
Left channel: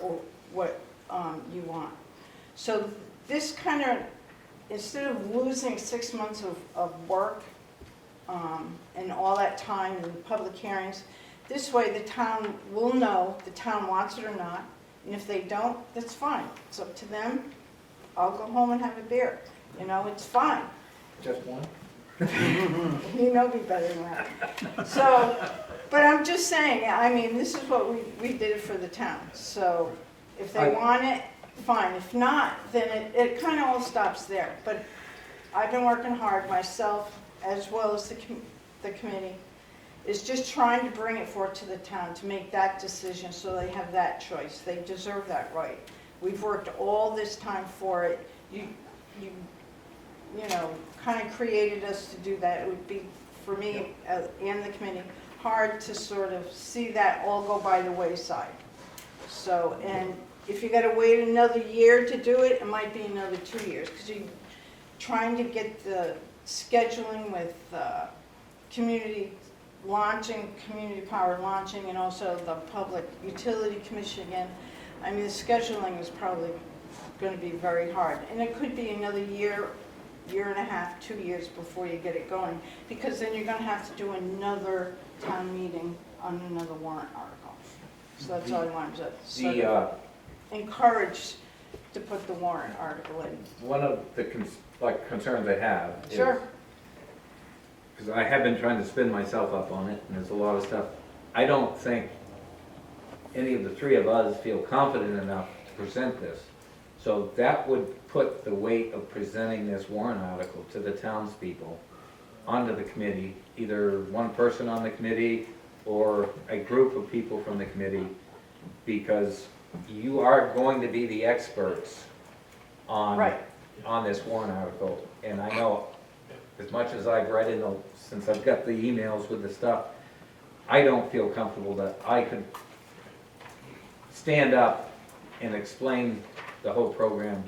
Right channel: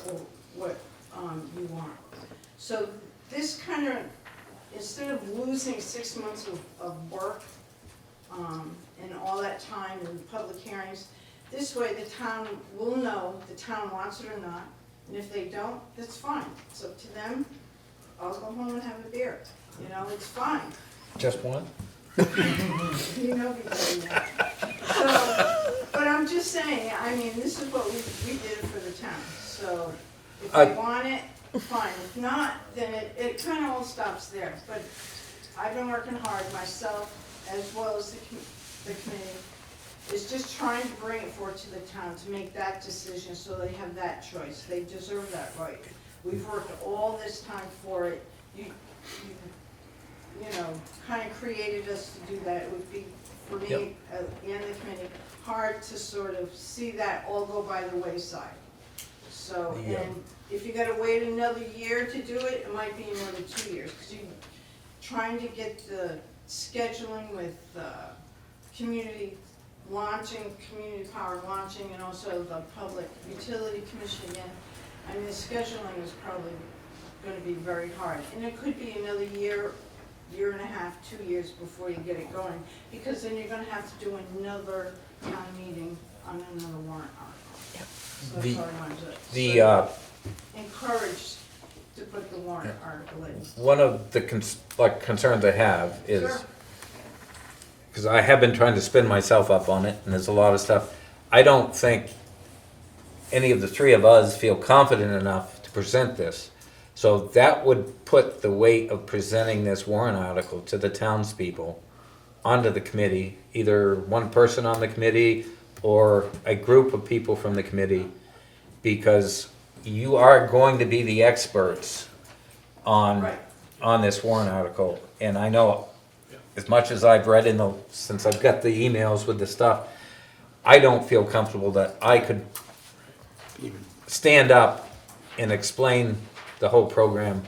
what you want. So this kind of, instead of losing 6 months of work and all that time in the public hearings, this way the town will know the town wants it or not, and if they don't, that's fine. It's up to them. I'll go home and have a beer. It's fine. Just one? You know me better than that. So, but I'm just saying, I mean, this is what we did for the town. So if they want it, fine. If not, then it kind of all stops there. But I've been working hard myself, as well as the committee, is just trying to bring it forward to the town to make that decision so they have that choice. They deserve that right. We've worked all this time for it. You kind of created us to do that. It would be, for me and the committee, hard to sort of see that all go by the wayside. So, and if you gotta wait another year to do it, it might be another 2 years, because you're trying to get the scheduling with community launching, Community Power launching, and also the Public Utility Commission again. I mean, the scheduling is probably gonna be very hard, and it could be another year, year and a half, 2 years before you get it going, because then you're gonna have to do another town meeting on another warrant article. So that's all I wanted to encourage to put the warrant article in. One of the concerns I have is, Sure. because I have been trying to spin myself up on it, and there's a lot of stuff, I don't think any of the three of us feel confident enough to present this. So that would put the weight of presenting this warrant article to the townspeople onto the committee, either one person on the committee or a group of people from the committee, because you are going to be the experts on this warrant article. And I know, as much as I've read since I've got the emails with the stuff, I don't feel comfortable that I could stand up and explain the whole program.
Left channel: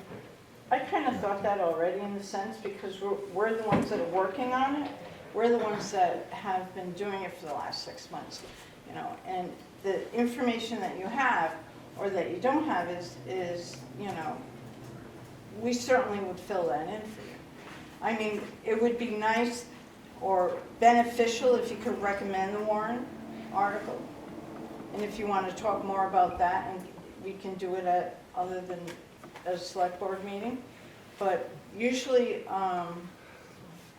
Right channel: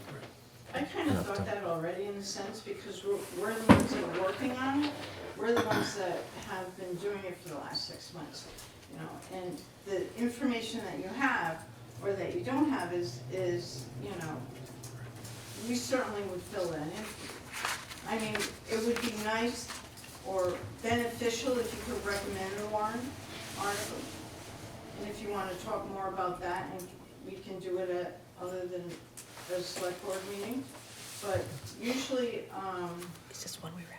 I kind of thought that already in a sense, because we're the ones that are working on it. We're the ones that have been doing it for the last 6 months, and the information that you have or that you don't have is we certainly would fill that in. I mean, it would be nice or beneficial if you could recommend a warrant article. And if you want to talk more about that, and we can do it at, other than a select board meeting. But usually,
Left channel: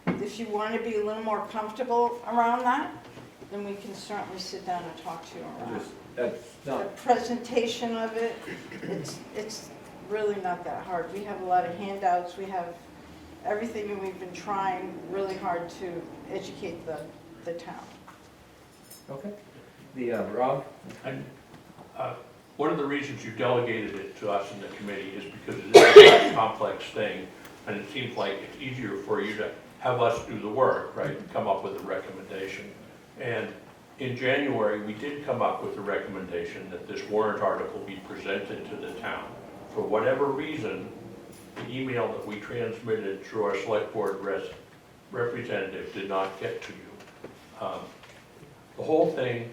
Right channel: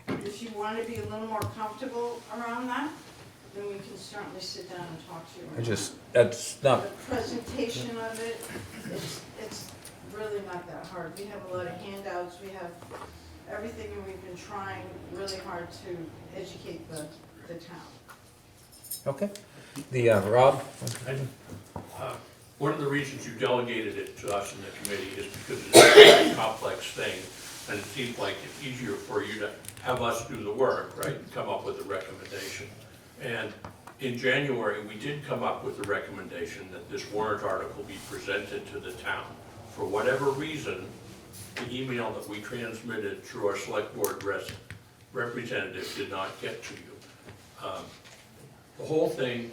if you want to be a little more comfortable around that, then we can certainly sit down and talk to you around it. That's not, The presentation of it, it's really not that hard. We have a lot of handouts, we have everything, and we've been trying really hard to educate the town. okay. Rob? One of the reasons you delegated it to us in the committee is because it is a complex thing, and it seems like it's easier for you to have us do the work, right, and come up with a recommendation. And in January, we did come up with a recommendation that this warrant article be presented to the town. For whatever reason, the email that we transmitted through our select board representative did not get to you. The whole thing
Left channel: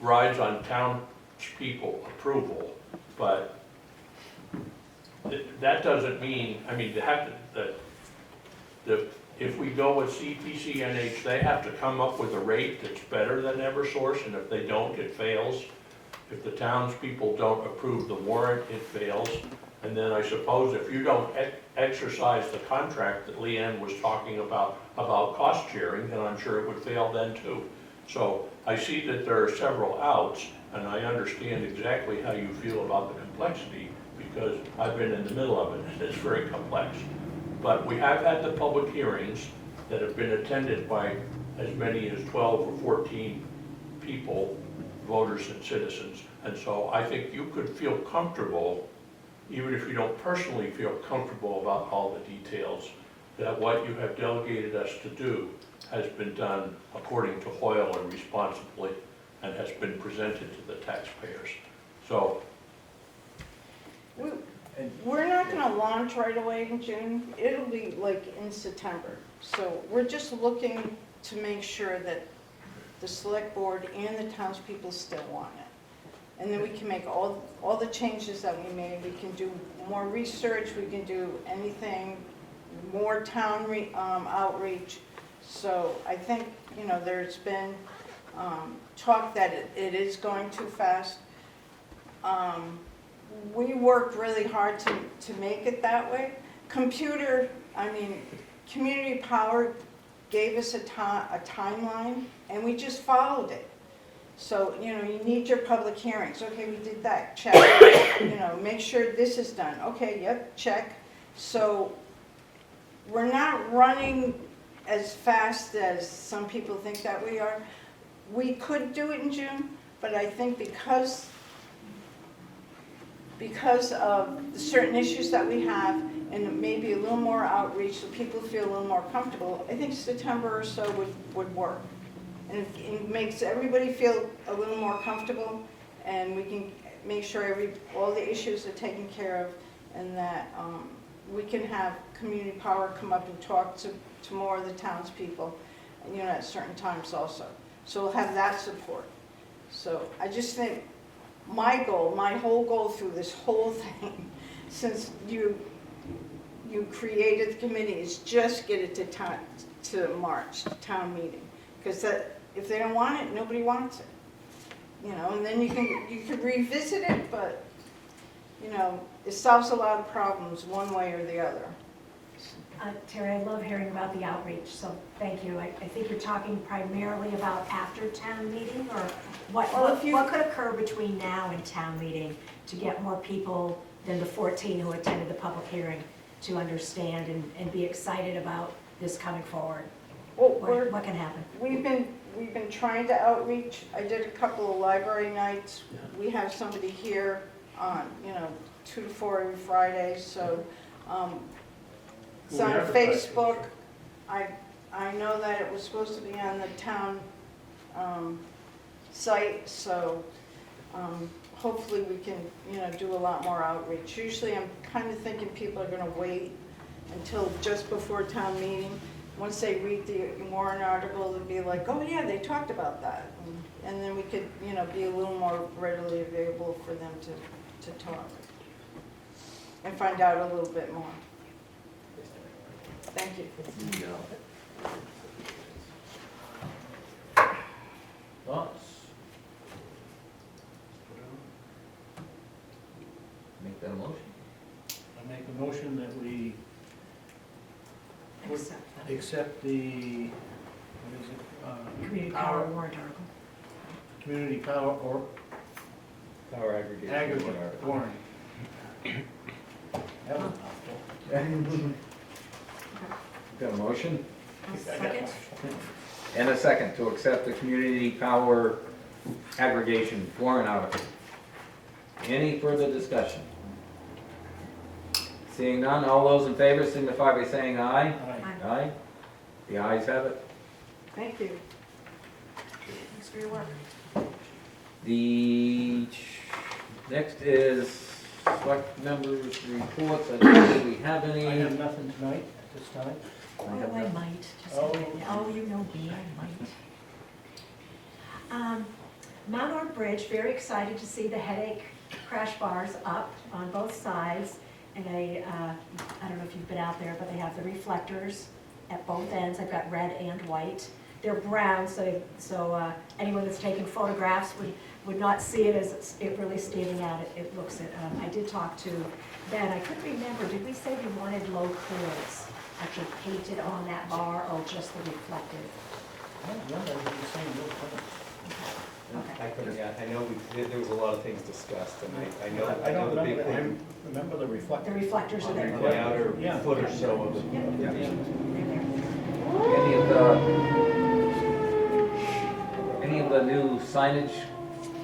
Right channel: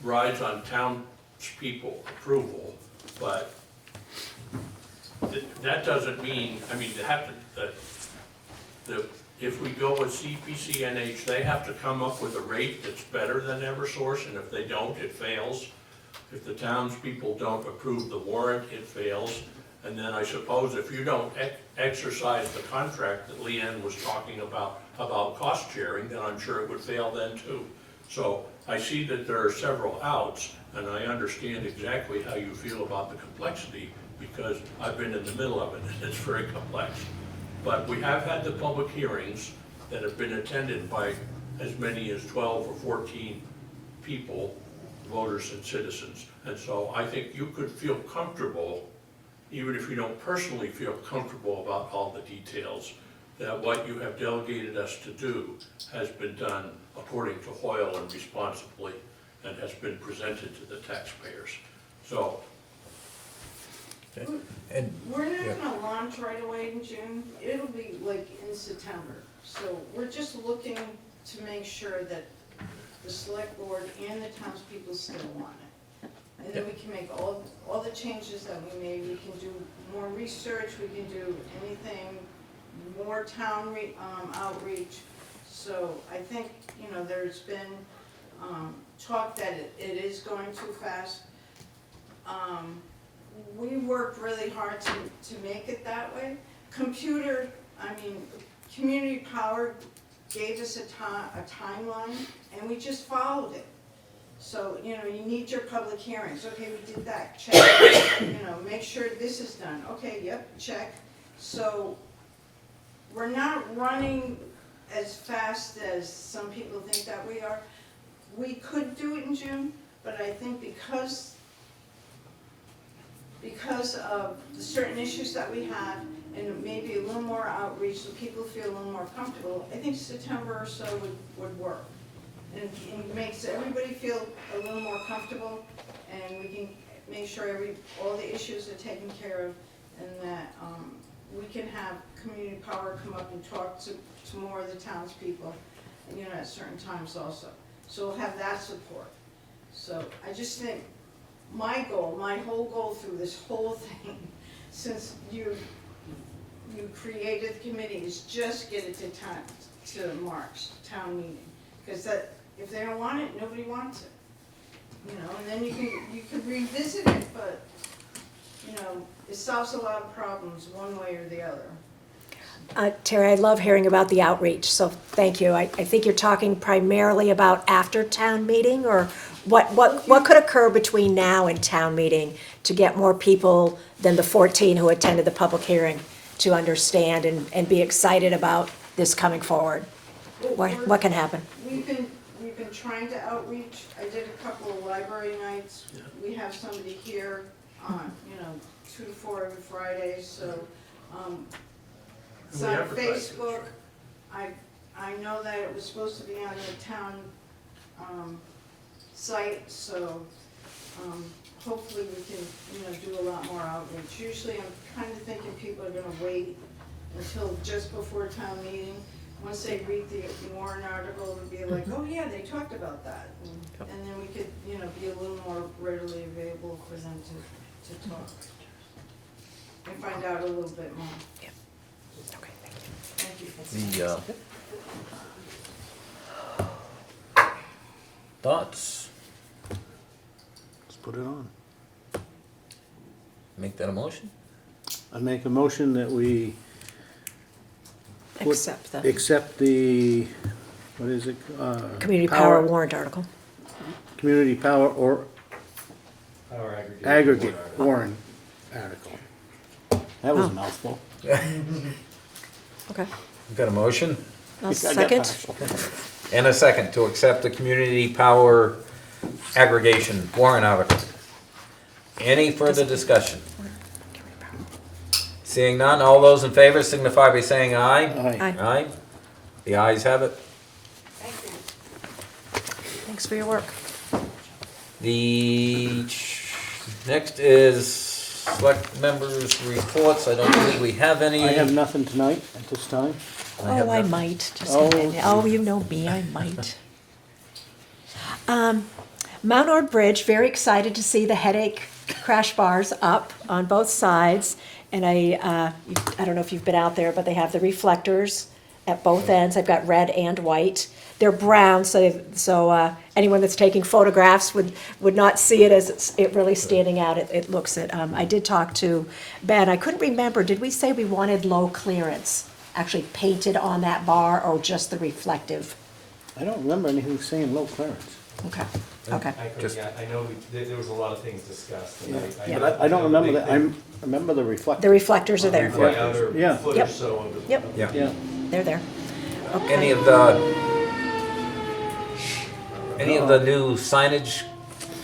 rides on townspeople approval, but that doesn't mean, I mean, if we go with CPCNH, they have to come up with a rate that's better than Eversource, and if they don't, it fails. If the townspeople don't approve the warrant, it fails. And then I suppose if you don't exercise the contract that Leanne was talking about cost sharing, then I'm sure it would fail then too. So I see that there are several outs, and I understand exactly how you feel about the complexity, because I've been in the middle of it, and it's very complex. But we have had the public hearings that have been attended by as many as 12 or 14 people, voters and citizens. And so I think you could feel comfortable, even if you don't personally feel comfortable about all the details, that what you have delegated us to do has been done according to Hoyle and responsibly, and has been presented to the taxpayers. So, We're not gonna launch right away in June, it'll be like in September. So we're just looking to make sure that the select board and the townspeople still want it. And then we can make all the changes that we made, we can do more research, we can do anything, more town outreach. So I think, you know, there's been talk that it is going too fast. We worked really hard to make it that way. Community Power gave us a timeline, and we just followed it. So, you know, you need your public hearings, okay, we did that, check. You know, make sure this is done, okay, yep, check. So, we're not running as fast as some people think that we are. We could do it in June, but I think because of the certain issues that we have, and maybe a little more outreach so people feel a little more comfortable, I think September or so would work. And it makes everybody feel a little more comfortable, and we can make sure all the issues are taken care of, and that we can have Community Power come up and talk to more of the townspeople, you know, at certain times also. So we'll have that support. So I just think my whole goal through this whole thing, since you created the committee, is just get it to March, town meeting. Because if they don't want it, nobody wants it. You know, and then you can revisit it, but, you know, it solves a lot of problems one way or the other. Terry, I love hearing about the outreach, so thank you. I think you're talking primarily about after town meeting, or what could occur between now and town meeting to get more people than the 14 who attended the public hearing to understand and be excited about this coming forward? What can happen? We've been trying to outreach. I did a couple of library nights. We have somebody here on, 2 to 4 every Friday, so, it's on Facebook. I know that it was supposed to be on the town, site, so, hopefully we can, do a lot more outreach. Usually I'm kind of thinking people are gonna wait until just before town meeting. Once they read the warrant article, they'll be like, oh yeah, they talked about that. And then we could, be a little more readily available for them to talk and find out a little bit more. Thank you. Thoughts? Let's put it on. Make that a motion? I make a motion that we accept the, what is it? Community Power warrant article. Community Power or Our aggregate warrant article. That was a mouthful. Okay. We've got a motion I'll second. and a second to accept the Community Power aggregation warrant article. Any further discussion? Seeing none, all those in favor signify by saying aye. Aye. Aye. The ayes have it. Thank you. Thanks for your work. The next is select members' reports. I don't believe we have any. I have nothing tonight at this time. have I nothing. might, just Oh. a minute. Oh, you know me, I might. Mount Ord Bridge, very excited to see the headache crash bars up on both sides. And I don't know if you've been out there, but they have the reflectors at both ends. I've got red and white. They're brown, so anyone that's taking photographs would not see it as it really standing out. It looks it. I did talk to Ben. I couldn't remember, did we say we wanted low clearance actually painted on that bar, or just the reflective? I don't remember anything saying low clearance. Okay. I know there was a lot of things discussed, and Yeah. But I don't remember that, I remember the reflector. The reflectors are there. The other Yeah. foot or Yep. so of the. Yep, Yeah. they're there. Any of the new signage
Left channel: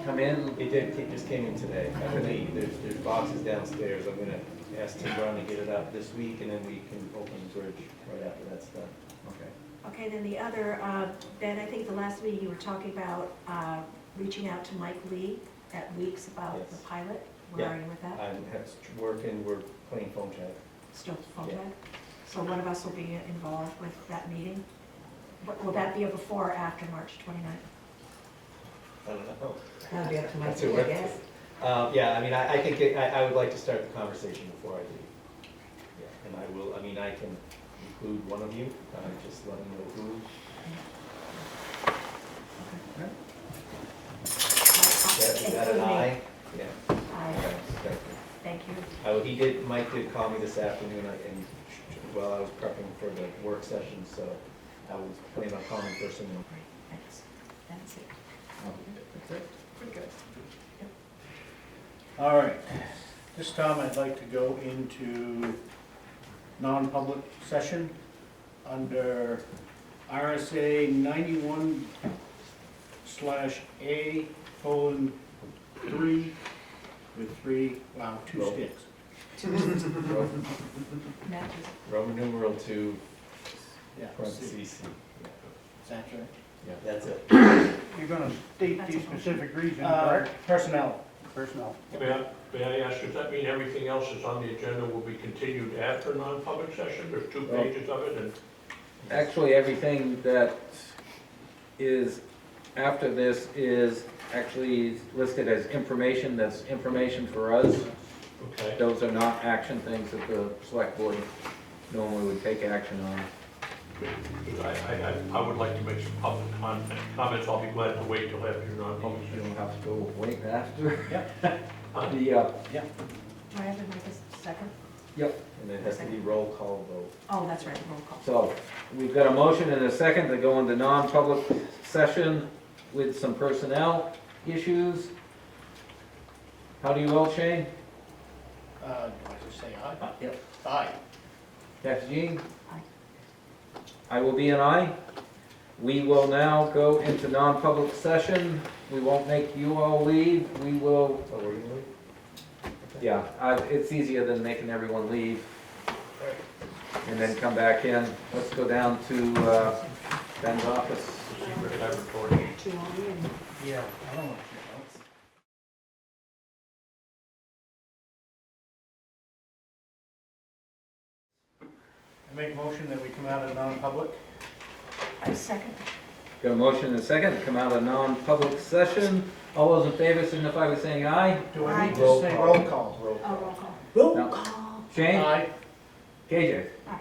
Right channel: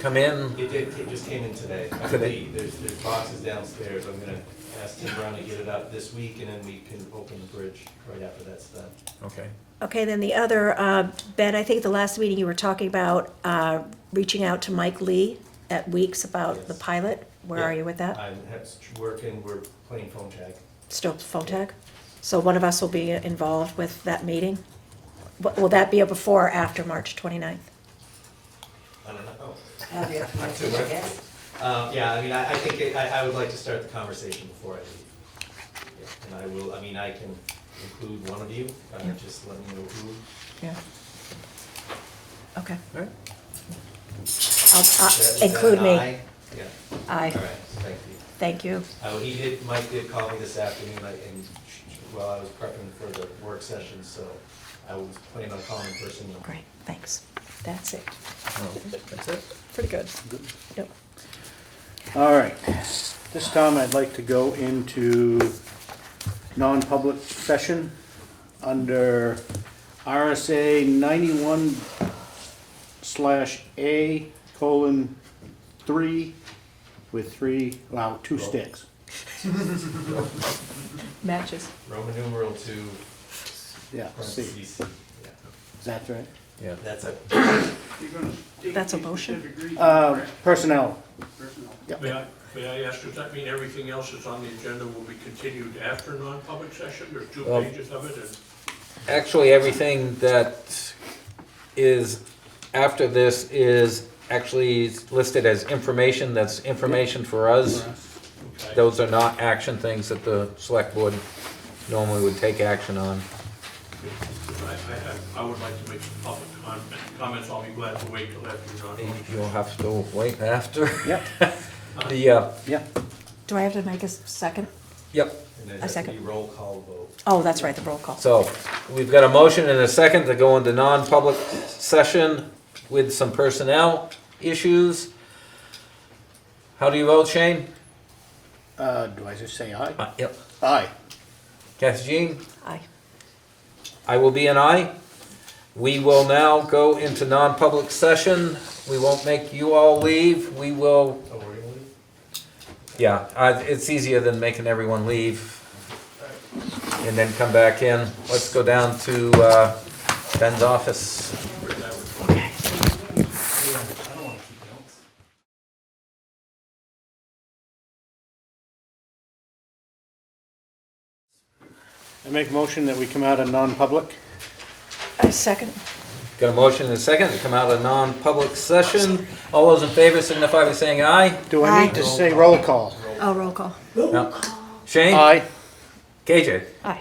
come in? It just came in today. Today. There's boxes downstairs. I'm gonna ask Tim Brown to get it up this week, and then we can open the bridge right after that's done. Okay. Okay, then the other, Ben, I think the last meeting you were talking about reaching out to Mike Lee at Weeks about the Yes. pilot. Where are you with that? I'm working, we're playing phone tag. Still phone tag? So one of us will be involved with that meeting? Will that be a before or after March 29th? I don't know. Not too much. Yeah, I mean, I think I would like to start the conversation before I leave. Yeah, and I will, I mean, I can include one of you, just let me know who. Yeah. Okay. Alright. Is that Include an me. aye? Yeah, all Aye, right, thank you. thank you. Mike did call me this afternoon, and while I was prepping for the work session, so I was planning on calling him first thing. Great, thanks. That's it. Oh, that's it? Pretty good. Yep. All right, this time I'd like to go into non-public session under RSA 91/A:3 with two sticks. Matches. Roman numeral 2, Yeah, C. parentheses. Is that right? Yeah. That's it. You're gonna state That's a the motion. specific reason Uh, for personnel. personnel. May I ask, does that mean everything else that's on the agenda will be continued after non-public session? There's 2 Well- pages of it, and Actually, everything that is after this is actually listed as information. That's information for us. okay. Those are not action things that the select board normally would take action on. I would like to make some public comments. I'll be glad to wait till after your non-public. You'll have to wait after. Yep. Do I have to make a second? Yep. And then A that's second. the roll call vote. Oh, that's right, the roll call. So, we've got a motion and a second to go into non-public session with some personnel issues. How do you vote, Shane? Do I just say aye? Yep. Aye. Kathy Jean? Aye. I will be an aye. We will now go into non-public session. We won't make you all leave. We will, Oh, we're gonna leave? yeah, it's easier than making everyone leave and then come back in. Let's go down to Ben's office. I make motion that we come out of non-public. I second. Got a motion and a second to come out of non-public session. All those in favor signify by saying aye. Do I need to say roll call? Oh, roll call. No. Shane? Aye. KJ? Aye.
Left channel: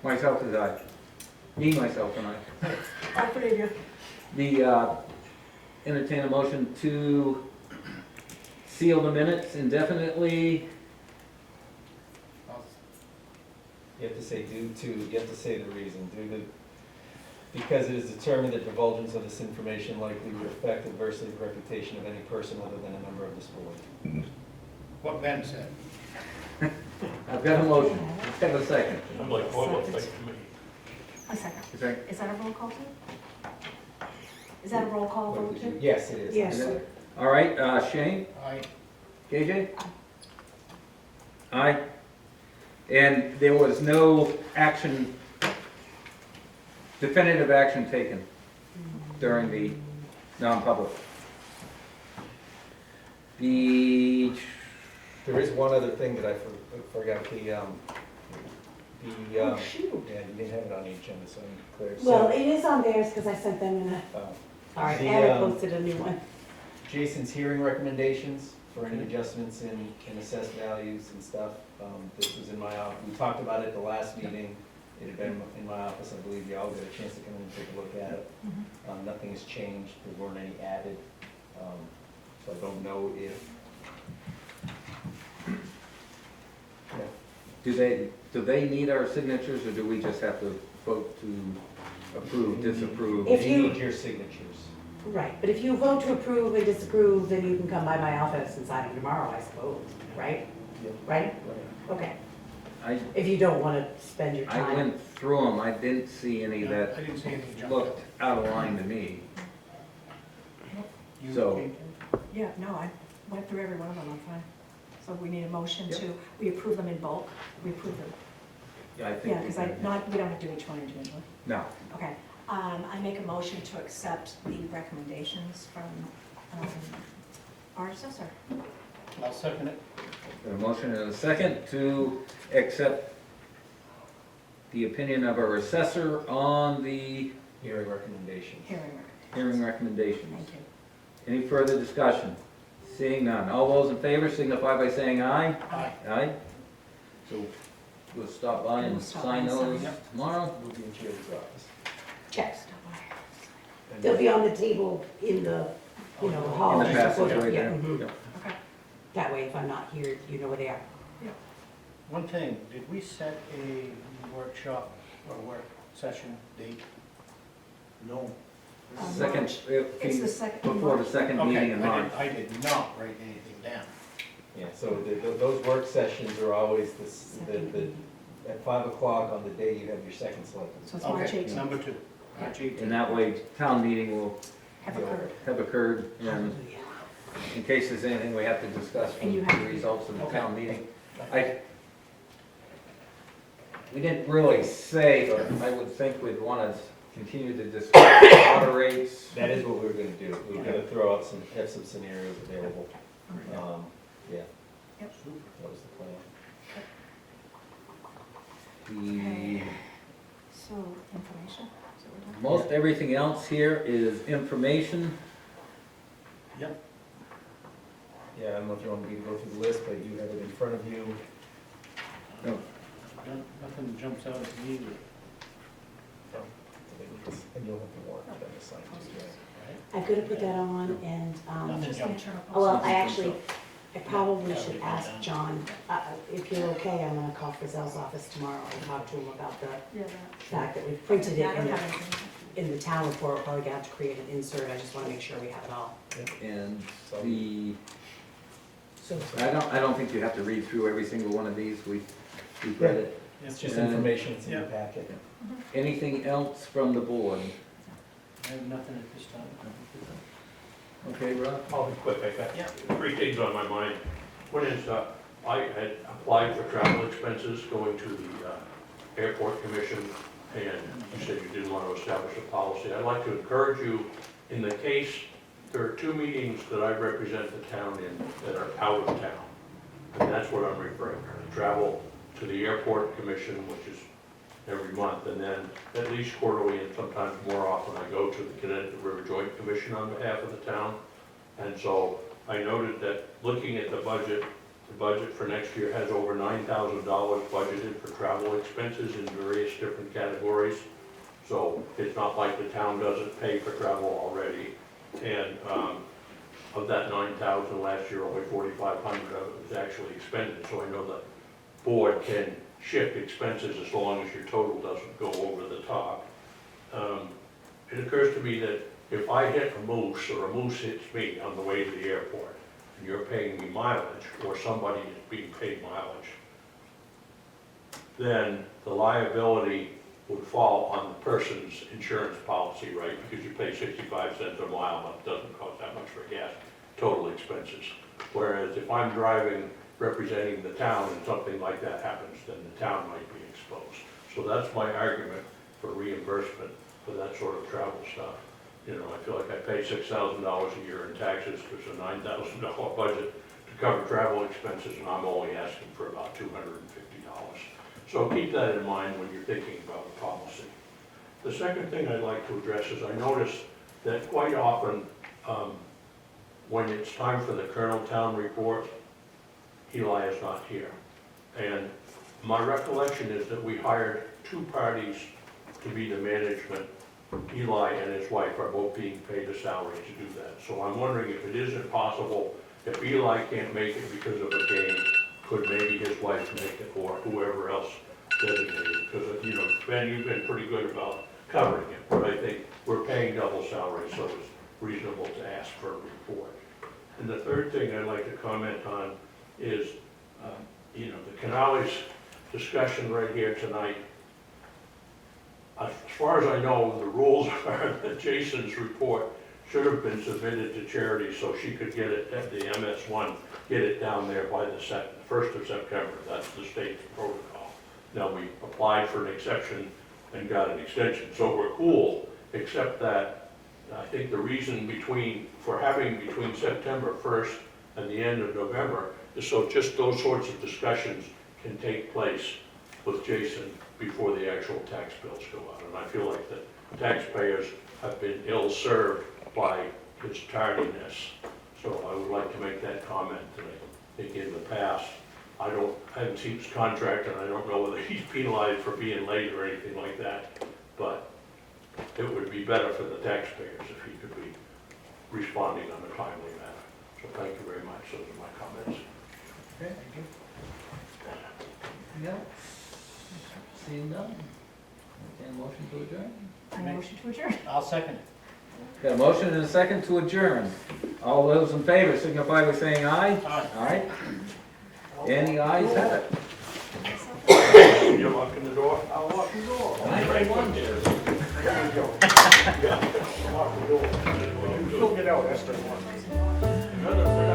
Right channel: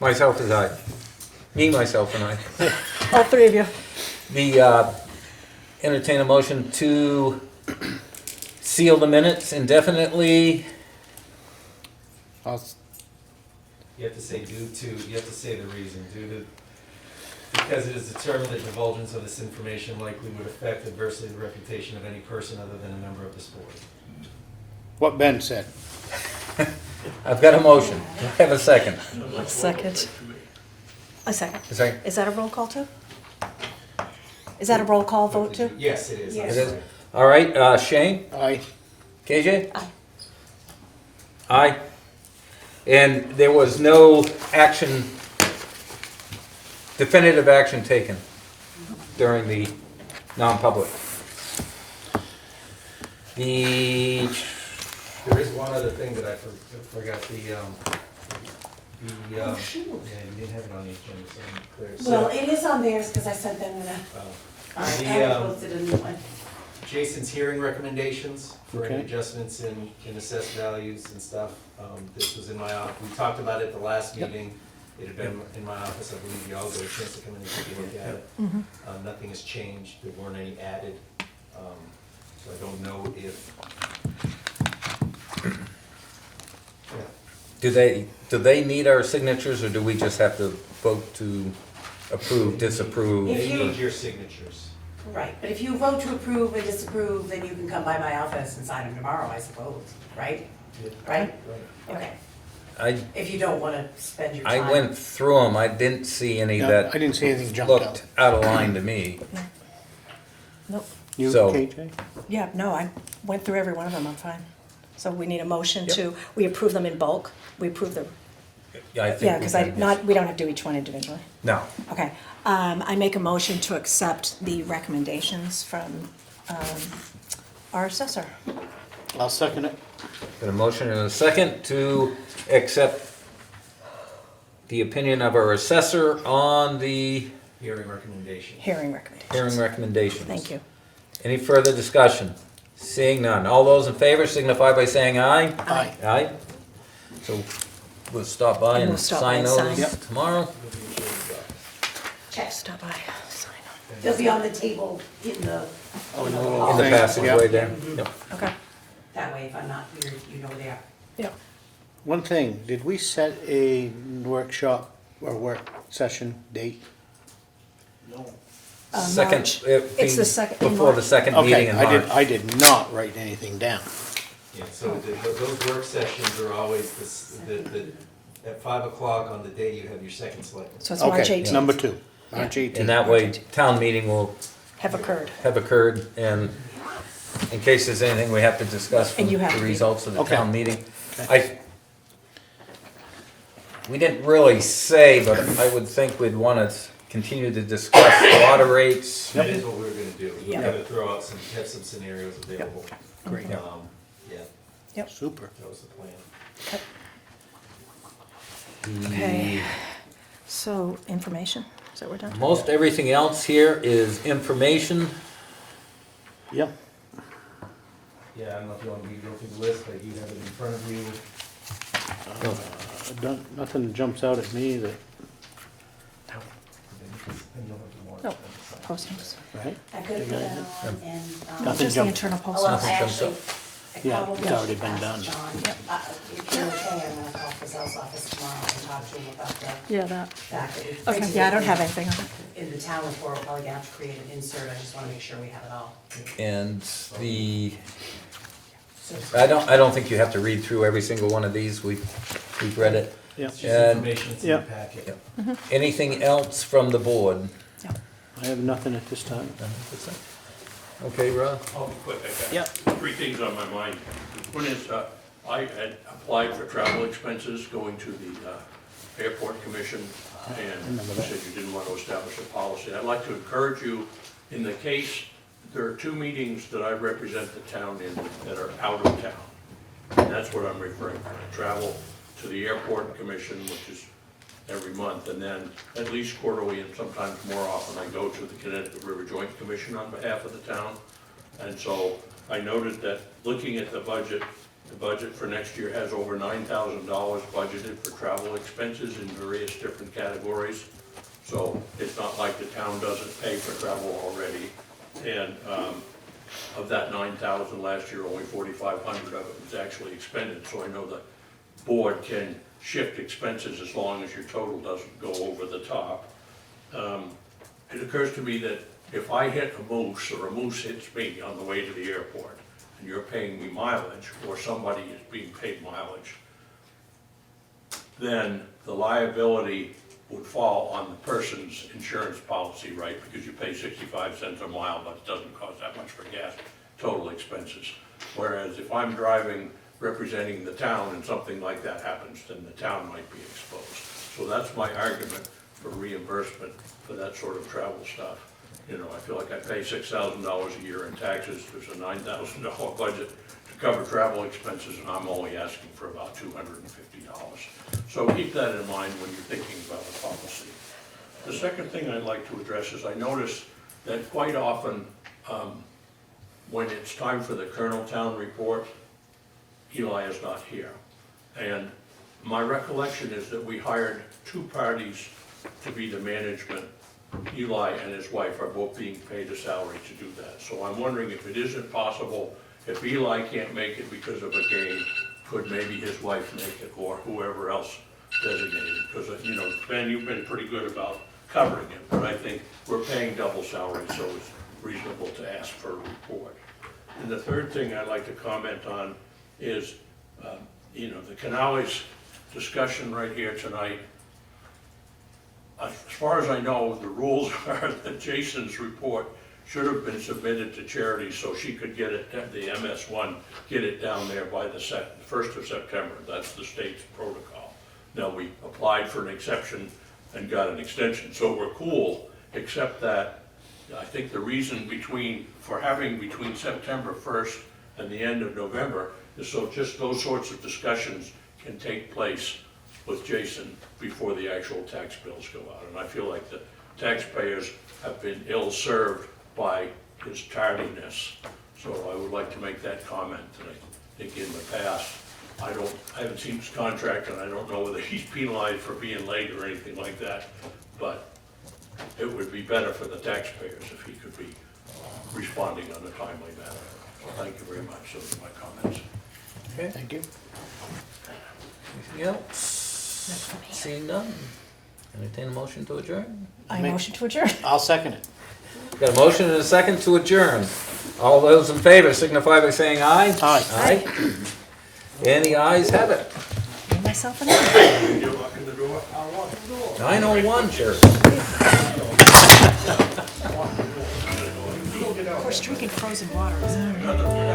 Myself is aye. Me, myself, and I. All three of you. The, entertain a motion to seal the minutes indefinitely. You have to say due to, you have to say the reason, due to, because it is determined that divulgence of this information likely would affect adversely the reputation of any person other than a member of this board. What Ben said. I've got a motion. Do I have a second? Second. A second. A second. Is that a roll call too? Is that a roll call vote too? Yes, it is. Yes. It is. All right, Shane? Aye. KJ? Aye. Aye. And there was no action, definitive action taken during the non-public. The, There is one other thing that I forgot, yeah, you didn't have it on the agenda, so I'm clear. So, Well, it is on theirs because I sent them I the, posted a new one. Jason's hearing recommendations for any Okay. adjustments in assessed values and stuff. This was in my, we talked about it at the last meeting. It had been in my office, I believe you all got a chance to come in and take a look at it. Nothing has changed, there weren't any added, so I don't know if. Yeah. Do they need our signatures, or do we just have to vote to approve, disapprove? If They you- need your signatures. Right, but if you vote to approve or disapprove, then you can come by my office and sign them tomorrow, I suppose, right? Right? Okay, I, if you don't wanna spend your time. I went through them, I didn't see any Yeah, that I didn't see anything jump out. looked out of line to me. You, So- KJ? Yeah, no, I went through every one of them, I'm fine. So we need a motion to, we approve them in bulk, we approve them, Yeah, I think. yeah, we because can- we don't have to do each one individually. No, Okay, I make a motion to accept the recommendations from, our assessor. I'll second it. got a motion and a second to accept the opinion of our assessor on the Hearing recommendation. Hearing recommendations. hearing recommendations. Thank you. Any further discussion? Seeing none. All those in favor signify by saying aye. Aye. Aye. So we'll stop by And and we'll stop sign by and those sign. tomorrow. Check. Stop by, sign They'll be on the table in the, Oh, in the no, hall. In the Thank you. passageway there. Yep. them. Okay. That way, if I'm not here, you know where they are. One thing, did we set a workshop or work session date? No. Second, March. it It's the being second in before the March. second meeting Okay, in March. I did not write anything down. Yeah, so those work sessions are always at 5 o'clock on the day you have your second select. So it's March Okay, 18th. number 2, March Yeah. 18th. And that way, town meeting will Have occurred. have occurred, and in case there's anything we have to discuss from And you have the to be- results of the Okay. town meeting. We didn't really say, but I would think we'd want to continue to discuss water rates. That is what we were gonna do, we Yeah. were gonna throw out have some scenarios available. Great, Yeah, super. that was the plan. Okay. So, information, is that what we're done? Most everything else here is information. Yep. Yeah, I don't know if you want me to go through the list, but you have it in front of you. Nothing jumps out at me that, And you'll have to warrant No. them to sign. Postings. right? I could have put that on and, Nothing Just the jumped. internal well, postings. I actually, I Yeah, probably it's already should been ask done. John, if you're okay, I'm gonna call Gazelle's office tomorrow and talk to him about the Yeah, that. fact that we've Okay, printed yeah, I don't it have anything on it. in the town report, we're probably gonna have to create an insert, I just wanna make sure we have it all. And the, So I don't think you have to read through every single one of these, we've read it. Yeah, It's just And- information, it's in Yeah. the packet. Anything else from the board? I have nothing at this time. Okay, Rob? I'll be quick, I Yeah. got three things on my mind. One is, I had applied for travel expenses going to the airport commission, and you said you didn't want to establish a policy. I'd like to encourage you, in the case, there are two meetings that I represent the town in that are out of town. And that's what I'm referring to. I travel to the airport commission, which is every month, and then at least quarterly and sometimes more often, I go to the Connecticut River Joint Commission on behalf of the town. And so I noted that looking at the budget for next year has over $9,000 budgeted for travel expenses in various different categories. So it's not like the town doesn't pay for travel already. And of that 9,000 last year, only 4,500 of it was actually expended. So I know the board can shift expenses as long as your total doesn't go over the top. It occurs to me that if I hit a moose or a moose hits me on the way to the airport, and you're paying me mileage, or somebody is being paid mileage, then the liability would fall on the person's insurance policy, right? Because you pay 65 cents a mile, but it doesn't cost that much for gas, total expenses. Whereas if I'm driving representing the town and something like that happens, then the town might be exposed. So that's my argument for reimbursement for that sort of travel stuff. You know, I feel like I pay $6,000 a year in taxes, there's a $9,000 budget to cover travel expenses, and I'm only asking for about $250. So keep that in mind when you're thinking about the policy. The second thing I'd like to address is I notice that quite often, when it's time for the Colonel Town report, Eli is not here. And my recollection is that we hired two parties to be the management. Eli and his wife are both being paid a salary to do that. So I'm wondering if it isn't possible, if Eli can't make it because of a game, could maybe his wife make it, or whoever else designated? Because, you know, Ben, you've been pretty good about covering it, but I think we're paying double salary, so it's reasonable to ask for a report. And the third thing I'd like to comment on is, you know, the Canales discussion right here tonight. As far as I know, the rules are that Jason's report should have been submitted to Charity so she could get it, the MS1, get it down there by the 1st of September. That's the state's protocol. Now, we applied for an exception and got an extension, so we're cool, except that I think the reason for having between September 1st and the end of November is so just those sorts of discussions can take place with Jason before the actual tax bills go out. And I feel like the taxpayers have been ill-served by his tardiness. So I would like to make that comment, that I think in the past, I haven't seen his contract, and I don't know whether he's penalized for being late or anything like that, but it would be better for the taxpayers if he could be responding on a timely manner. So thank you very much. Those are my comments. Okay, Thank you. anything else? Seeing none, entertain a motion to adjourn. I motion to adjourn. I'll second it. Got a motion and a second to adjourn. All those in favor signify by saying aye. Aye. Aye. And the ayes have it. Give myself an hour. You're locking the door? I'll lock the door. 9:01, Jerry. We're drinking frozen water.